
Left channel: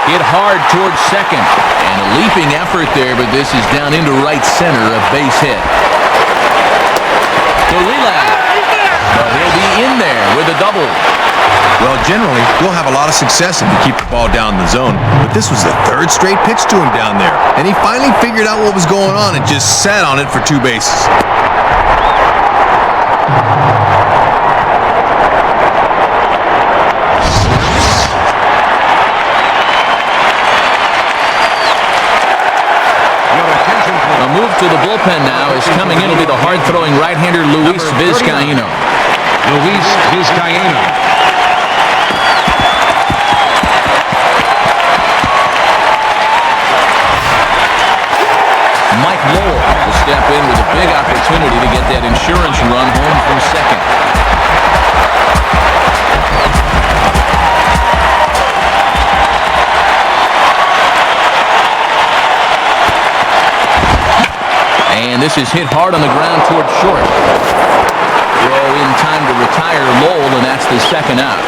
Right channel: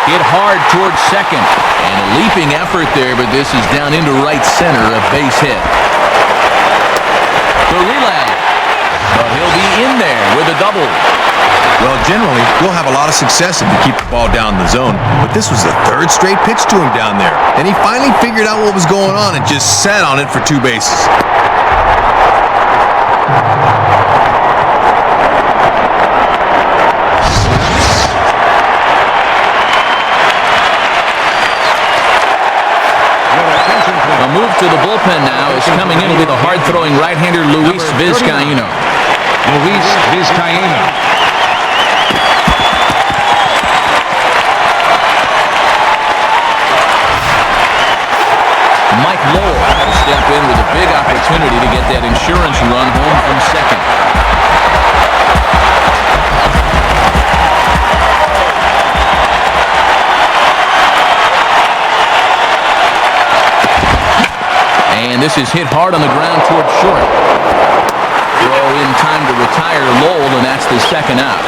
Hit hard towards second. And a leaping effort there, but this is down into right center, a base hit. The relay. But he'll be in there with a double. Well, generally, you'll have a lot of success if you keep the ball down in the zone. But this was the third straight pitch to him down there. And he finally figured out what was going on and just sat on it for 2 bases. A move to the bullpen now is coming in. It'll be the hard-throwing right-hander Luis Vizcaíno. Mike Lowell will step in with a big opportunity to get that insurance run home from second. And this is hit hard on the ground towards short. Throw in time to retire Lowell, and that's the second out.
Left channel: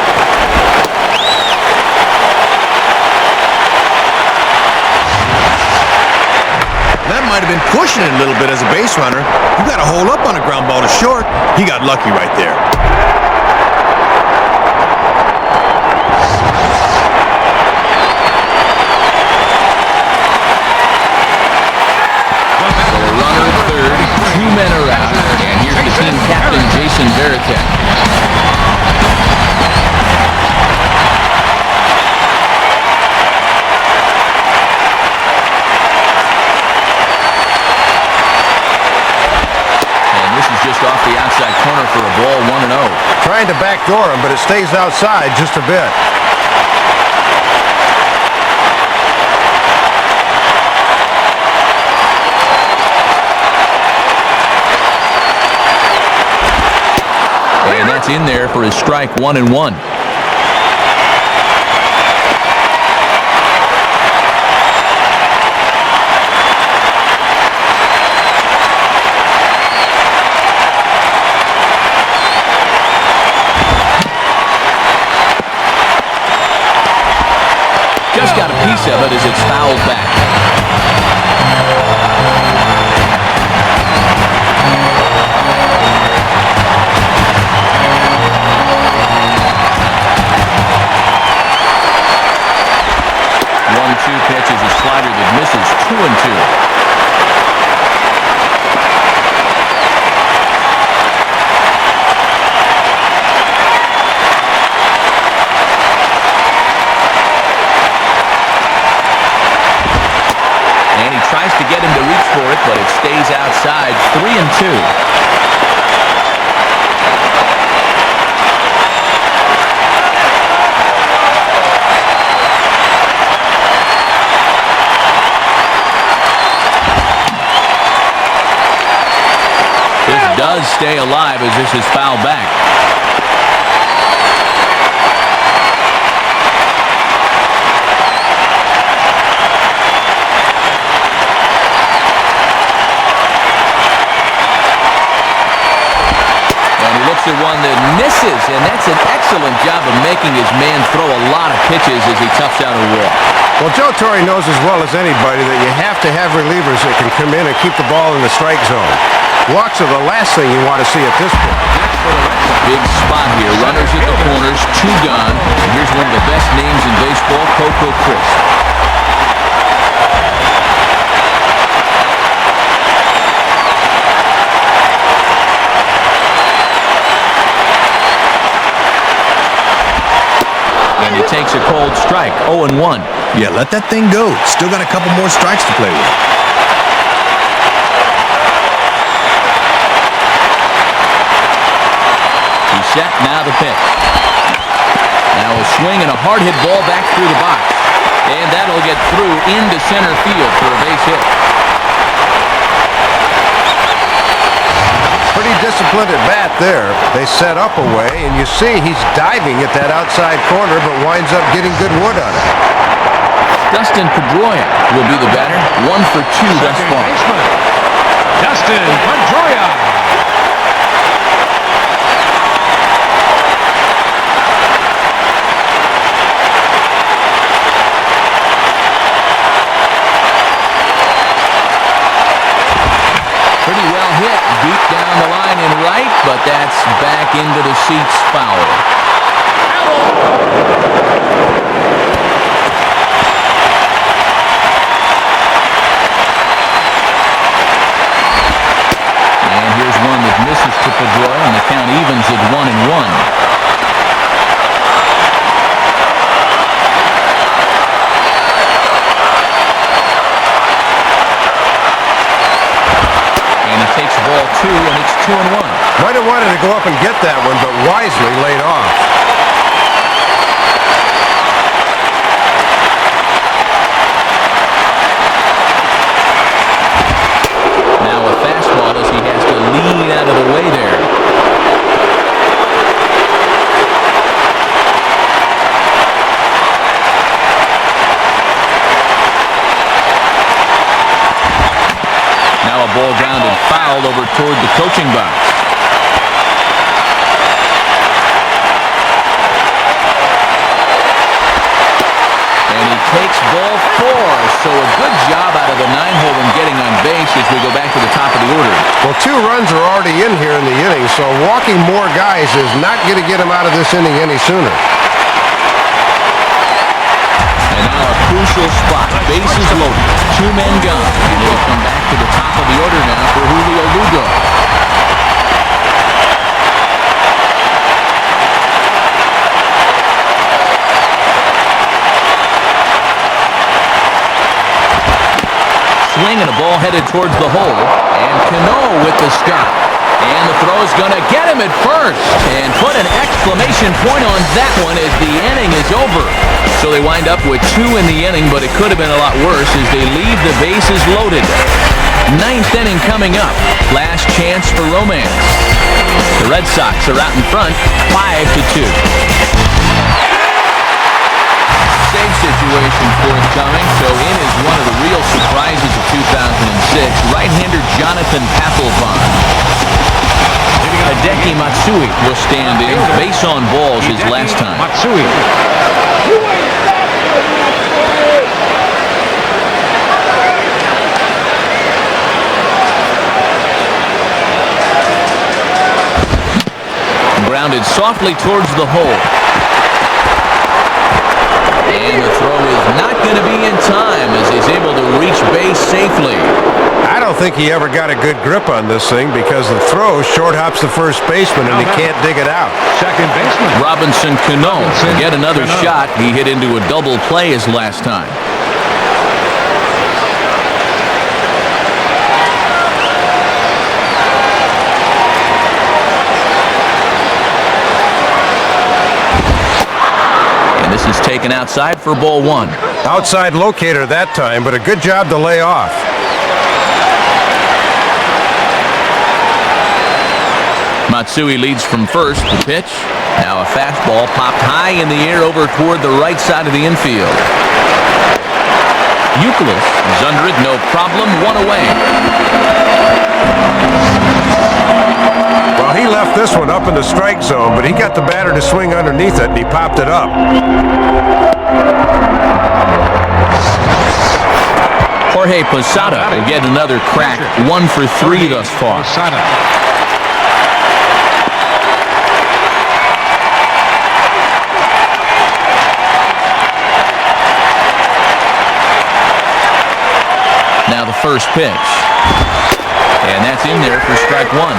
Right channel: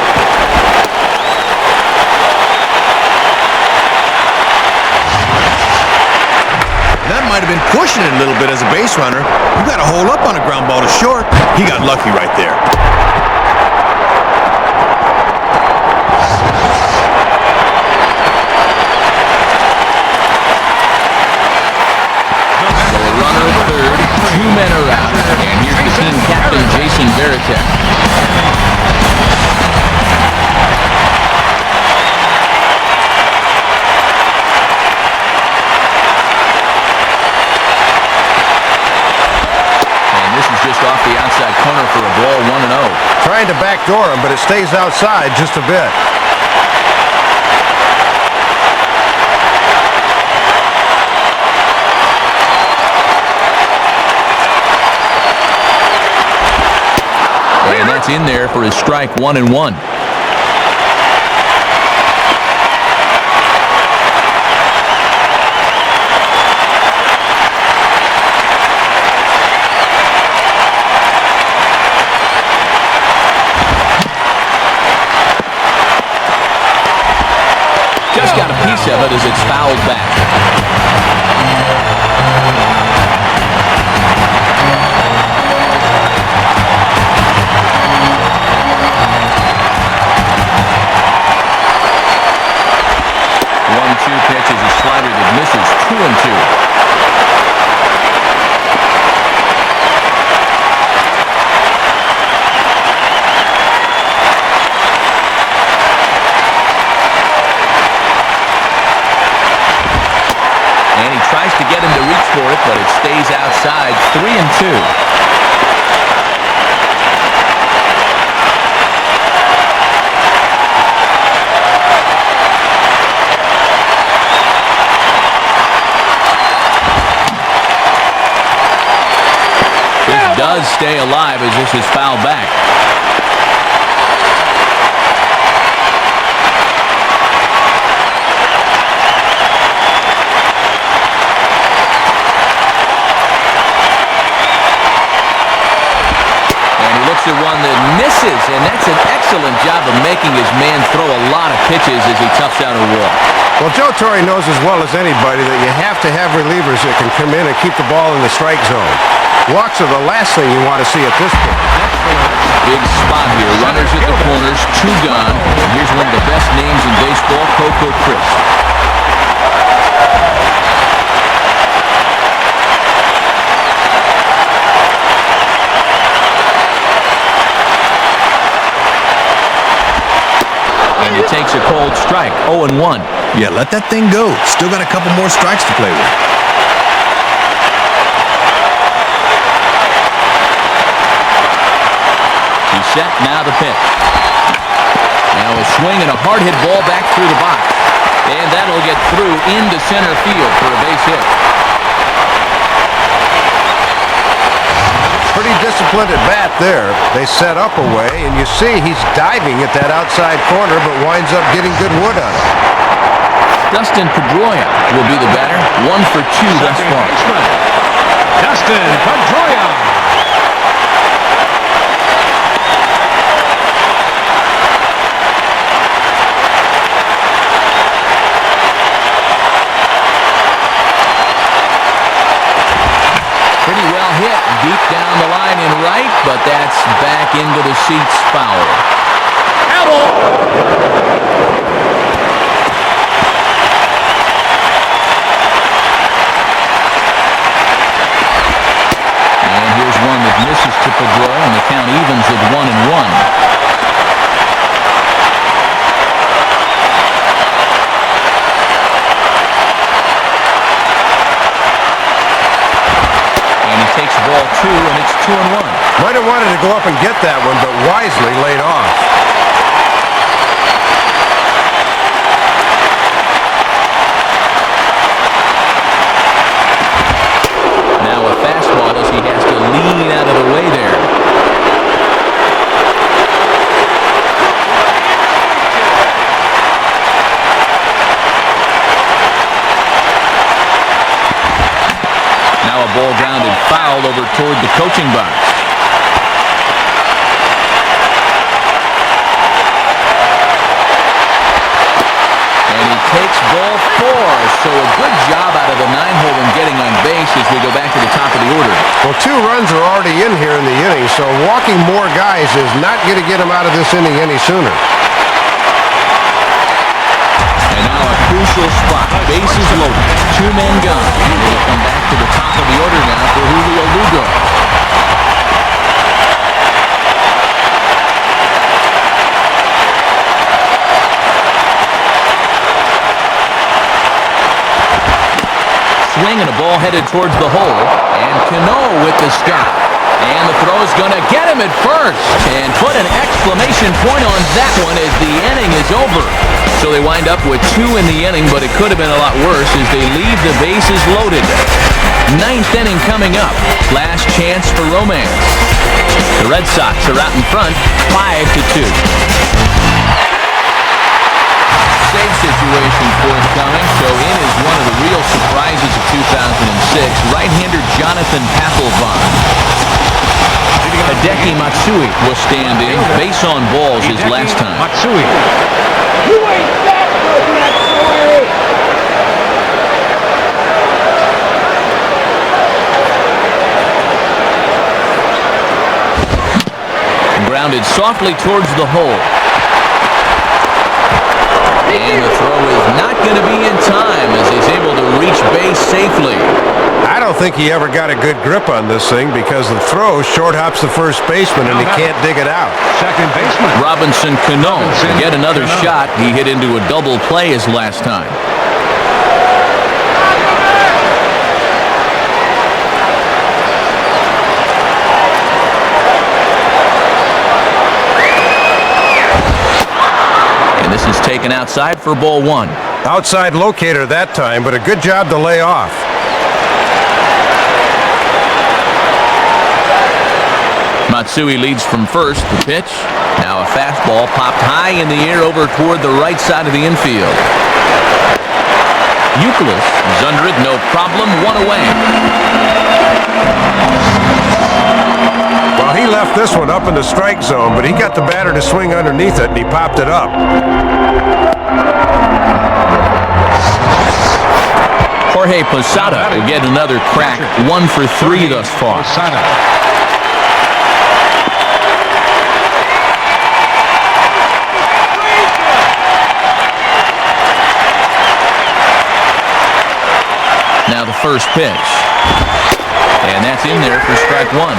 That might have been pushing it a little bit as a base runner. You got to hold up on a ground ball to short. He got lucky right there. Third, 2 men are out, and here's the team captain, Jason Varitek. And this is just off the outside corner for a ball, 1-0. Trying to backdoor him, but it stays outside just a bit. And that's in there for his strike, 1-1. Just got a piece of it as it's fouled back. Pitch is a slider that misses, 2-2. And he tries to get him to reach for it, but it stays outside, 3-2. Does stay alive as this is fouled back. And he looks at one that misses, and that's an excellent job of making his man throw a lot of pitches as he toughs out a walk. Well, Joe Torre knows as well as anybody that you have to have relievers that can come in and keep the ball in the strike zone. Walks are the last thing you want to see at this point. Big spot here. Runners at the corners, 2 gone. And here's one of the best names in baseball, Coco Crisp. And he takes a cold strike, 0-1. Yeah, let that thing go. Still got a couple more strikes to play with. He's set, now the pitch. Now a swing and a hard hit ball back through the box. And that'll get through into center field for a base hit. Pretty disciplined at bat there. They set up away, and you see he's diving at that outside corner, but winds up getting good wood on it. Dustin Pedroia will be the batter. 1 for 2 thus far. Pretty well hit deep down the line in right, but that's back into the seats foul. And here's one that misses to Pedroia, and the count evens at 1-1. Takes ball 2, and it's 2-1. Might have wanted to go up and get that one, but wisely laid off. Now a fastball as he has to lean out of the way there. Now a ball grounded foul over toward the coaching box. And he takes ball 4. So a good job out of the 9-hole in getting on base as we go back to the top of the order. Well, 2 runs are already in here in the inning, so walking more guys is not going to get him out of this inning any sooner. And now a crucial spot. Bases loaded. 2 men gone. And it'll come back to the top of the order now for Julio Lugo. Swing and a ball headed towards the hole. And Cano with the stop. And the throw is going to get him at first. And put an exclamation point on that one as the inning is over. So they wind up with 2 in the inning, but it could have been a lot worse as they leave the bases loaded. 9th inning coming up. Last chance for romance. The Red Sox are out in front, 5-2. Save situation forthcoming, so in is one of the real surprises of 2006, right-hander Jonathan Papelbon. Hideki Matsui will stand in. Base on balls his last time. You ain't that good, Matsui! Grounded softly towards the hole. And the throw is not going to be in time as he's able to reach base safely. I don't think he ever got a good grip on this thing because the throw short hops the first baseman and he can't dig it out. Robinson Cano get another shot. He hit into a double play his last time. And this is taken outside for ball 1. Outside locator that time, but a good job to lay off. Matsui leads from first. The pitch. Now a fastball popped high in the air over toward the right side of the infield. Youkilis is under it, no problem, 1 away. Well, Well, he left this one up in the strike zone, but he got the batter to swing underneath it, and he popped it up. Jorge Posada will get another crack, 1 for 3 thus far. Now the first pitch. And that's in there for strike 1.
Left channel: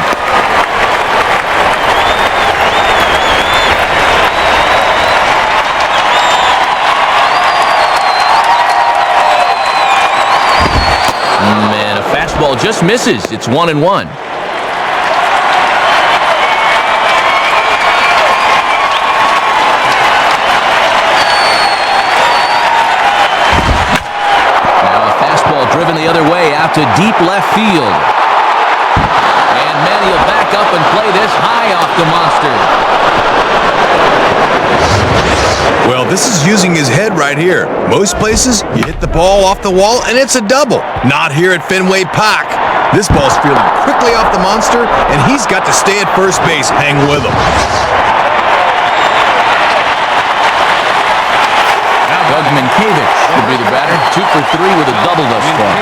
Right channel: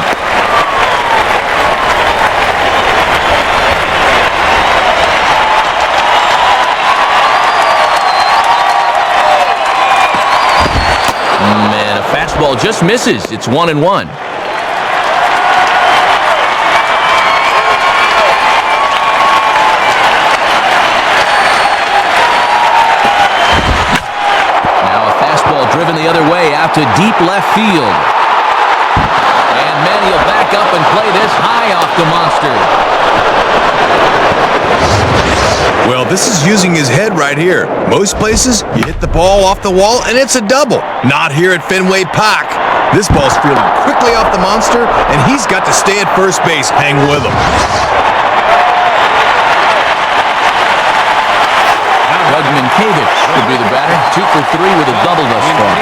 And a fastball just misses. It's 1-1. Driven the other way out to deep left field. And Manny will back up and play this high off the monster. Well, this is using his head right here. Most places, you hit the ball off the wall and it's a double. Not here at Fenway Park. This ball's fielded quickly off the monster, and he's got to stay at first base. Hang with him. Doug Minkiewicz could be the batter. 2 for 3 with a double thus far.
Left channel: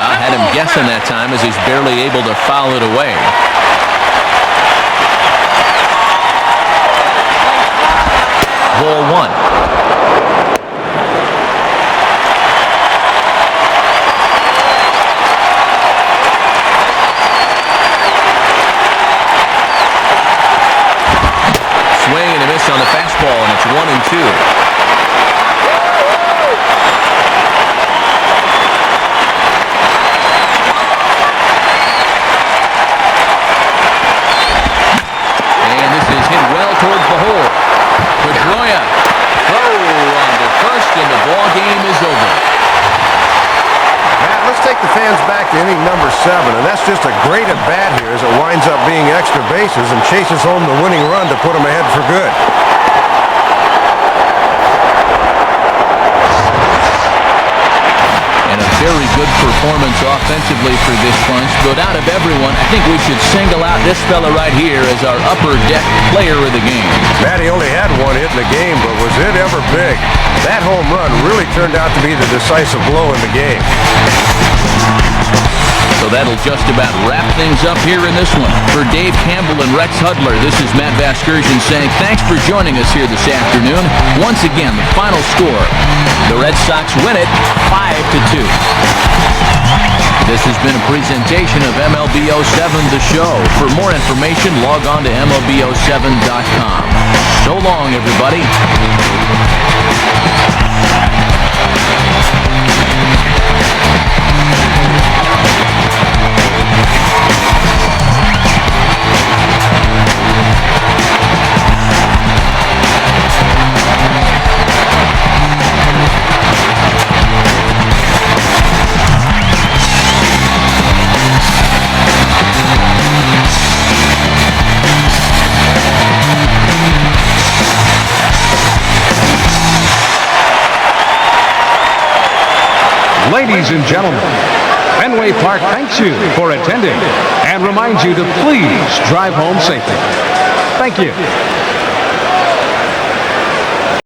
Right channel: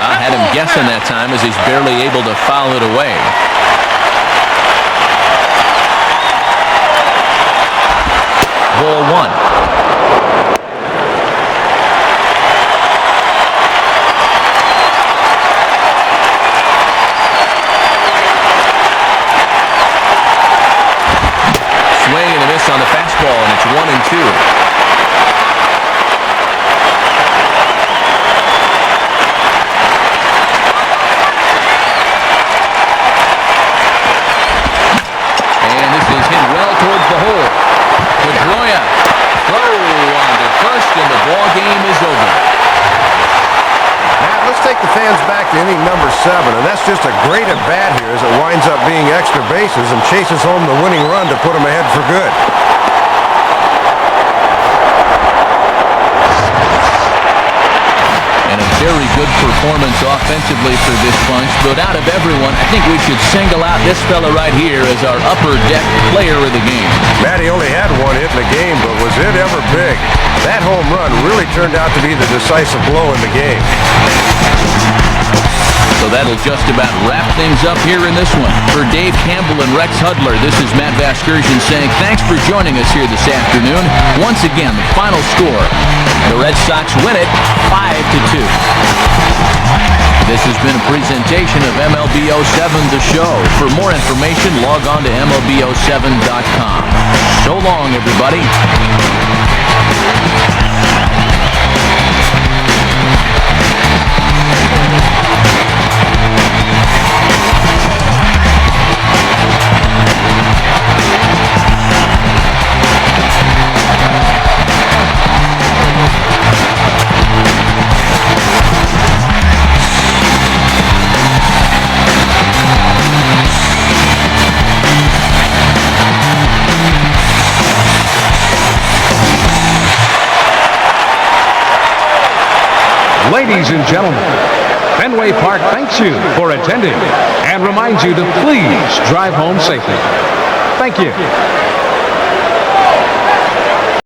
I had him guessing that time as he's barely able to foul it away. Ball 1. Swing and a miss on the fastball, and it's 1-2. And this is hit well towards the hole. Pedroia, throw on to first, and the ball game is over. Matt, let's take the fans back to inning number 7, and that's just a great at-bat here as it winds up being extra bases and chases home the winning run to put them ahead for good. And a very good performance offensively for this bunch. But out of everyone, I think we should single out this fella right here as our upper deck player of the game. Matt, he only had 1 hit in the game, but was it ever big? That home run really turned out to be the decisive blow in the game. So that'll just about wrap things up here in this one. For Dave Campbell and Rex Hudler, this is Matt Vasgersian saying thanks for joining us here this afternoon. Once again, the final score. The Red Sox win it 5-2. This has been a presentation of MLB 07 The Show. For more information, log on to MLB07.com. So long, everybody. For attending and reminds you to please drive home safely. Thank you.